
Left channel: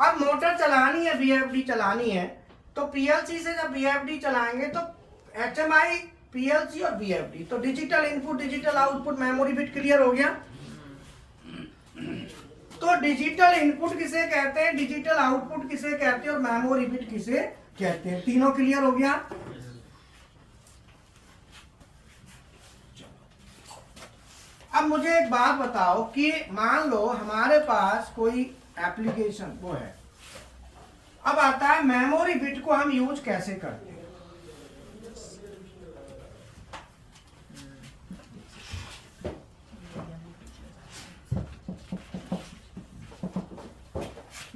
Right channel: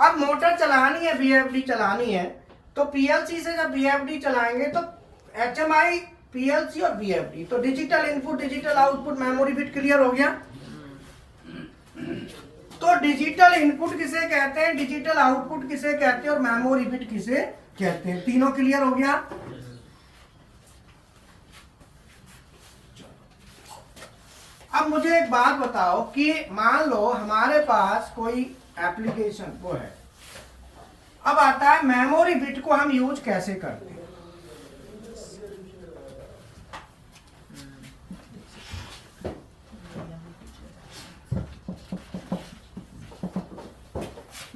अब मोटर चलानी है, बीएफडी चलानी है, तो पीएलसी से जब बीएफडी चलाएंगे तो एचएमआई, पीएलसी और बीएफडी, तो digital input digital output memory bit clear हो गया। तो डिजिटल इनपुट किसे कहते हैं, डिजिटल आउटपुट किसे कहते हैं और मेमोरी बिट किसे कहते हैं, तीनों क्लियर हो गया। अब मुझे एक बात बताओ कि मान लो हमारे पास कोई एप्लीकेशन वो है, अब आता है मेमोरी बिट को हम यूज कैसे करते हैं।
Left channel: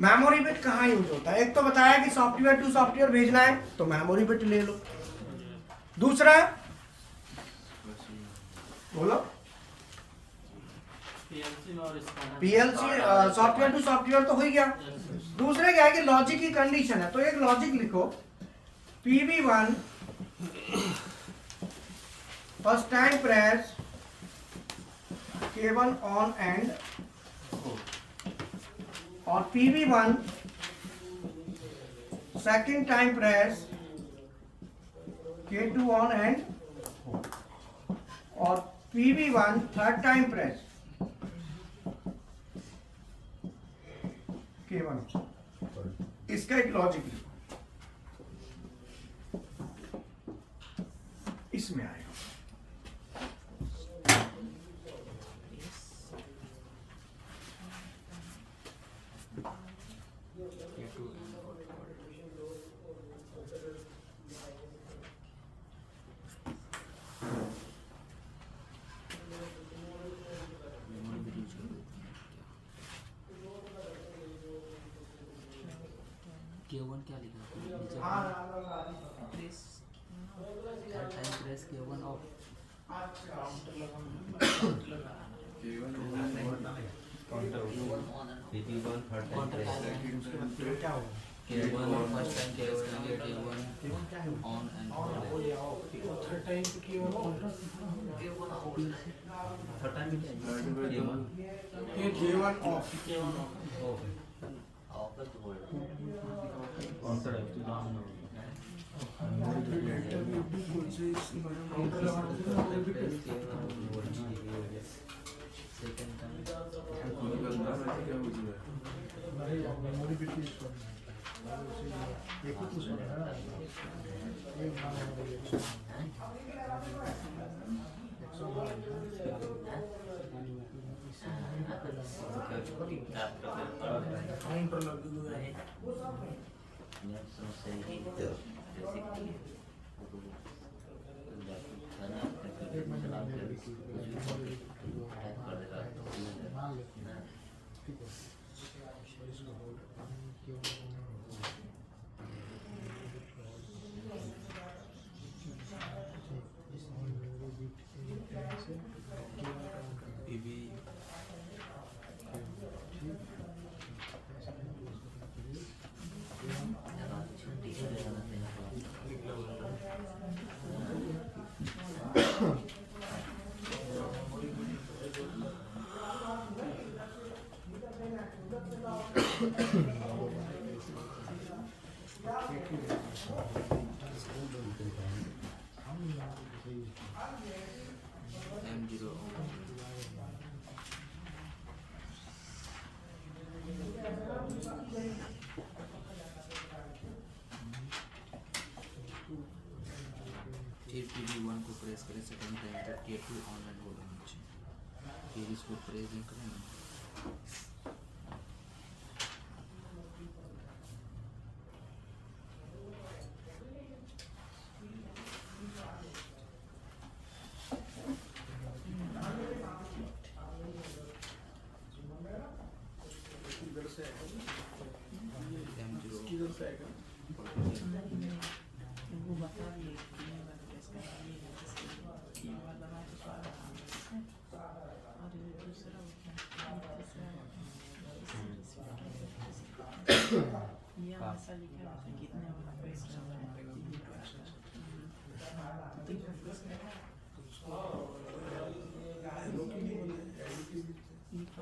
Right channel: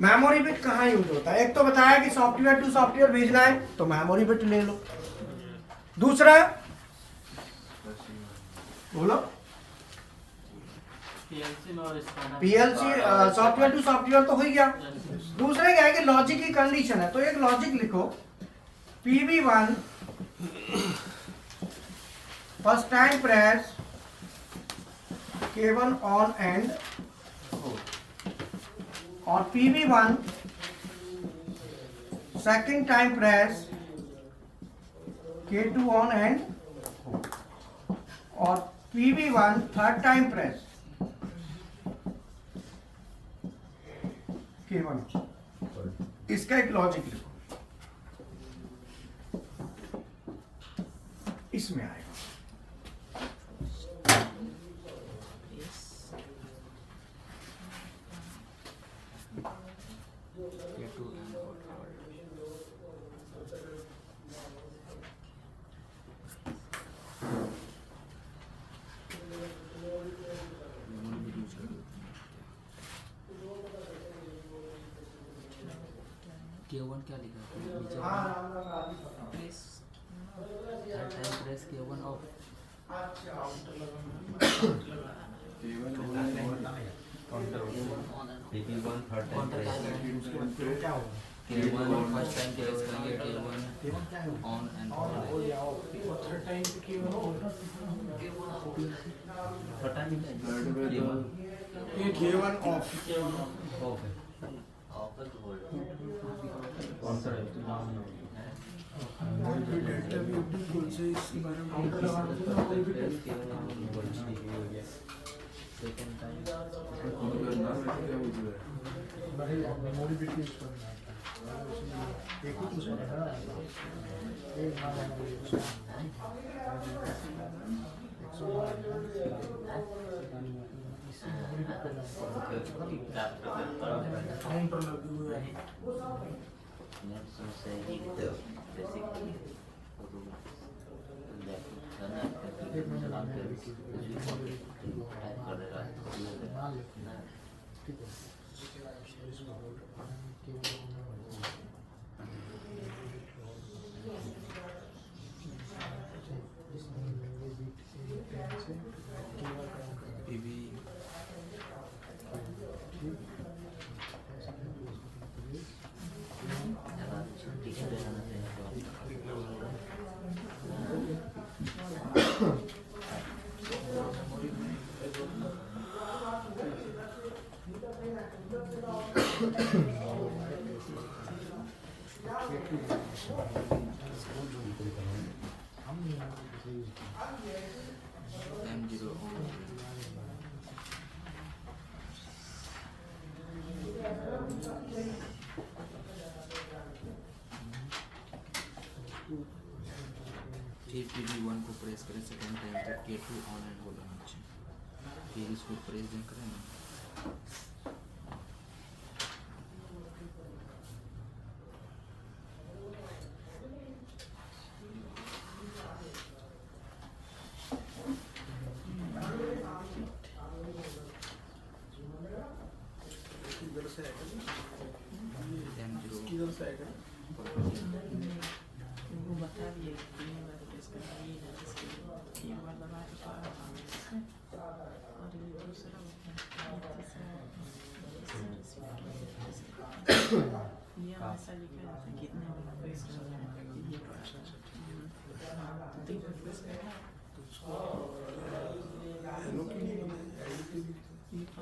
मेमोरी बिट कहाँ यूज होता है? एक तो बताया कि सॉफ्टवेयर टू सॉफ्टवेयर भेजना है तो मेमोरी बिट ले लो। दूसरा बोलो, पीएलसी सॉफ्टवेयर टू सॉफ्टवेयर तो हो ही गया। दूसरे क्या है कि लॉजिक की कंडीशन है, तो एक लॉजिक लिखो PV1 first time press K1 on and और PV1 second time press K2 on and और PV1 third time press K1। इसका एक लॉजिक लिखो, इसमें आएगा। K2 and hold. मेमोरी भी यूज कर देते हैं क्या? K1 क्या लिखा है नीचे? Third time press K1 of. Counter क्या होगा? K1 फर्स्ट टाइम प्रेस करेंगे K1 on and K1 of. कौन से इसके बारे में second time memory bit use करना है, एक ही कुछ बना है एक नाम काउंटर लगे हुए हैं। M0 on. फिर PV1 को प्रेस करें सेकेंड टाइम तक K2 ऑन एंड होल्ड होना चाहिए। फिर इसको प्रेस नहीं करें ना। M0 किधर से आएगा? वो बता दिए कि नहीं बता के इसका ये है इसके ये वाला बात तो सारा और ये दूसरा ये ऐसा लिखा है कितने वाला प्रेस करना है ये तो अच्छा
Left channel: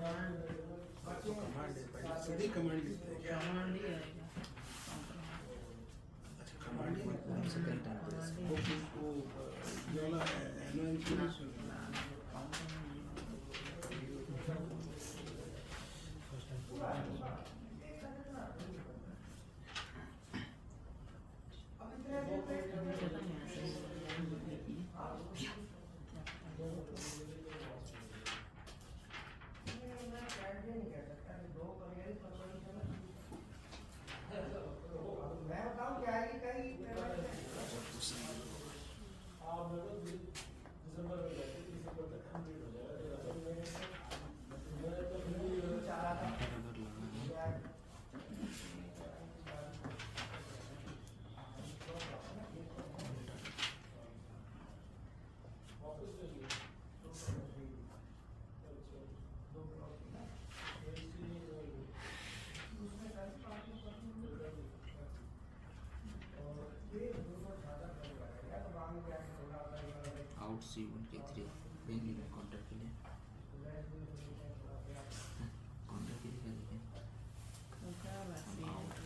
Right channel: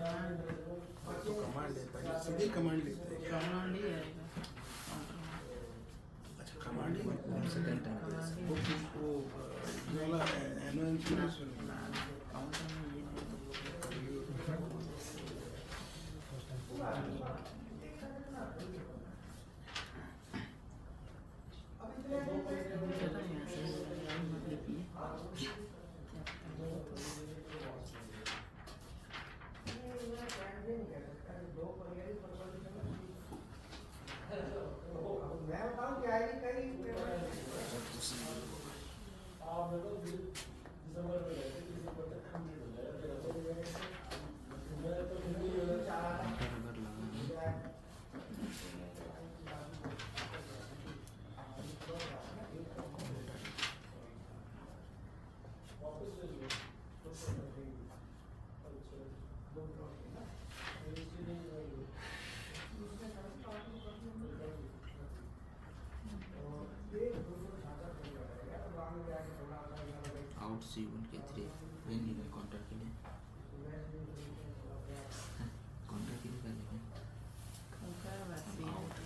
कमांड देता है, सीधे कमांड लिखता है क्या? कमांड ही आएगा काउंटर में। अच्छा कमांड ही लिखता है। सेकंड टाइम प्रेस वो ये वाला एनुअल इंश्योरेंस काउंटर में ये चलो यहाँ से देखिए मैं बताऊं क्या है कि अगर लगा है आउट C1 के 3 लेंगे मैं काउंटर के लिए काउंटर के लिए कर लेंगे out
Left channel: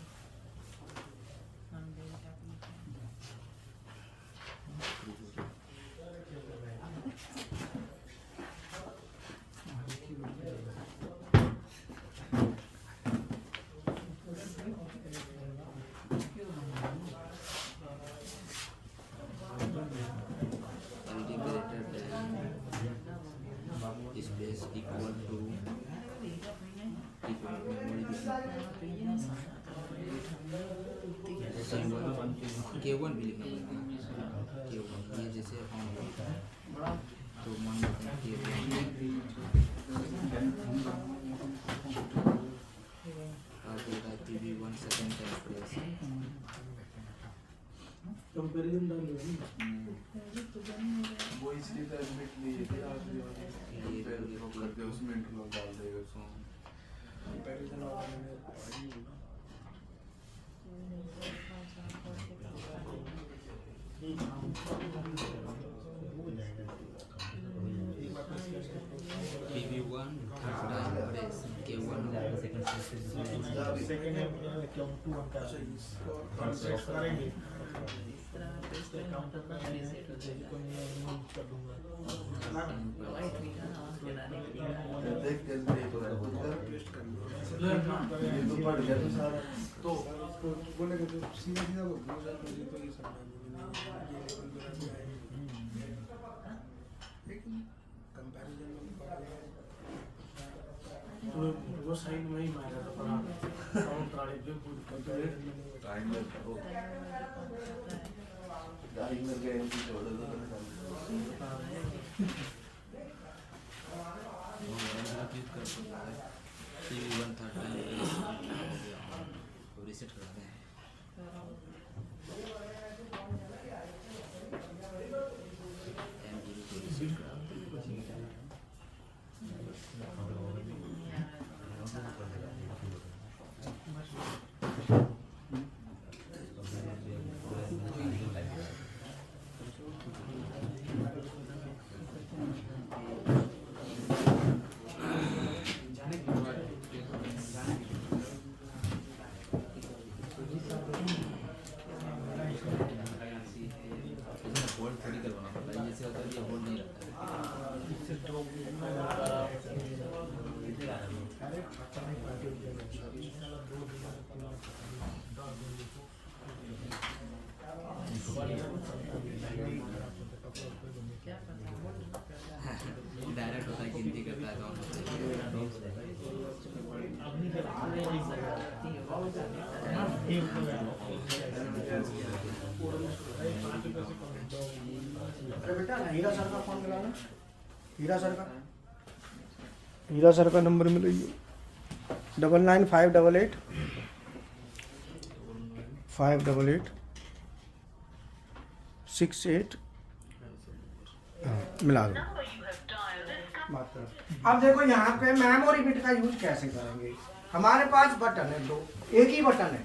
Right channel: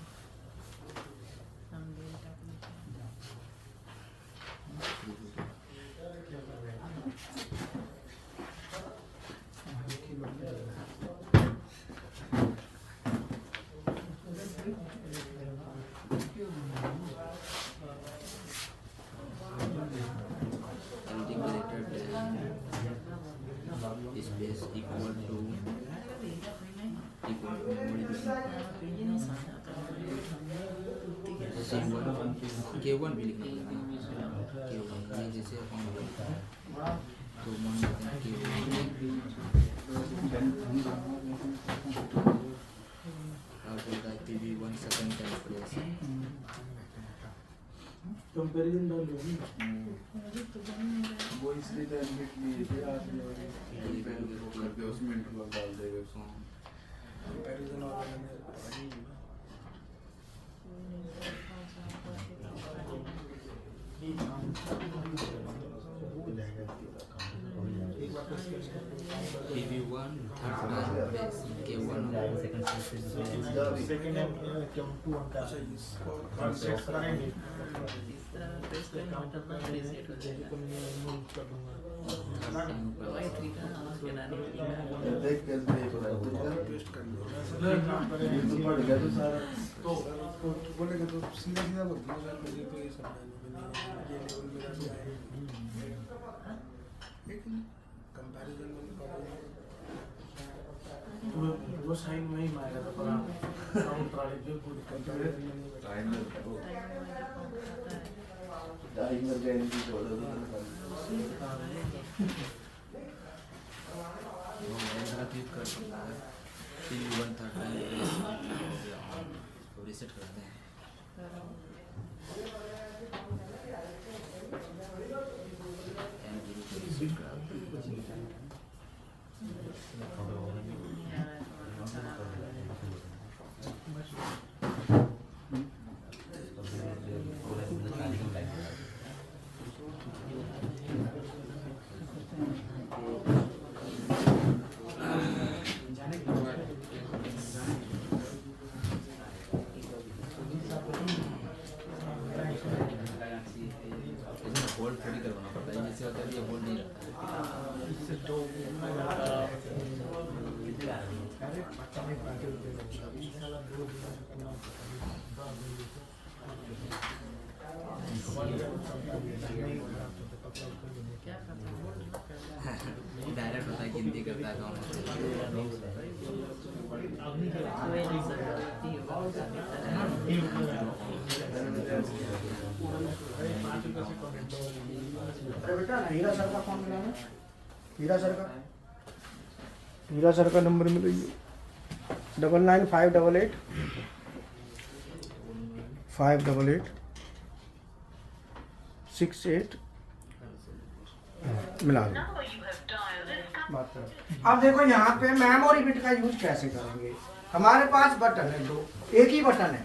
everything greater than space equal to memory C1 K1 भी लिखना पड़ेगा K1 ये जैसे ऑन तो मान लेते हैं K1 अब बोलता है PB1 second time press comparison डाल दिया ना। वो इसलिए तो एडमिट लिए थे आज कंपेयर करके उसमें इंटरलॉक डाल देगा कंपैरिजन वाला मैंने पढ़ा ही नहीं। PB1 third time press K1 second account 2 अंक अच्छा इसको कॉन्सेप्ट करेंगे इस तरह में प्रेस करेंगे काउंटर तो पे रीसेट हो जाएगा मूव कर दूंगा तो i3 का आवाज बना देंगे देख कैसे देख रहा है पेस्ट कर दूंगा ये तो पड़ गया तो सारा तो बोलेगा तो सीधा सीधा बोल दिया यार मुझे तो ये समझा नहीं लेकिन कंपैरिजन में वो साइन में ही मारा था पड़ा काउंटर वाले जो पूरी कंपैरिजन में नहीं टाइम लगता है टाइम लग गया इनकी छोड़ दो वो वगैरह क्लिक कर सकता है PB1 थर्ड टाइम प्रेस हो गया ऑन तो रीसेट कर दें M0 को रीसेट करा होल्ड थोड़ी करवाना पड़ता है जैसे होता है ये होल्ड नहीं रखता है इससे तो अरे पता नहीं पाके अभी साला 2 दिन पूरा क्या करता है डायरेक्ट होता है गिनती करता है कौन अरे बेटा हीरा सर का फोन मिला ना हीरा सर का नंबर मिलाइए 995888 588 68 मिला दो बात करो। अब देखो यहाँ पे मेमोरी बिट का यूज कैसे करेंगे। हमारे पास बटन है दो, एक ही बटन है।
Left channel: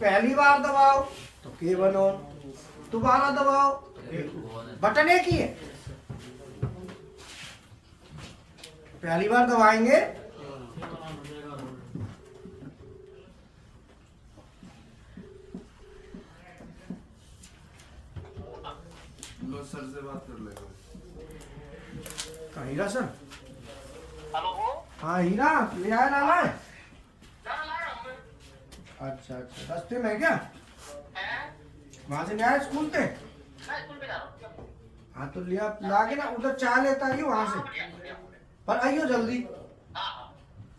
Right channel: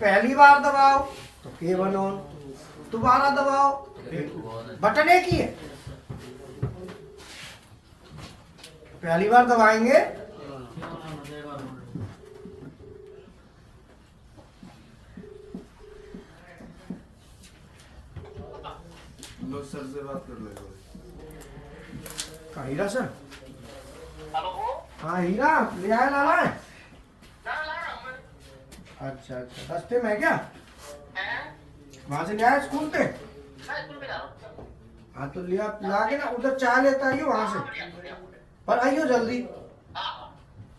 पहली बार दबाओ तो K1 ऑन, दोबारा दबाओ बटन एक ही है। पहली बार दबाएंगे तो सर से बात कर लेगा। कहाँ हीरा सर? हाँ हीरा ले आया लाना है? अच्छा अच्छा रास्ते में है क्या? वहाँ से ले आया स्कूल से? हाँ तो लिया ला के ना उधर चाय लेता है वहाँ से, पर आइयो जल्दी,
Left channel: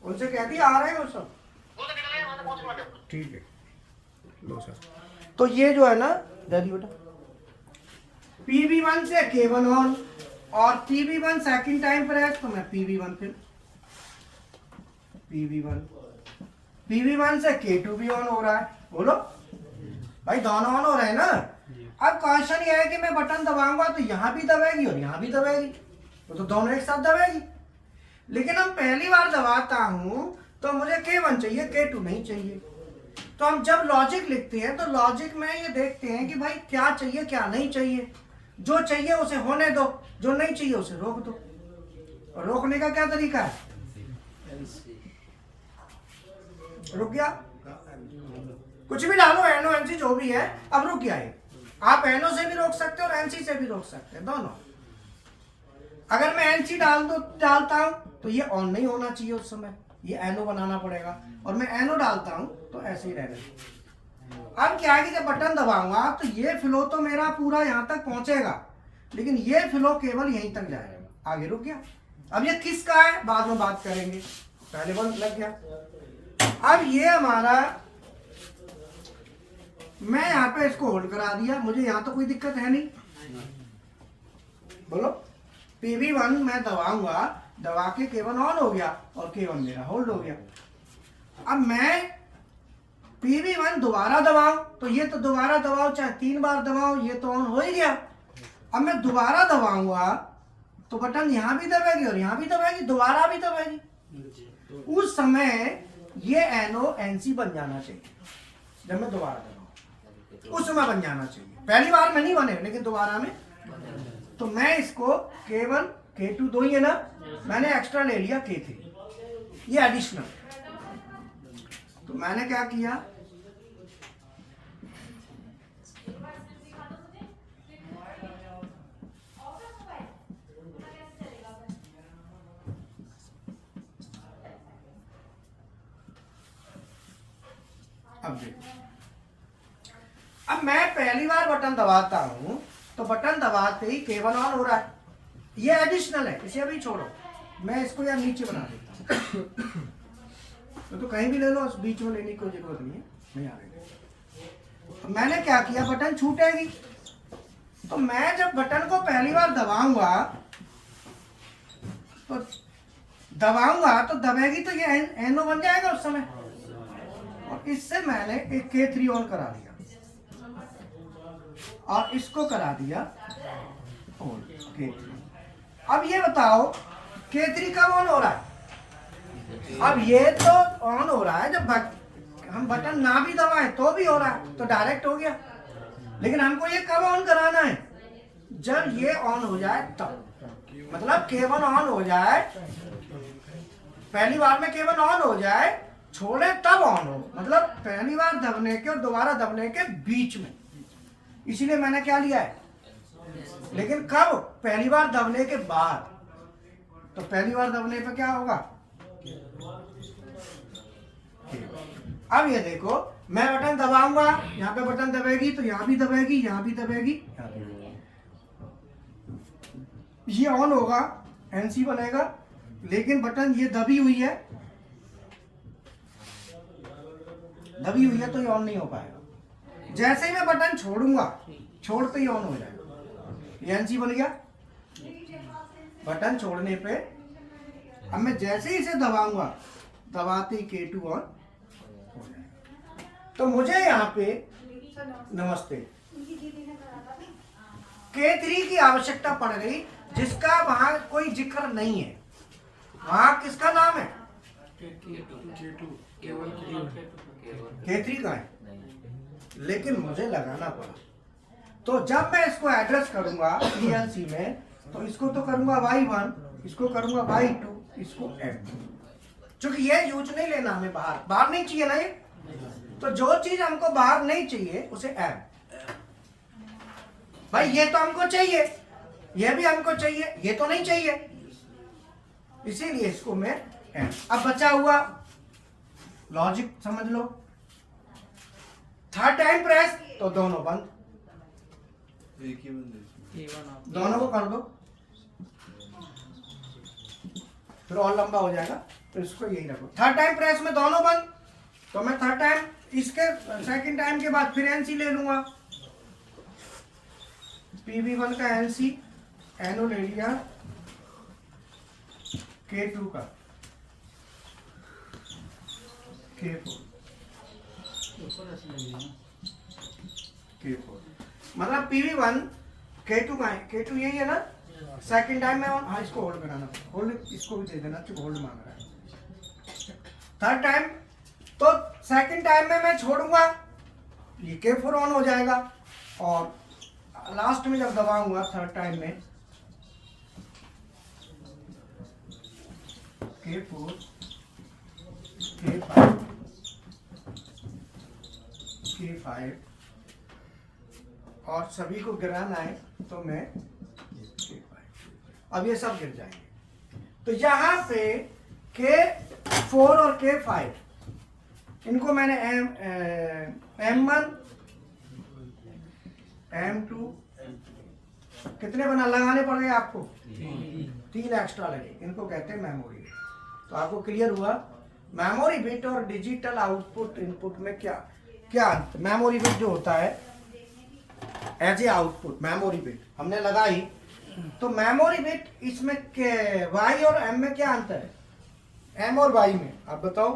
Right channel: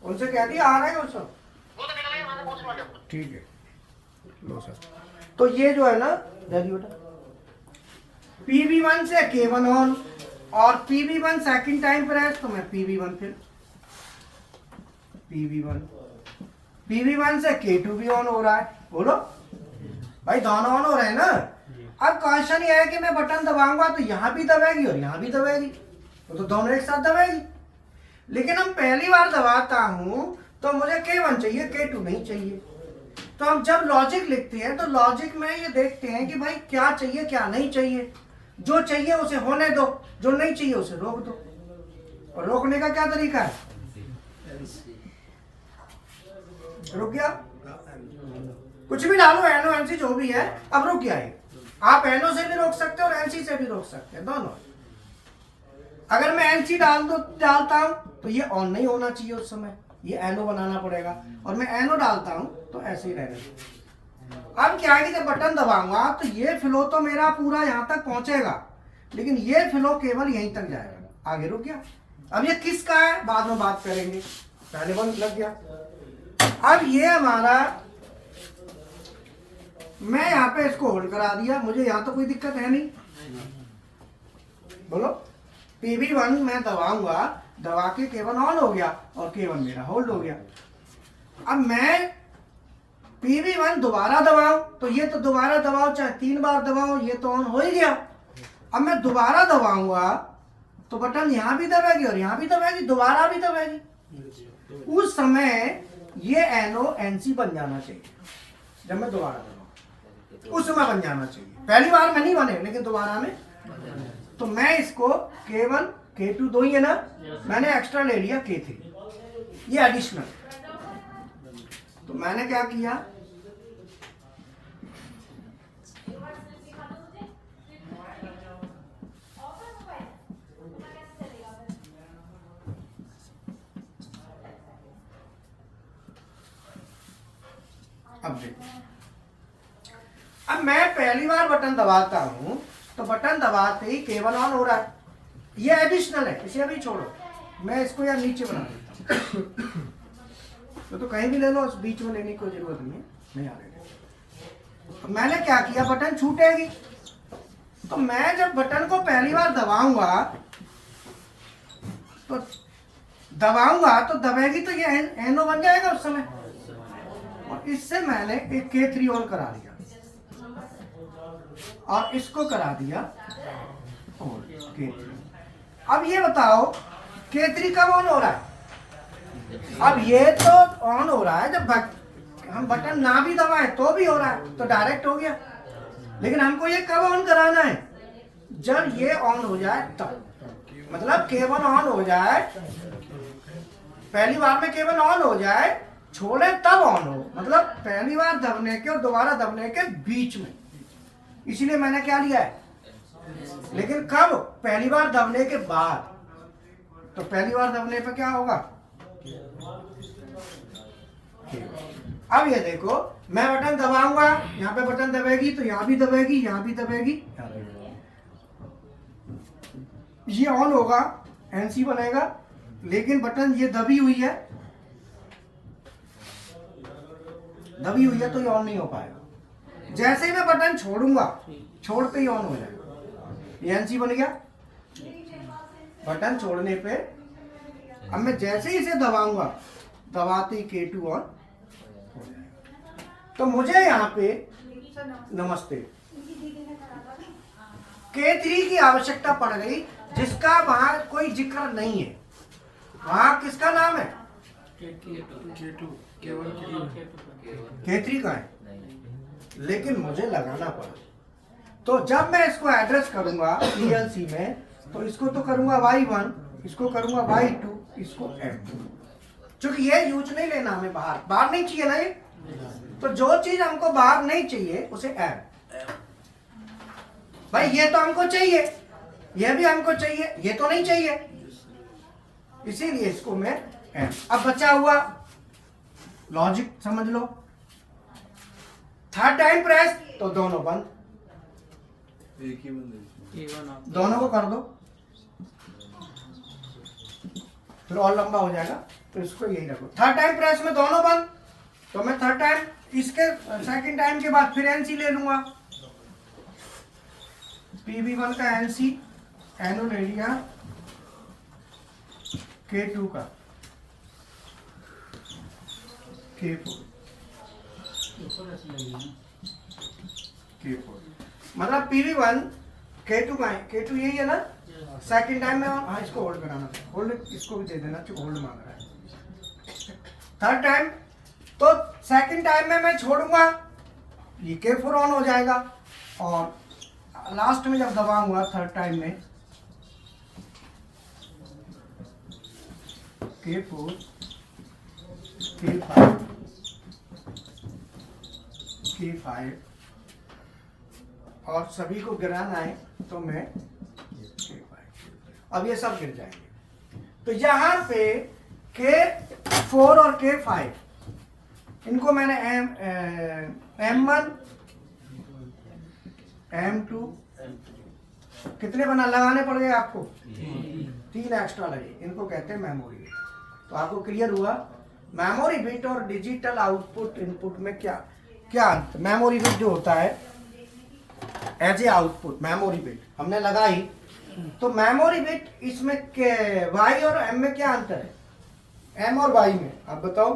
उनसे कह दिया आ रहे हैं वो सब। ठीक है लो सर। तो ये जो है ना दादी बेटा PB1 से K1 ऑन और PB1 सेकंड टाइम प्रेस तो मैं PB1 फिर PB1 से K2 भी ऑन हो रहा है। बोलो भाई दोनों ऑन हो रहे हैं ना। अब क्वेश्चन ये है कि मैं बटन दबाऊंगा तो यहाँ भी दबेगी और यहाँ भी दबेगी, तो दोनों एक साथ दबेगी। लेकिन हम पहली बार दबाता हूँ तो मुझे K1 चाहिए, K2 नहीं चाहिए। तो हम जब लॉजिक लिखते हैं तो लॉजिक में ये देखते हैं कि भाई क्या चाहिए क्या नहीं चाहिए। जो चाहिए उसे होने दो, जो नहीं चाहिए उसे रोक दो। और रोकने का क्या तरीका है? रुक गया, कुछ भी डालो एनो एनसी जो भी है, अब रुक गया है। आप एनो से भी रोक सकते हो और एनसी से भी रोक सकते हैं, दोनों। अगर मैं एनसी डालता हूं तो ये ऑन नहीं होना चाहिए उस समय, ये एनो बनाना पड़ेगा। और मैं एनो डालता हूं तो ऐसे ही रहेगा। अब क्या है कि जब बटन दबाऊंगा तो ये फ्लो तो मेरा पूरा यहां तक पहुंचेगा, लेकिन ये फ्लो केवल यहीं तक जाएगा। आगे रुक गया। अब ये किसका है बाद में बात करेंगे, पहले बंद लग गया। अब ये हमारा, मैं यहाँ पे इसको होल्ड करा दिया, मुझे यहाँ तो कोई दिक्कत है नहीं। बोलो PB1 मैं दबाऊंगा, दबा के K1 ऑन हो गया और K1 मेरा होल्ड हो गया। अब मैं PB1 दोबारा दबाऊं तो ये तो दोबारा दबाओ चाहे 3 बार दबाओ ये तो ऑन हो ही गया। अब मैं दोबारा दबाऊंगा तो बटन यहाँ भी दबेगी और यहाँ भी दबेगी, दोबारा भी दबेगी। उस समय ये एनो एनसी बन जाना चाहिए। जब मैं दोबारा दबाऊं उस समय बन जाना चाहिए। पहली बार में नहीं बने लेकिन दोबारा में। तो मैं इसको K1 K2 दो ही है ना, मैंने एक्स्ट्रा ले लिया K3, ये एडिशनल। तो मैंने क्या किया, अब देखो, अब मैं पहली बार बटन दबाता हूं तो बटन दबाते ही K1 ऑन हो रहा है। ये एडिशनल है, इसे अभी छोड़ो, मैं इसको यार नीचे बना देता हूं। तो कहीं भी ले लो, उस बीच में लेने की कोई जरूरत नहीं है, नहीं आ रही। तो मैंने क्या किया, बटन छूटेगी तो मैं जब बटन को पहली बार दबाऊंगा तो दबेगी तो ये एनो बन जाएगा उस समय। और इससे मैंने एक K3 ऑन करा दिया और इसको करा दिया ऑन K3। अब ये बताओ K3 कब ऑन हो रहा है? अब ये तो ऑन हो रहा है जब हम बटन ना भी दबाएं तो भी हो रहा है, तो डायरेक्ट हो गया। लेकिन हमको ये कब ऑन कराना है? जब ये ऑन हो जाए तब, मतलब K1 ऑन हो जाए, पहली बार में K1 ऑन हो जाए, छोड़े तब ऑन हो, मतलब पहली बार दबने के और दोबारा दबने के बीच में। इसलिए मैंने क्या लिया है, लेकिन कब? पहली बार दबने के बाद। तो पहली बार दबने पे क्या होगा, अब ये देखो मैं बटन दबाऊंगा, यहाँ पे बटन दबेगी तो यहाँ भी दबेगी, यहाँ भी दबेगी, ये ऑन होगा, एनसी बनेगा। लेकिन बटन ये दबी हुई है तो ये ऑन नहीं हो पाएगा। जैसे ही मैं बटन छोड़ूंगा, छोड़ते ही ऑन हो जाएगा। ये एनसी बन गया बटन छोड़ने पे। अब मैं जैसे ही इसे दबाऊंगा, दबाते ही K2 ऑन। तो मुझे यहाँ पे नमस्ते K3 की आवश्यकता पड़ गई, जिसका वहां कोई जिक्र नहीं है। वहां किसका नाम है? K3 का है, लेकिन मुझे लगाना पड़ा। तो जब मैं इसको एड्रेस करूंगा PLC में, तो इसको तो करूंगा Y1, इसको करूंगा Y2, इसको M2। क्योंकि ये यूज नहीं लेना हमें, बाहर नहीं चाहिए ना ये। तो जो चीज हमको बाहर नहीं चाहिए उसे M। भाई ये तो हमको चाहिए, ये भी हमको चाहिए, ये तो नहीं चाहिए, इसीलिए इसको मैं अब बचा हुआ लॉजिक समझ लो। थर्ड टाइम प्रेस तो दोनों बंद, एक ही बंदे दोनों को कर दो, फिर और लंबा हो जाएगा, तो इसको यही रखो। थर्ड टाइम प्रेस में दोनों बंद, तो मैं थर्ड टाइम इसके सेकंड टाइम के बाद फिर एनसी ले लूंगा, PV1 का एनसी, एनो ले लिया K2 का, K4, K4 मतलब PV1 K2 का है, K2 यही है ना। सेकंड टाइम में हाँ इसको होल्ड कराना, होल्ड इसको भी दे देना, चूंकि होल्ड मांग रहा है। थर्ड टाइम तो सेकंड टाइम में मैं छोड़ूंगा, ये K4 ऑन हो जाएगा, और लास्ट में जब दबाऊंगा थर्ड टाइम में K4 K5 K5 और सभी को गिराना है, तो मैं K5, अब ये सब गिर जाएंगे। तो यहाँ पे K4 और K5 इनको मैंने M1 M2 कितने बना लगाने पड़ गए आपको, 3 एक्स्ट्रा लगे, इनको कहते हैं मेमोरी बिट। तो आपको क्लियर हुआ मेमोरी बिट और डिजिटल आउटपुट इनपुट में क्या क्या अंतर। मेमोरी बिट जो होता है as a output, memory bit हमने लगाई, तो मेमोरी बिट इसमें वाई और एम में क्या अंतर है, एम और वाई में, आप बताओ।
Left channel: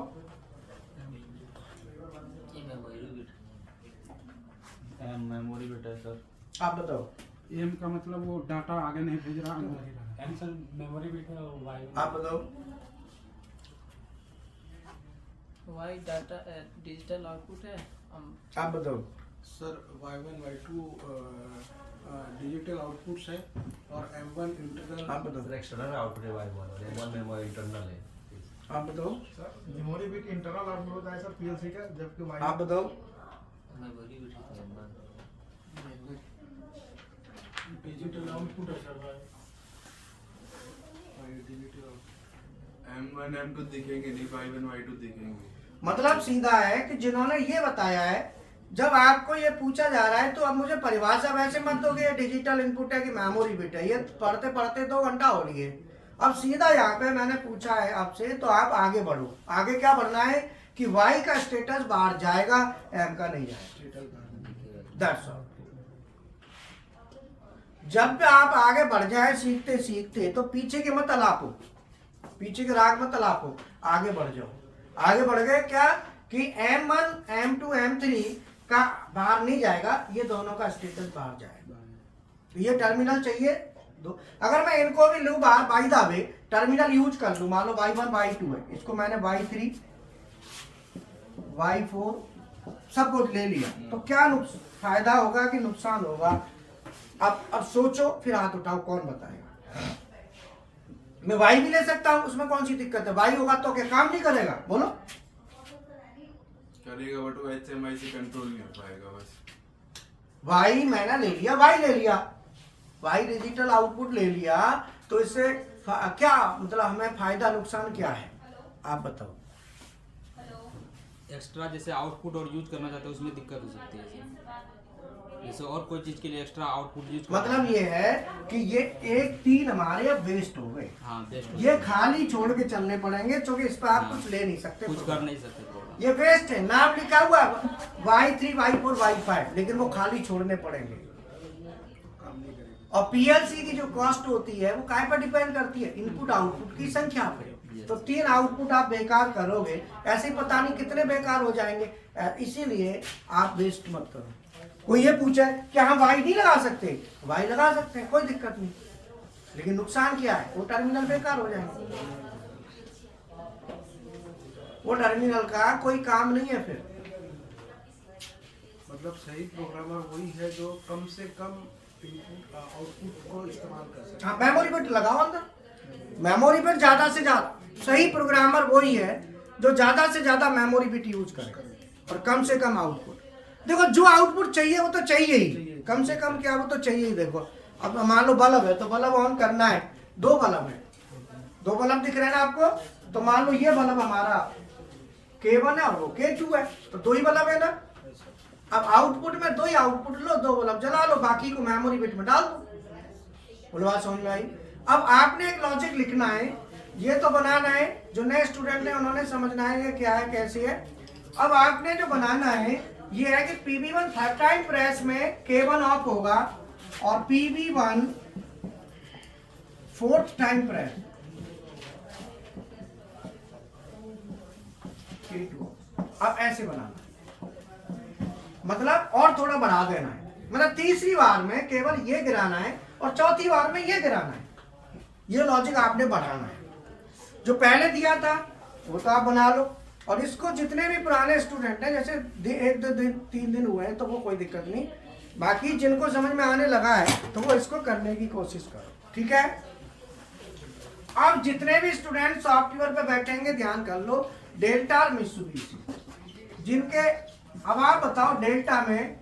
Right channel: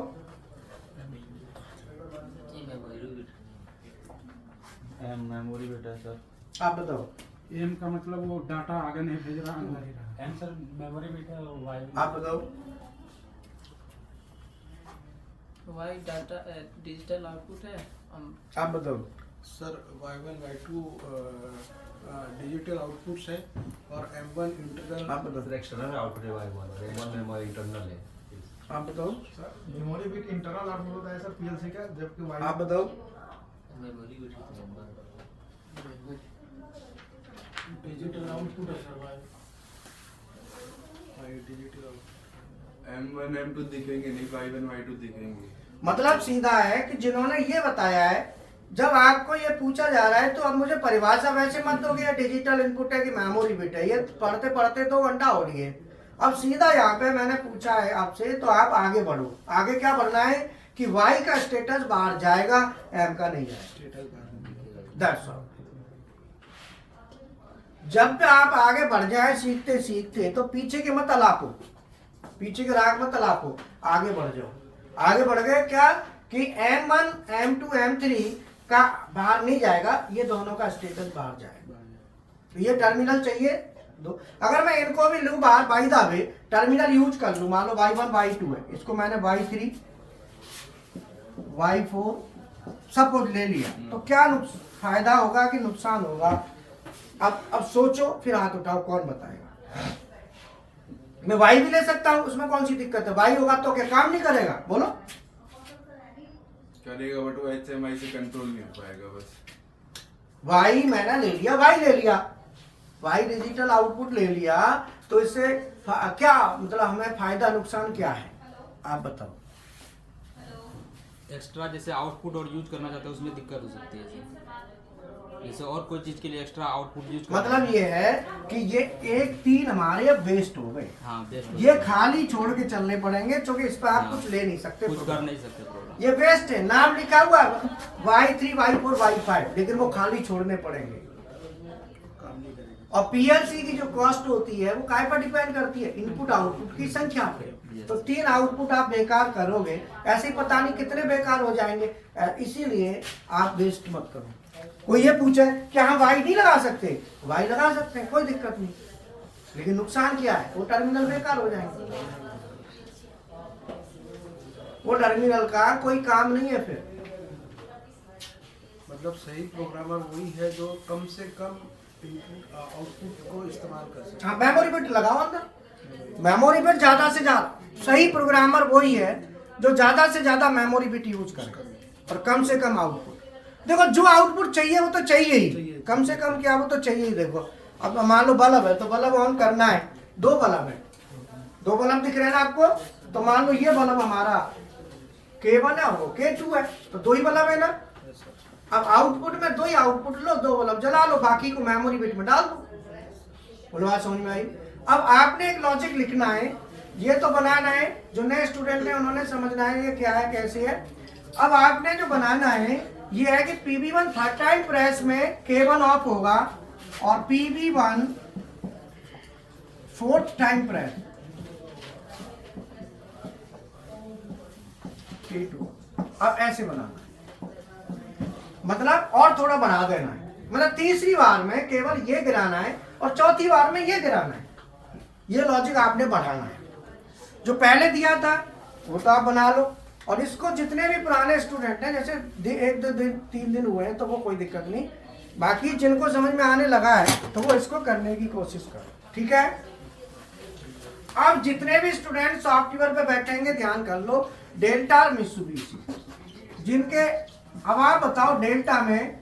मेमोरी बिट है सर। आप बताओ। एम का मतलब वो डाटा आगे नहीं भेज रहा, अंदर ही रहा। एम सर मेमोरी बिट है, वाई आप बताओ। वाई डाटा डिजिटल आउटपुट है, आप बताओ। Sir Y1 Y2 digital outputs है, और M1 इंटरनल। आप बताओ। एक्सटर्नल आउटपुट है Y1 और M1 में हमारा इंटरनल है। आप बताओ। Sir memory bit internal output होता है सर पीएलसी का, जबकि वाई आप बताओ। डिजिटल आउटपुट है सर डिजिटल M1 M2 दिखेंगे नहीं, Y1 Y2 दिखेंगे। मतलब सीधा है कि जिन्होंने ये बताया है, जब आपको ये पूछा जा रहा है तो अब मुझे परिभाषा वैसे मत दोगे ये डिजिटल इनपुट है कि मेमोरी बिट है, ये पढ़ते पढ़ते 2 घंटा हो लिए। अब सीधा यहाँ पे मैंने पूछा है आपसे, तो आप आगे बढ़ो। आगे क्या बढ़ना है कि वाई का स्टेटस बाहर जाएगा, एम का नहीं जाएगा। That's all। जब आप आगे बढ़ जाए सीखते सीखते, तो पीछे के मत अलापो, पीछे के राग मत अलापो, आगे बढ़ जाओ। आगे बढ़ गए क्या कि M1 M2 M3 का बाहर नहीं जाएगा, ये दोनों का स्टेटस बाहर जाएगा। तो ये टर्मिनल चाहिए दो। अगर मैं इनको भी लूँ बाहर, by the way terminal use कर लूँ, मान लो Y1 Y2 है, इसको मैंने Y3 Y4 सब कुछ ले लिया, तो क्या फायदा होगा कि नुकसान होगा? अब सोचो, फिर हाथ उठाओ, कौन बताएगा? मैं वाई भी ले सकता हूँ, उसमें कौन सी दिक्कत है? वाई होगा तो क्या काम नहीं करेगा? बोलो। करेगा, बट वो HMI से कंट्रोल नहीं हो पाएगा। बस वाई मैंने ले लिया, वाई ले लिया, वाई डिजिटल आउटपुट ले लिया, तो इससे क्या मतलब हमें फायदा नुकसान क्या है, आप बताओ। एक्स्ट्रा जैसे आउटपुट और यूज करना चाहते हैं उसमें दिक्कत हो सकती है जैसे और कोई चीज के लिए एक्स्ट्रा आउटपुट यूज करना। मतलब ये है कि ये 1-3 हमारे अब वेस्ट हो गए। हाँ, बेस्ट हो ये सकता है। खाली छोड़ के चलने पड़ेंगे, क्योंकि इस पर आप हाँ, कुछ ले नहीं सकते, कुछ कर नहीं सकते प्रोग्राम। ये वेस्ट है। नाम लिखा हुआ Y3 Y4 Y5, लेकिन वो खाली छोड़ने पड़ेंगे। और पीएलसी की जो कॉस्ट होती है वो काय पर डिपेंड करती है? इनपुट आउटपुट की संख्या पे। तो 3 आउटपुट आप बेकार करोगे, ऐसे ही पता नहीं कितने बेकार हो जाएंगे। इसीलिए आप वेस्ट मत करो। कोई ये पूछे कि हम वाई नहीं लगा सकते, वाई लगा सकते हैं, कोई दिक्कत नहीं, लेकिन नुकसान क्या है? वो टर्मिनल बेकार हो जाएंगे, वो टर्मिनल का कोई काम नहीं है फिर। मतलब सही प्रोग्रामर वही है जो कम से कम इनपुट आउटपुट को इस्तेमाल कर सके। हाँ, मेमोरी बिट लगाओ अंदर। मेमोरी बिट ज्यादा से ज्यादा, सही प्रोग्रामर वही है जो ज्यादा से ज्यादा मेमोरी बिट यूज करे और कम से कम आउटपुट। देखो जो आउटपुट चाहिए वो तो चाहिए ही, चाहिए। कम से कम क्या वो तो चाहिए ही। देखो अब मान लो बल्ब है तो बल्ब ऑन करना है, दो बल्ब है, दो बल्ब दिख रहे हैं ना आपको, तो मान लो ये बल्ब हमारा K1 है और वो K2 है, तो दो ही बल्ब है ना। अब आउटपुट में दो ही आउटपुट लो, दो बल्ब जला लो, बाकी को मेमोरी बिट में डाल दो। बोलो बात समझ में आई। अब आपने एक लॉजिक लिखना है, ये तो बनाना है, जो नए स्टूडेंट हैं उन्होंने समझना है ये क्या है कैसे है। अब आपने जो बनाना है ये है कि PB1 थर्ड टाइम प्रेस में K1 ऑफ होगा और PB1 fourth time press K2। अब ऐसे बनाना है, मतलब और थोड़ा बढ़ा देना है, मतलब तीसरी बार में केवल ये गिराना है और चौथी बार में ये गिराना है। ये लॉजिक आपने बढ़ाना है। जो पहले दिया था वो तो आप बना लो, और इसको जितने भी पुराने स्टूडेंट हैं, जैसे एक दो दिन 3 दिन हुए हैं तो वो कोई दिक्कत नहीं, बाकी जिनको समझ में आने लगा है तो वो इसको करने की कोशिश करो, ठीक है। अब जितने भी स्टूडेंट सॉफ्टवेयर पे बैठेंगे ध्यान कर लो, डेल्टा और मित्सुबिशी जिनके, अब आप बताओ डेल्टा में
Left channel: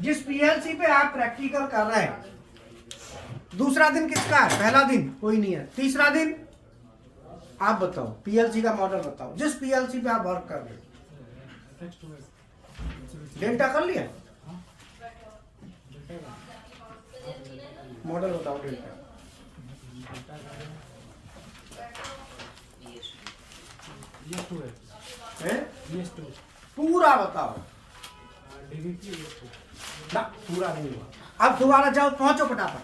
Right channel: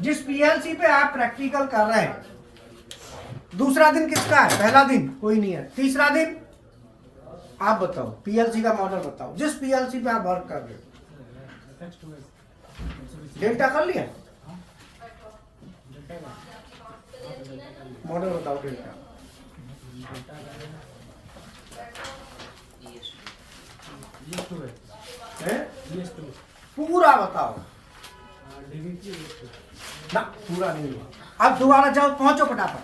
जिस पीएलसी पे आप प्रैक्टिकल कर रहे हैं, दूसरा दिन किसका है? पहला दिन कोई नहीं है, तीसरा दिन आप बताओ पीएलसी का मॉडल बताओ जिस पीएलसी पे आप वर्क कर रहे हो। डेल्टा कर लिया, मॉडल बताओ डेल्टा। पूरा बताओ ना, पूरा नहीं हुआ। अब दोबारा जाओ, पहुंचो फटाफट,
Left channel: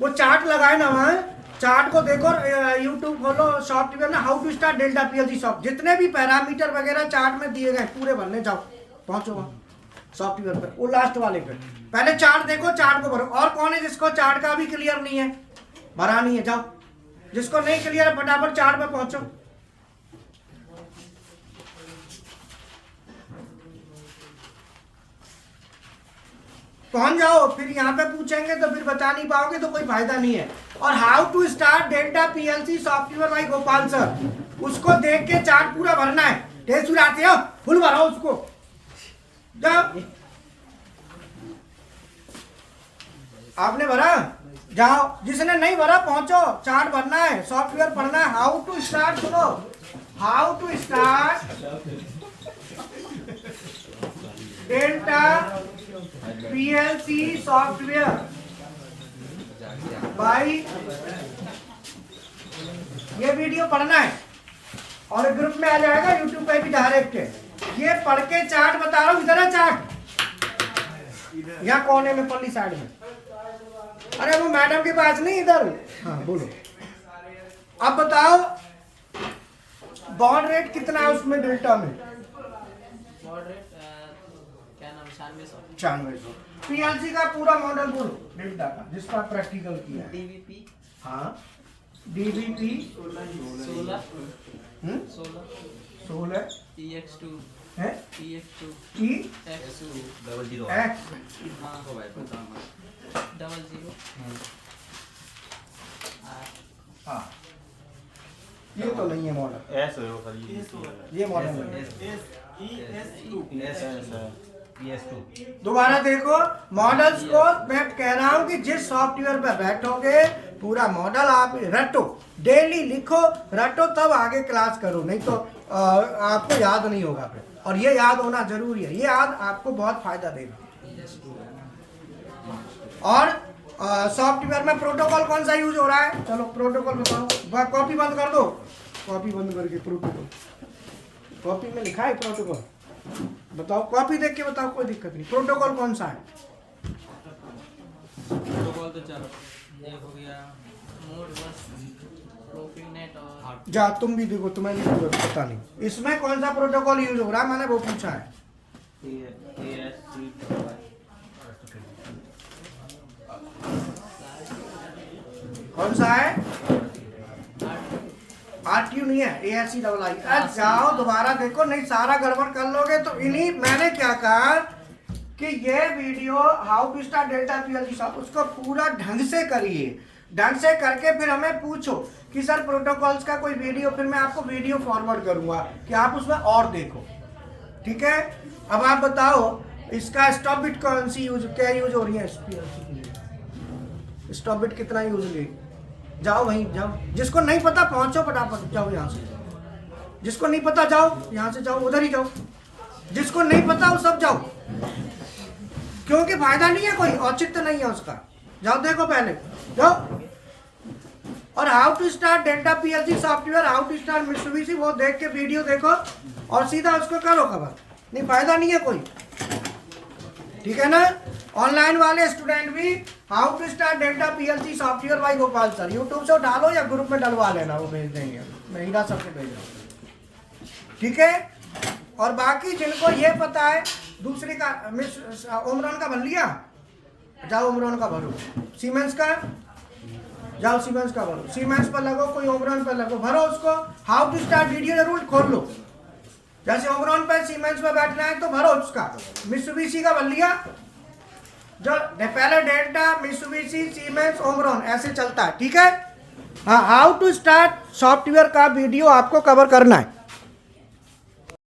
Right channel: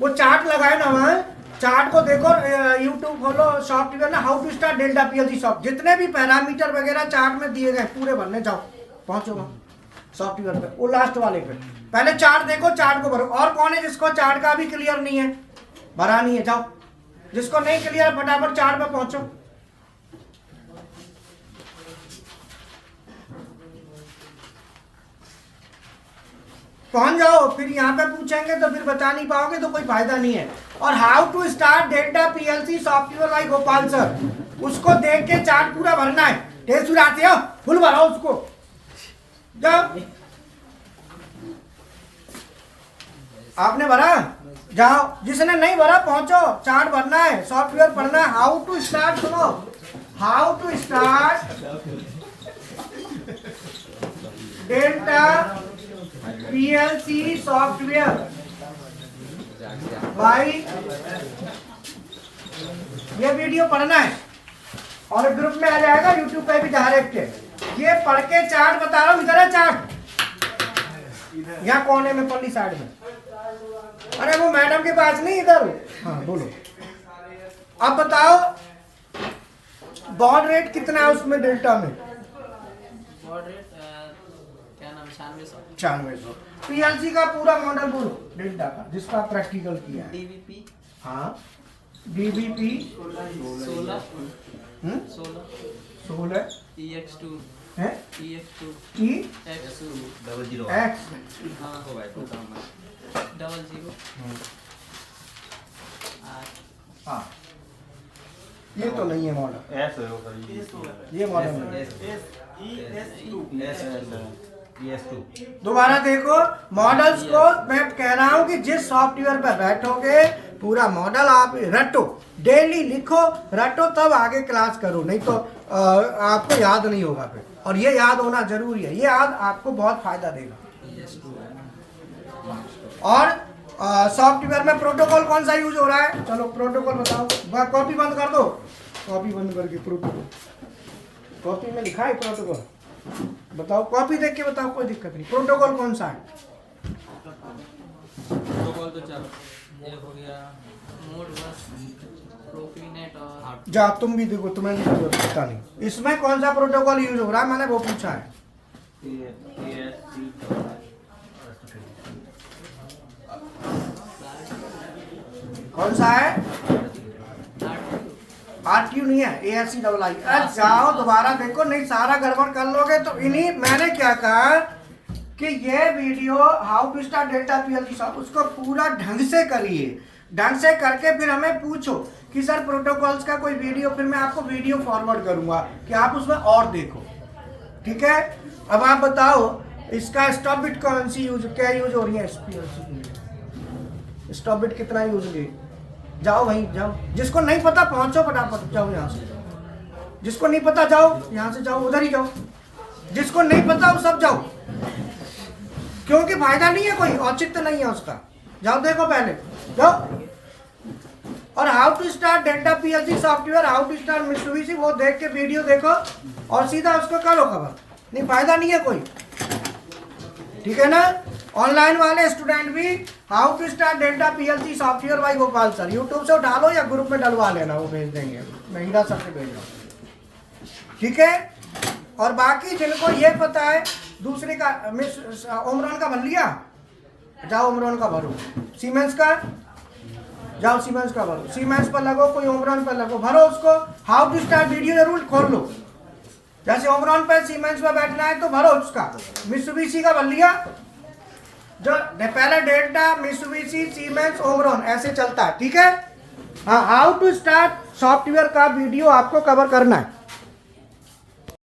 वो चार्ट लगाए ना वहां, चार्ट को देखो, यूट्यूब खोलो, सॉफ्टवेयर ना how to start Delta PLC soft, जितने भी पैरामीटर वगैरह चार्ट में दिए गए पूरे भरने जाओ, पहुंचो वहां सॉफ्टवेयर पे, वो लास्ट वाले पे पहले चार्ट देखो, चार्ट को भरो। और कौन है जिसको चार्ट का भी क्लियर नहीं है, भरा नहीं है, जाओ, जिसको नहीं क्लियर है फटाफट चार्ट पे पहुंचो। पहुंच जाओ, फिर यहाँ पे पूछेंगे तो फिर बता नहीं पाओगे तो कोई फायदा नहीं है। और how to start Delta PLC software by Gopal sir, उसको देख के चार्ट पूरा भरना है। टेस्ट आते हो फुल भराओ उसको, जाओ। आपने भरा, जाओ, जिसने नहीं भरा पहुंचो, चार्ट भरना है, सॉफ्टवेयर पढ़ना है। हाउ टू स्टार्ट, सुनो, how to start Delta PLC software भाई, ये वीडियो पढ़ना है और ग्रुप में आ जाएगा यूट्यूब पे भी डायरेक्ट। ये पढ़ के चार्ट बता रहा हूँ, इधर है चार्ट, यहाँ कोने में पल्ली साइड में। अरे वो मैडम के पास नहीं, इधर। हाँ बोलो, अब बताओ बॉड रेट कितना है उसमें डेल्टा में? बॉड रेट क्या नाम, 9600। 9600। पीएलसी का पूरा मॉडल बोलो डेल्टा का, जिसका प्रैक्टिकल किया है। डीवीपी, हाँ डीवीपी 16 EX2 है, EX2 टी X2 एक्स, हाँ हो भाई बताओ मत। 00 हाँ ये तो नहीं है मॉडल, एस हो सर, ये मॉडल नहीं है। ES2 दोबारा देखो मॉडल्स को, मैं कह रहा हूं कि जिस सॉफ्टवेयर पे बैठोगे पूरा मॉडल आप रटो, डेली लिखो, रटो, तब आगे क्लास करो, नहीं तो आपको याद नहीं होगा फिर। और ये याद होना जरूरी है, ये याद आपको बहुत फायदा देगा। और सॉफ्टवेयर में प्रोटोकॉल कौन सा यूज हो रहा है? चलो प्रोटोकॉल बताओ, कॉपी बंद कर दो, कॉपी बंद करके प्रोटोकॉल, कॉपी में लिखा है प्रोटोकॉल, बताओ, कॉपी देख के बताओ, कोई दिक्कत नहीं। प्रोटोकॉल कौन सा है? प्रोटोकॉल तो चलो ये हो गया, मोड बस, प्रोफीनेट और जा तुम भी देखो, तुम्हें नहीं पता नहीं इसमें कौन सा प्रोटोकॉल यूज हो रहा है, मैंने वो पूछा है। कौन सा है? RTU नहीं है, ASCII। जाओ दोबारा देखो, नहीं सारा गड़बड़ कर लोगे तो। इन्हीं मैंने क्या कहा कि ये video how to start Delta PLC soft, उसको पूरा ढंग से करिए, ढंग से करके फिर हमें पूछो कि सर प्रोटोकॉल्स का कोई वीडियो, फिर मैं आपको वीडियो फॉरवर्ड करूंगा कि आप उसमें और देखो। ठीक है, अब आप बताओ इसका स्टॉप बिट कौन सी क्या यूज हो रही है SPLC के लिए? स्टॉप बिट कितना यूज हुई? जाओ वहीं जाओ, जिसको नहीं पता पहुंचो फटाफट, जाओ यहाँ से, जिसको नहीं पता जाओ यहाँ से, जाओ उधर ही जाओ, जिसको नहीं पता वो सब जाओ, क्योंकि फायदा नहीं है, कोई औचित्य नहीं है उसका। जाओ देखो पहले, जाओ। और how to start Delta PLC software, how to start Mitsubishi, वो देख के वीडियो देखो और सीधा उसको करो कवर, नहीं फायदा नहीं है कोई। ठीक है ना? ऑनलाइन वाले स्टूडेंट भी how to start Delta PLC software by Gopal sir, YouTube से उठा लो या ग्रुप में डलवा लेना, वो भेज देंगे, मैं हीरा सर से भेज रहा हूँ। ठीक है, और बाकी जिनको ये पता है, दूसरे का मिस ओमरॉन का भर लिया, जाओ ओमरॉन का भरो, सीमेंस का जाओ, सीमेंस का भरो, सीमेंस पर लगो, कोई ओमरॉन पर लगो, भरो उसको। हाउ टू स्टार्ट वीडियो जरूर खोल लो, जैसे ओमरॉन पर सीमेंस में बैठना है तो भरो उसका। मित्सुबिशी का भर लिया, जो पहले डेल्टा, मित्सुबिशी, सीमेंस, ओमरॉन ऐसे चलता है। ठीक है, हाँ, हाउ टू स्टार्ट सॉफ्टवेयर का वीडियो आपको कवर करना है।